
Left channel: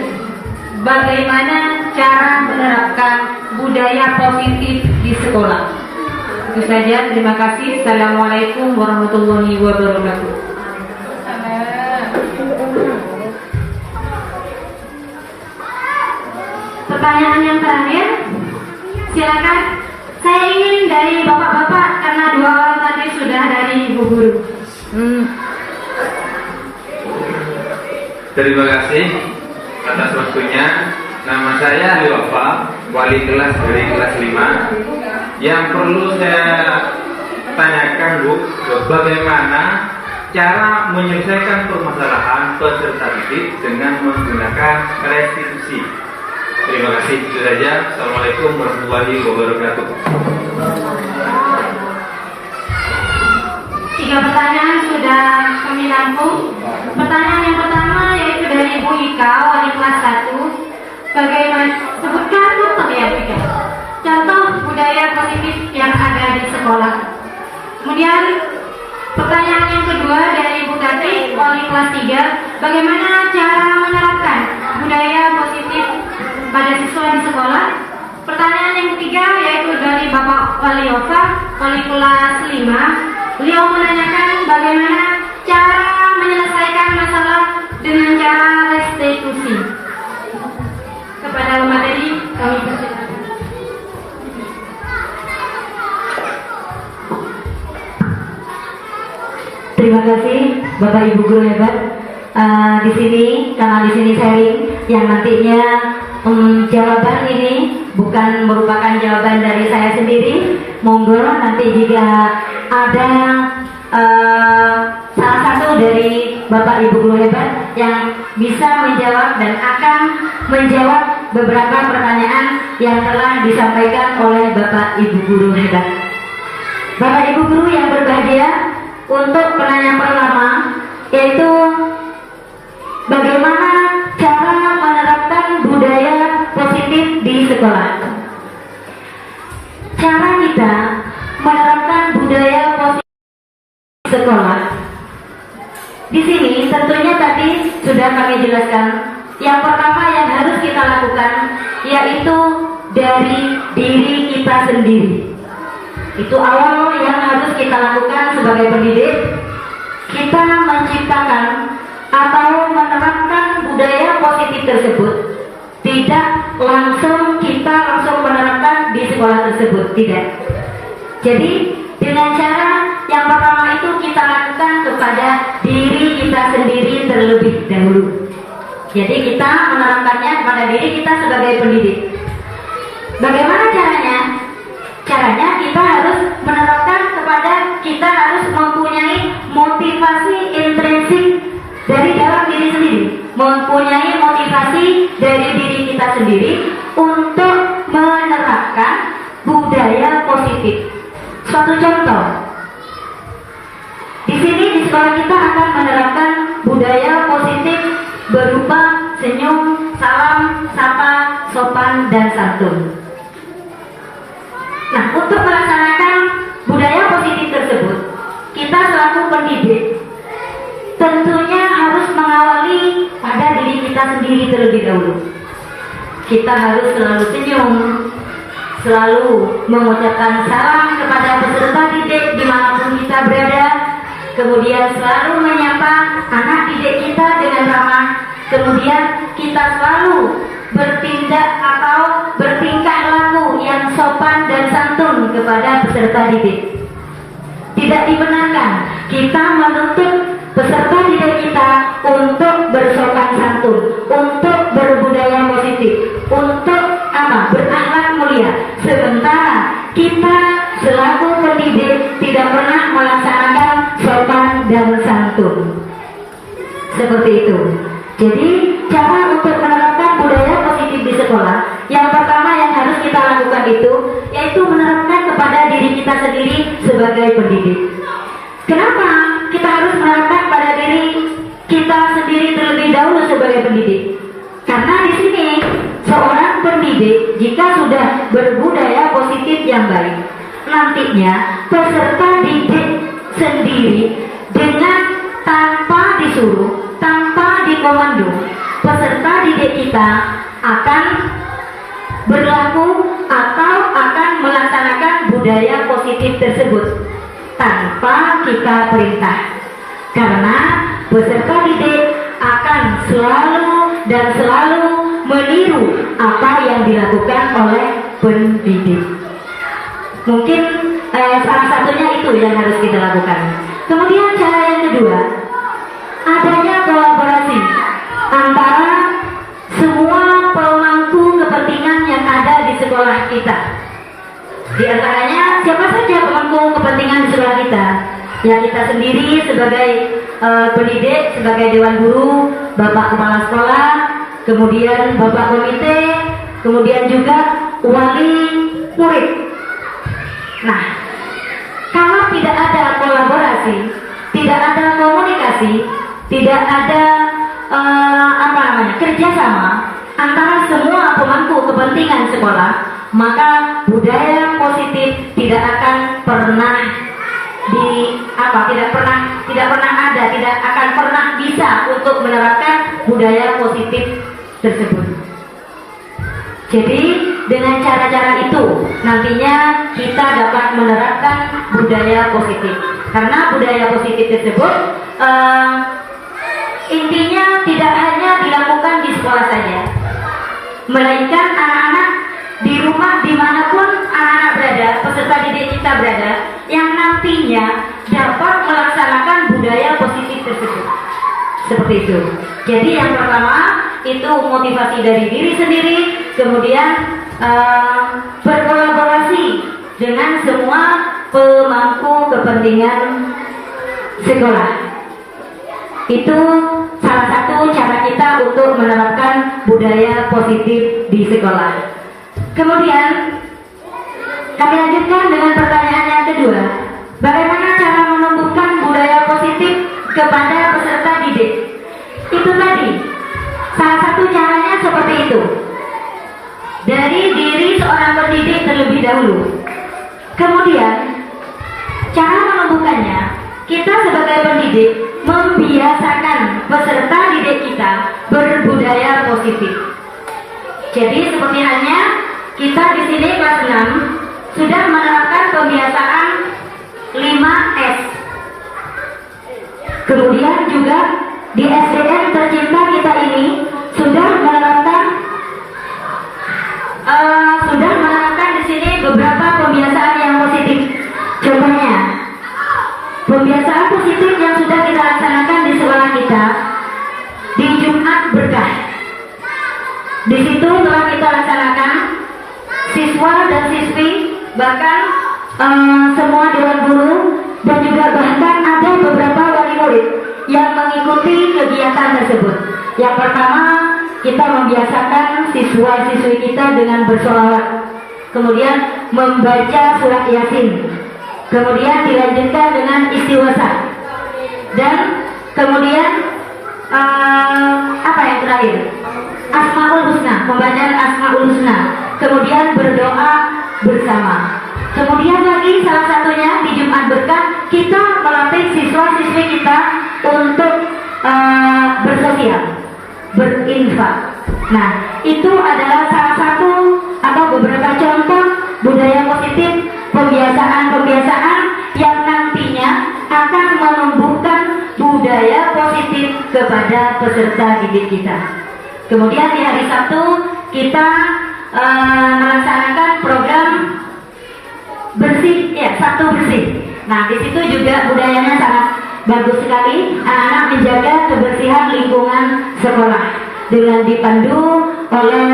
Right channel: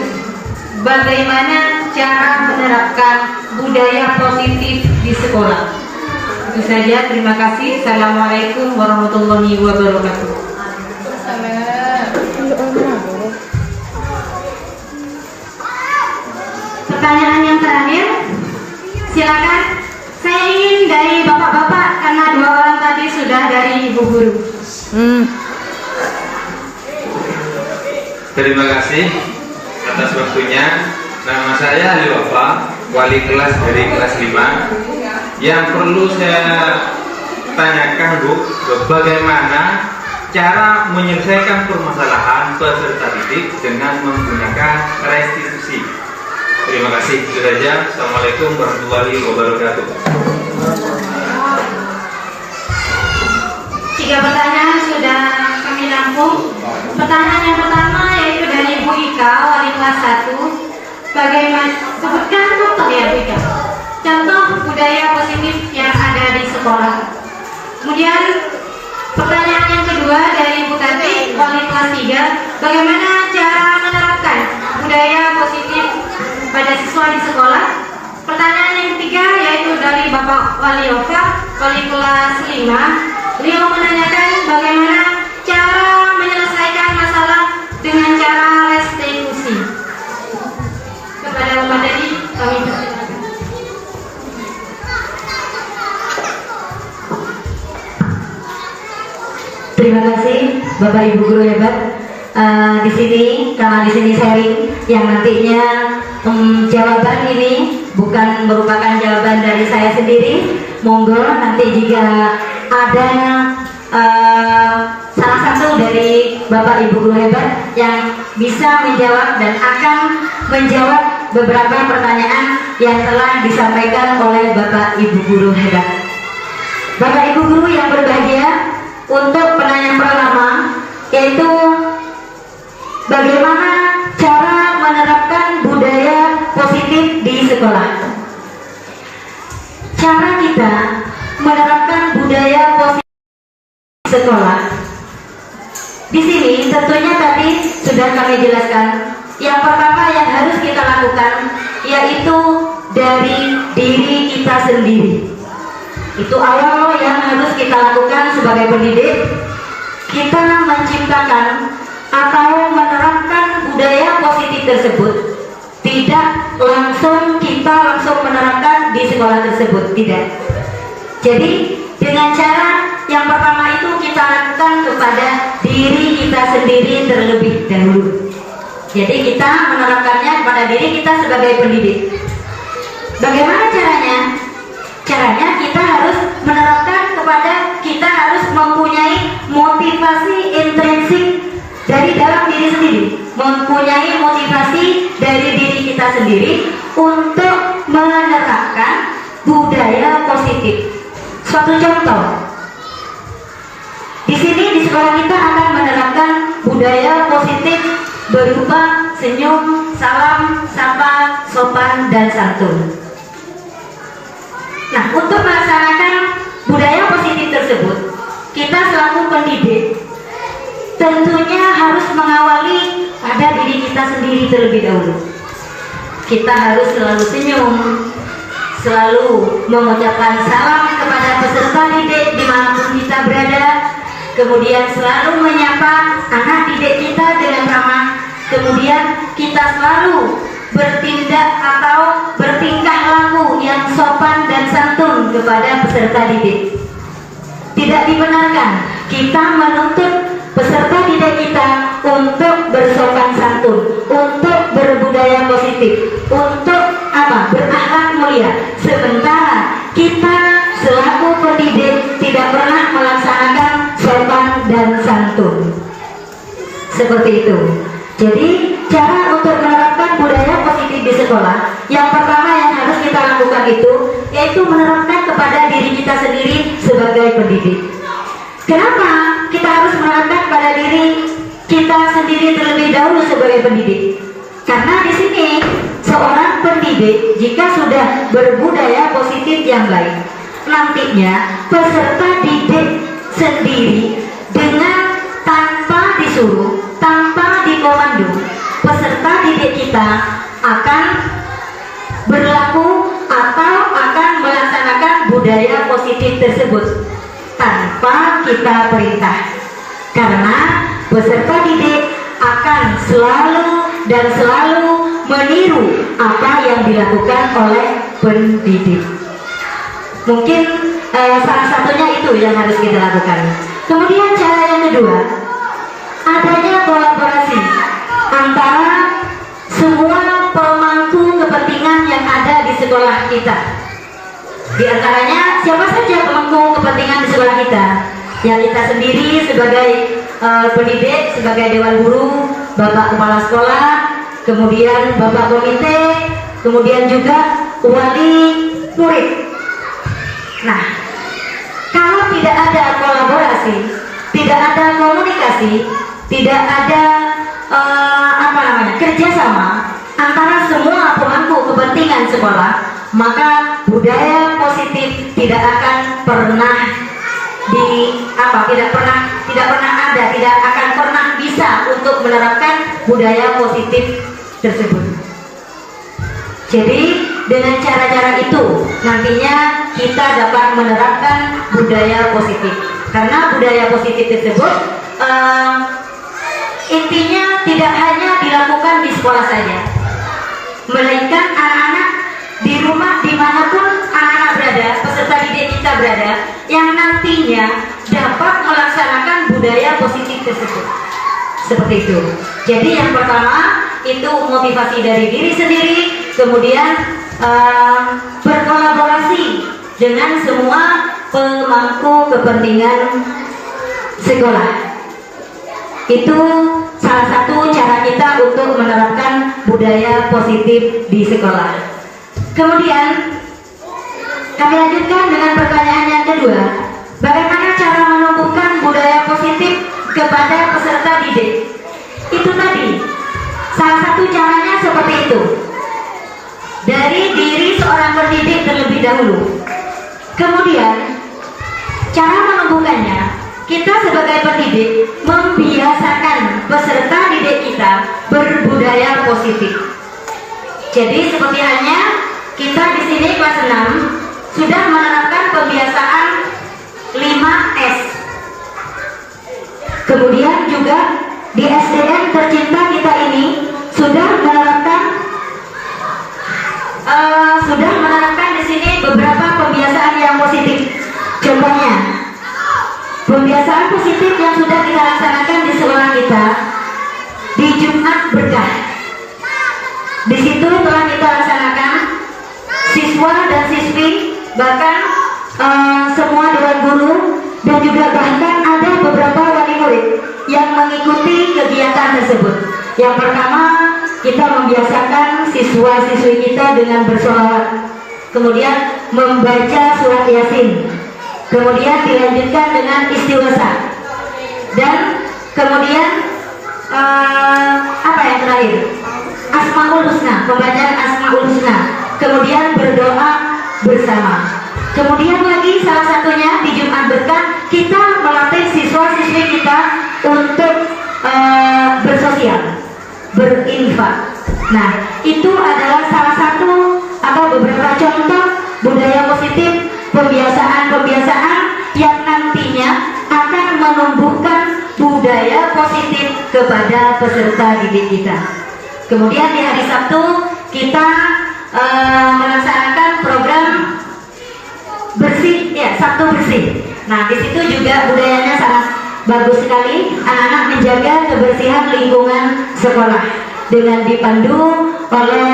bagaimana cara menerapkan budaya positif di sekolah. Itu saja, terima kasih. Assalamualaikum warahmatullahi wabarakatuh. Pertanyaan yang terakhir, silakan. Saya ingin dari bapak-bapak karena 2 orang tadi sudah dari ibu guru. Terima kasih atas waktunya. Nama saya Ali Wafa, wali kelas dari kelas 5. Yang perlu saya tanyakan Bu, bagaimana cara menyelesaikan permasalahan peserta didik dengan menggunakan restitusi. Terima kasih. Itu saja. Assalamualaikum warahmatullahi wabarakatuh. 3 pertanyaan sudah kami rampung. Pertanyaan yang pertama yaitu dari Bu Ika, wali kelas 1. Bagaimana sebutkan contoh ya Bu Ika, contoh budaya positif yang ada di sekolah. Kemudian pertanyaan yang kedua dari Bu Tati, wali kelas 3. Bagaimana cara menerapkan budaya positif pada siswa di sekolah. Pertanyaan yang ketiga yaitu dari Bapak Wali Wafa, wali kelas 5. Beliau menanyakan bagaimana cara menyelesaikan masalah dengan cara restitusi. Kepada Bapak Dedi, kami persilakan. Terima kasih Bapak Ibu guru hebat. Di sini karena di sini sharing yang nantinya jawaban ini bukan merupakan jawaban dari saya sendiri. Monggo nanti jika ada salah satu dari Bapak Ibu guru hebat yang bisa menjawab dan akan menjawab beberapa pertanyaan yang telah disampaikan oleh Bapak Ibu Guru hebat. Bapak Ibu Guru yang berbahagia, untuk pertanyaan pertama yaitu bagaimana cara menerapkan budaya positif di sekolah. Cara kita menerapkan budaya positif di sekolah. Di sini tentunya tadi sudah kami jelaskan. Yang pertama yang harus kita lakukan yaitu dari diri kita sendiri. Itu awal yang harus kita lakukan sebagai pendidik. Kita menciptakan atau menerapkan budaya positif tersebut. Tidak langsung kita langsung menerapkan di sekolah tersebut, tidak. Jadi dengan cara yang pertama itu kita lakukan kepada diri kita sendiri terlebih dahulu. Jadi kita menerapkannya kepada diri kita sebagai pendidik. Bagaimana caranya? Caranya kita harus menerapkan kepada kita harus mempunyai motivasi intrinsik dari dalam diri sendiri, mempunyai motivasi dari diri kita sendiri untuk menerapkan budaya positif. Suatu contoh, di sini di sekolah kita akan menerapkan budaya positif berupa senyum, salam, sapa, sopan, dan santun. Nah, untuk melaksanakan budaya positif tersebut, kita selaku pendidik tentunya harus mengawali pada diri kita sendiri terlebih dahulu. Kita harus selalu senyum, selalu mengucapkan salam kepada peserta didik dimanapun kita berada, kemudian selalu menyapa anak didik kita dengan ramah, kemudian kita selalu bertindak atau bertingkah laku yang sopan dan santun kepada peserta didik. Tidak dibenarkan kita menuntut peserta didik kita untuk bersopan santun, untuk berbudaya positif, untuk berakhlak mulia, sementara kita selaku pendidik tidak pernah melaksanakan sopan dan santun. Seperti itu. Jadi cara untuk menerapkan budaya positif di sekolah, yang pertama yang harus kita lakukan itu yaitu menerapkan kepada diri kita sendiri sebagai pendidik. Kenapa kita harus menerapkan pada diri kita sendiri terlebih dahulu sebagai pendidik? Karena di sini seorang pendidik jika sudah berbudaya positif yang baik, nantinya peserta didik sendiri dengan tanpa disuruh, tanpa dikomando, peserta didik kita akan berlaku atau akan melaksanakan budaya positif tersebut tanpa kita perintah. Karena peserta didik akan selalu dan selalu meniru apa yang dilakukan oleh pendidik. Mungkin salah satunya itu yang harus kita lakukan. Kemudian cara yang kedua, adanya kolaborasi antara semua pemangku kepentingan yang ada di sekolah kita. Di antaranya siapa saja pemangku kepentingan di sekolah kita? Ya kita sendiri sebagai pendidik, sebagai dewan guru, bapak kepala sekolah, kemudian bapak komite, kemudian juga wali murid. Nah, kalau tidak ada kolaborasi, tidak ada komunikasi, tidak ada kerjasama antara semua pemangku kepentingan sekolah, maka budaya positif tidak akan pernah tidak akan pernah bisa untuk menerapkan budaya positif tersebut. Jadi dengan cara-cara itu nantinya kita dapat menerapkan budaya positif. Karena budaya positif tersebut intinya tidak hanya dilakukan di sekolah saja, melainkan anak-anak di rumah dimanapun anak-anak berada, peserta didik kita berada, yang nantinya dapat melaksanakan budaya positif tersebut. Seperti itu. Jadi yang pertama itu motivasi dari diri sendiri, kemudian berkolaborasi dengan semua pemangku kepentingan sekolah. Itu salah satu cara kita untuk menerapkan budaya positif di sekolah. Kemudian kami lanjutkan dengan pertanyaan yang kedua. Bagaimana cara menumbuhkan budaya positif kepada peserta didik? Itu tadi, salah satu caranya seperti itu. Dari diri seorang pendidik terlebih dahulu. Kemudian, cara menumbuhkannya, kita sebagai pendidik membiasakan peserta didik kita berbudaya positif. Jadi seperti halnya kita di sini kelas 6 sudah menerapkan pembiasaan 5S. Kemudian juga di SDN tercinta kita ini sudah menerapkan di sini beberapa pembiasaan yang positif. Contohnya, pembiasaan positif yang sudah kita laksanakan di sekolah kita di Jumat Berkah. Di situ telah kita laksanakan, siswa dan siswi, bahkan semua dewan guru, dan juga bahkan ada beberapa wali murid yang mengikuti kegiatan tersebut. Yang pertama, kita membiasakan siswa-siswi kita dengan bersolawat, kemudian membaca surat Yasin, kemudian dilanjutkan dengan istighosah, dan kemudian apa yang terakhir? Asmaul Husna, pembacaan Asmaul Husna, kemudian berdoa bersama. Kemudian lagi salah satunya di Jumat Berkah kita melatih siswa-siswi kita untuk bersosial, berinfak. Nah, itu adalah salah satu atau beberapa contoh budaya positif, pembiasaan-pembiasaan yang nantinya akan menumbuhkan budaya positif kepada peserta didik kita. Kemudian di hari Sabtu kita melaksanakan program bersih, ya, Sabtu bersih. Nah, di situ juga budayanya sangat bagus sekali. Anak-anak menjaga kebersihan lingkungan sekolah dengan dipandu oleh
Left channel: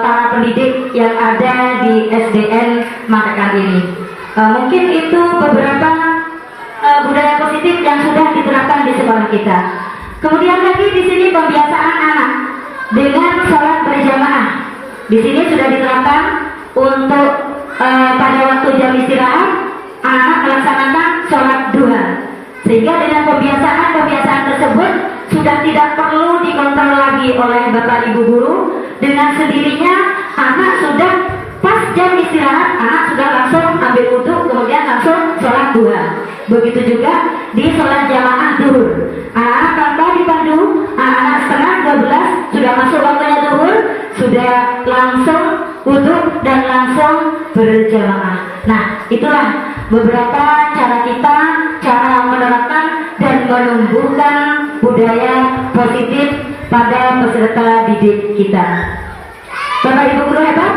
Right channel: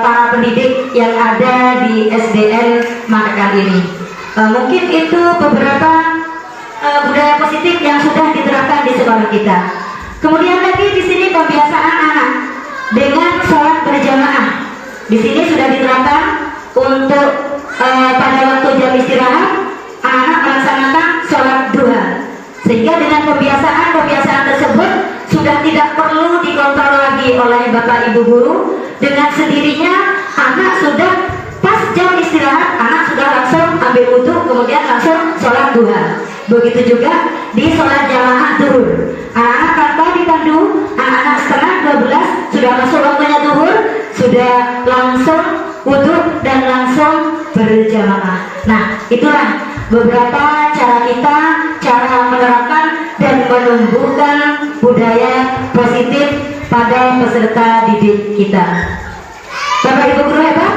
para pendidik yang ada di SDN Matakan ini. Mungkin itu beberapa budaya positif yang sudah diterapkan di sekolah kita. Kemudian lagi di sini pembiasaan anak dengan sholat berjamaah. Di sini sudah diterapkan untuk pada waktu jam istirahat anak melaksanakan sholat duha, sehingga dengan pembiasaan tersebut sudah tidak perlu dikontrol lagi oleh bapak ibu guru. Dengan sendirinya anak sudah pas jam istirahat, anak sudah langsung ambil wudhu, kemudian langsung sholat duha. Begitu juga di sholat jamaah duhur, anak-anak tanpa dipandu, anak-anak setengah 12 sudah masuk waktunya duhur, sudah langsung wudhu dan langsung berjamaah. Nah, itulah beberapa cara kita, cara menerapkan dan menumbuhkan budaya positif pada peserta didik kita. Bapak Ibu guru hebat,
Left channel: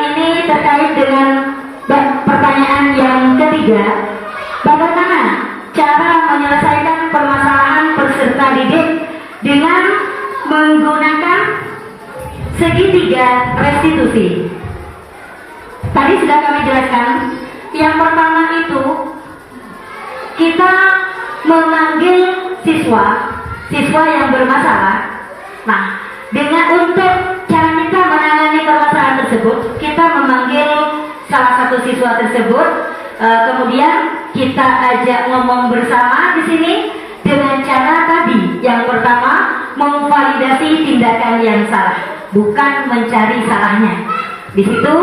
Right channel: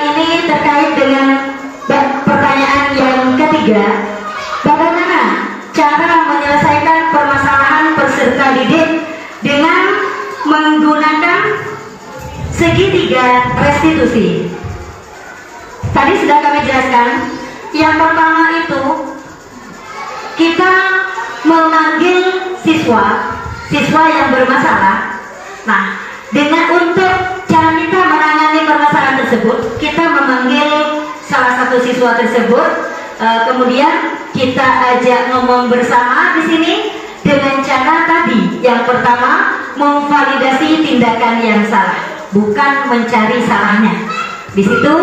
ini terkait dengan pertanyaan yang ketiga. Bagaimana cara menyelesaikan permasalahan peserta didik dengan menggunakan segitiga restitusi? Tadi sudah kami jelaskan. Yang pertama itu kita memanggil siswa yang bermasalah. Nah, dengan untuk cara kita menangani permasalahan tersebut, kita memanggil salah satu siswa tersebut, kemudian kita ajak ngomong bersama di sini dengan cara tadi. Yang pertama, memvalidasi tindakan yang salah, bukan mencari salahnya. Di situ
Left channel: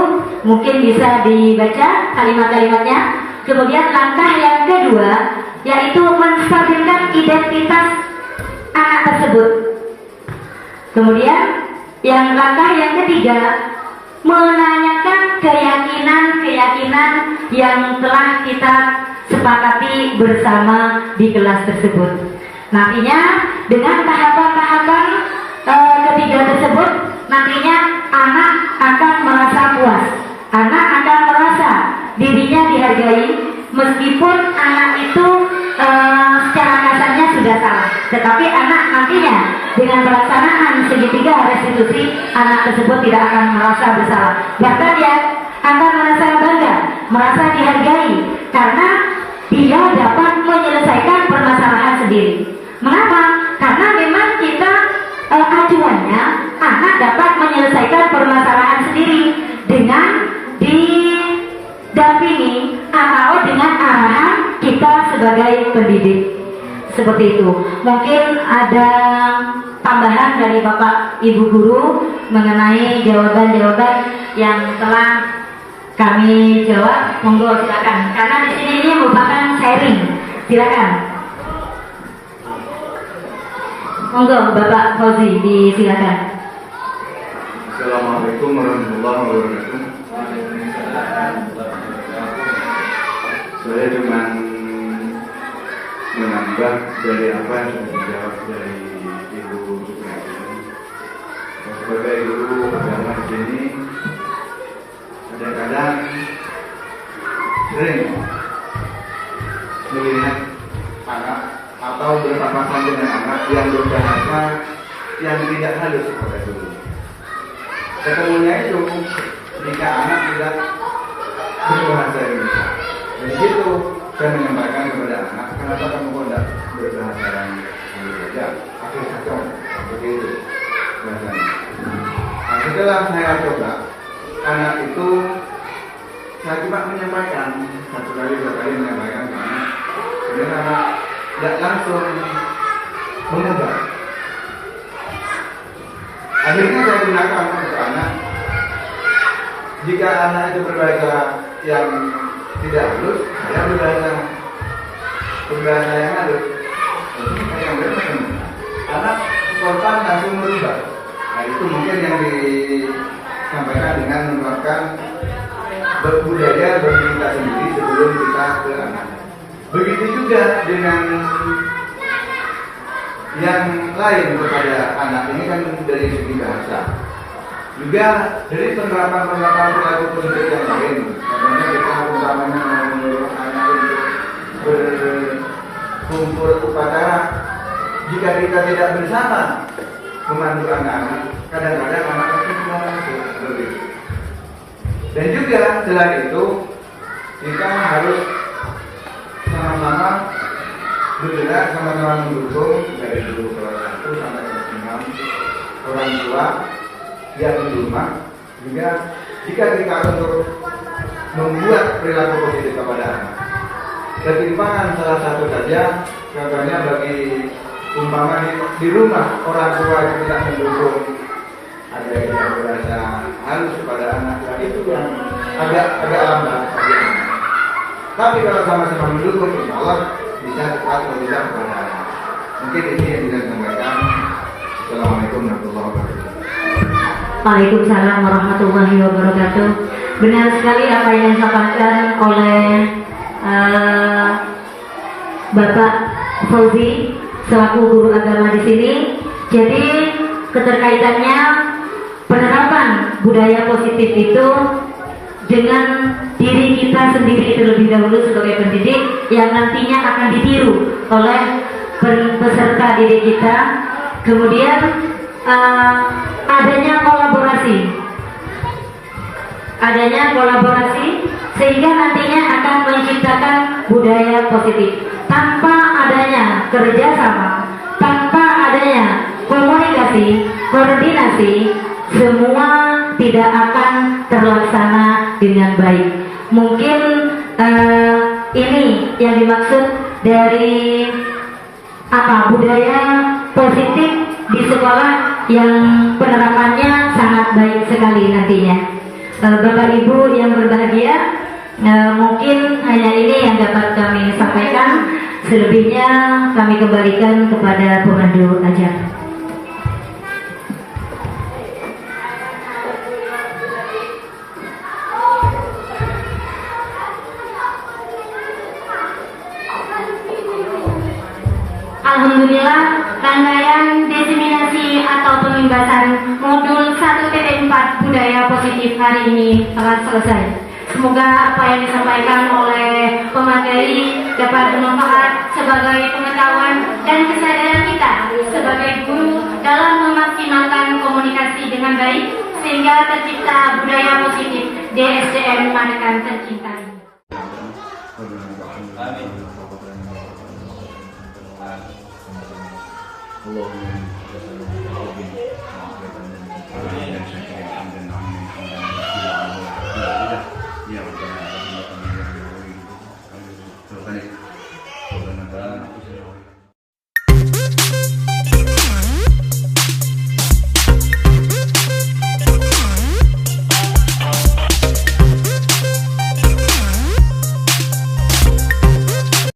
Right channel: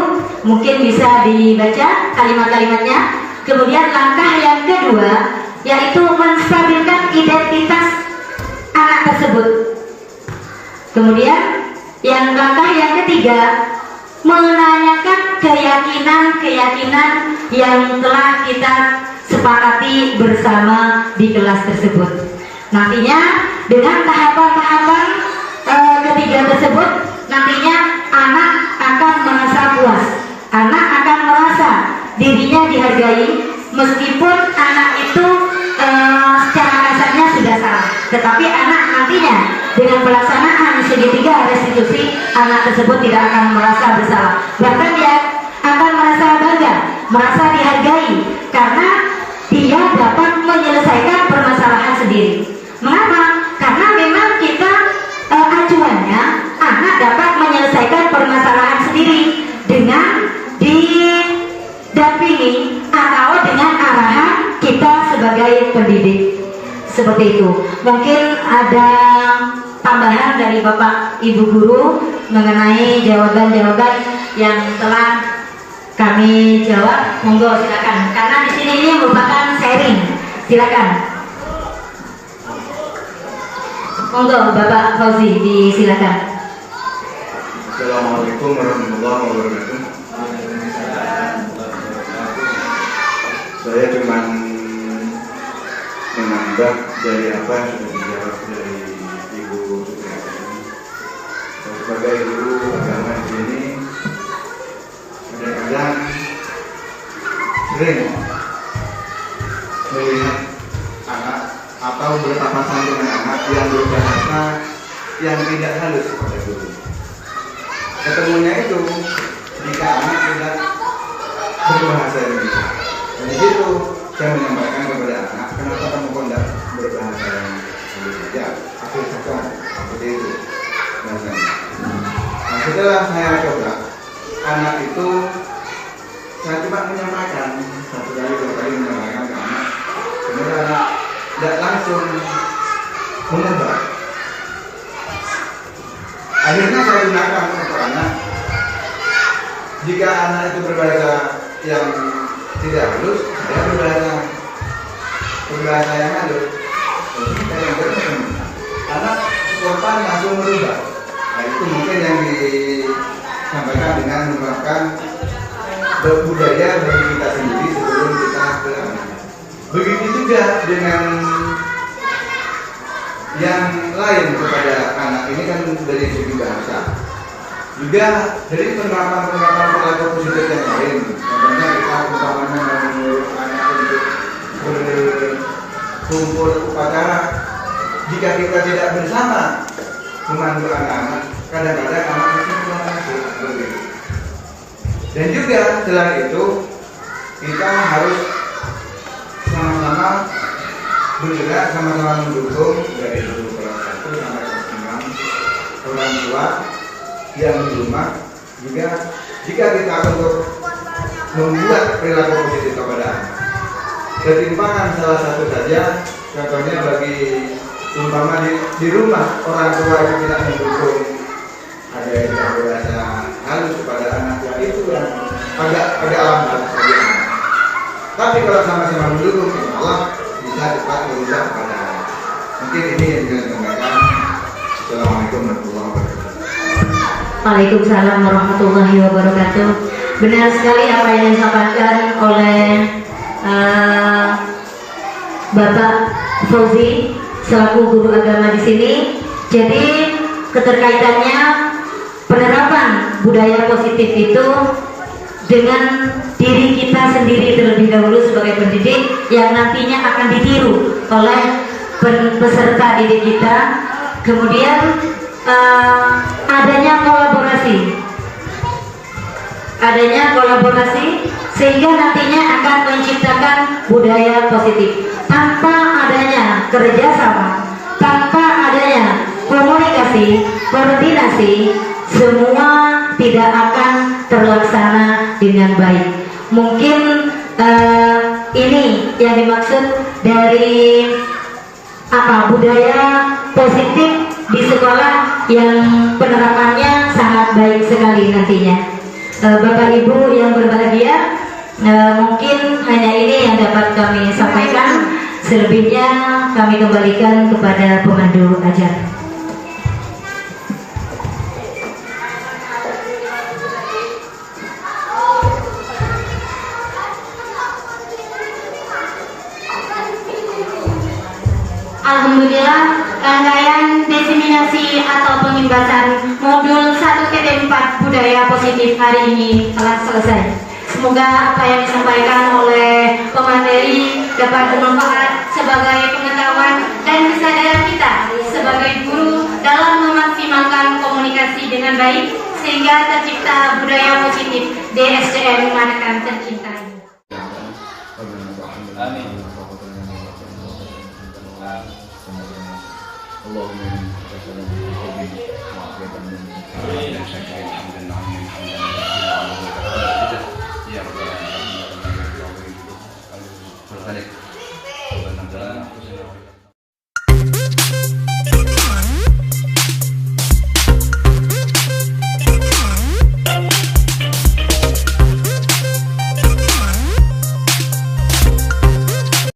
mungkin bisa dibaca kalimat-kalimatnya. Kemudian langkah yang kedua yaitu menstabilkan identitas anak tersebut. Kemudian langkah yang ketiga, menanyakan keyakinan-keyakinan yang telah kita sepakati bersama di kelas tersebut. Nantinya dengan tahapan-tahapan ketiga tersebut, nantinya anak akan merasa puas, anak akan merasa dirinya dihargai, meskipun anak itu secara kasarnya sudah salah, tetapi anak nantinya dengan pelaksanaan segitiga restitusi, anak tersebut tidak akan merasa bersalah, bahkan dia akan merasa bangga, merasa dihargai karena dia dapat menyelesaikan permasalahan sendiri. Mengapa? dampingi atau dengan arahan kita sebagai pendidik. Seperti itu. Mungkin ada tambahan dari Bapak Ibu Guru mengenai jawaban-jawaban yang telah kami jawab. Monggo silakan. Karena di sini ini merupakan sharing. Silakan. Monggo Bapak Fauzi, disilakan. Assalamualaikum warahmatullahi wabarakatuh. Saya cuma menambah dari apa yang sudah dijawab dari Ibu Supriyanti. Sebagai guru agama di sini, kadang-kadang sering melihat anak atau berpapasan dengan anak yang berbahasa yang tidak halus kepada guru. Ketemunya itu jika anak tidak berbahasa Indonesia. Jadi itu saya menyampaikan kepada anak, kenapa kamu tidak berbahasa yang halus saja? Akhir kata seperti itu bahasanya. Nah, setelah saya coba, anak itu saya coba menyampaikan satu kali dua kali menyampaikan ke anak, sebenarnya anak tidak langsung mengubah. Akhirnya saya gunakan untuk anak. Jika anak itu berbahasa yang tidak halus, saya berbahasa yang halus. Yang berbahasa anak spontan langsung merubah. Nah, itu mungkin yang disampaikan dengan menerapkan budaya bagi kita sendiri sebelum kita ke anak. Begitu juga dengan yang lain kepada anak ini kan dari segi bahasa. Juga dari penerapan perilaku positif yang lain. Contohnya kita umpamanya menyuruh anak untuk berkumpul upacara. Jika kita tidak bersama memandu anak-anak, kadang-kadang anak itu tidak masuk begitu. Dan juga selain itu kita harus sama-sama bergerak, sama-sama mendukung dari guru kelas 1 sampai kelas 6 orang tua yang di rumah. Juga jika kita untuk membuat perilaku positif kepada anak, ketimpangan salah satu saja, contohnya bagi umpama di rumah orang tua yang tidak mendukung, ada yang tidak berasa halus kepada anak tua, itu yang agak lambat bagi anak. Tapi kalau sama-sama mendukung, insya Allah bisa cepat berubah kepada anak. Mungkin ini yang bisa saya sampaikan. Assalamualaikum warahmatullahi wabarakatuh. Waalaikumsalam warahmatullahi wabarakatuh. Benar sekali apa yang disampaikan oleh Bapak Fauzi selaku guru agama di sini. Jadi keterkaitannya penerapan budaya positif itu dengan diri kita sendiri terlebih dahulu sebagai pendidik yang nantinya akan ditiru oleh peserta didik kita. Kemudian adanya kolaborasi sehingga nantinya akan menciptakan budaya positif. Tanpa adanya kerjasama, tanpa adanya komunikasi, koordinasi, semua tidak akan terlaksana dengan baik. Mungkin ini yang dimaksud dari budaya positif di sekolah yang penerapannya sangat baik sekali nantinya. Bapak Ibu yang berbahagia, mungkin hanya ini yang dapat kami sampaikan. Selebihnya kami kembalikan kepada pemandu acara. Alhamdulillah, rangkaian diseminasi atau pembebasan modul 1.4 budaya positif hari ini telah selesai. Semoga apa yang disampaikan oleh pemateri dapat bermanfaat sebagai pengetahuan dan kesadaran kita sebagai guru dalam memaksimalkan komunikasi dengan baik sehingga tercipta budaya positif di SDN Manakan tercinta.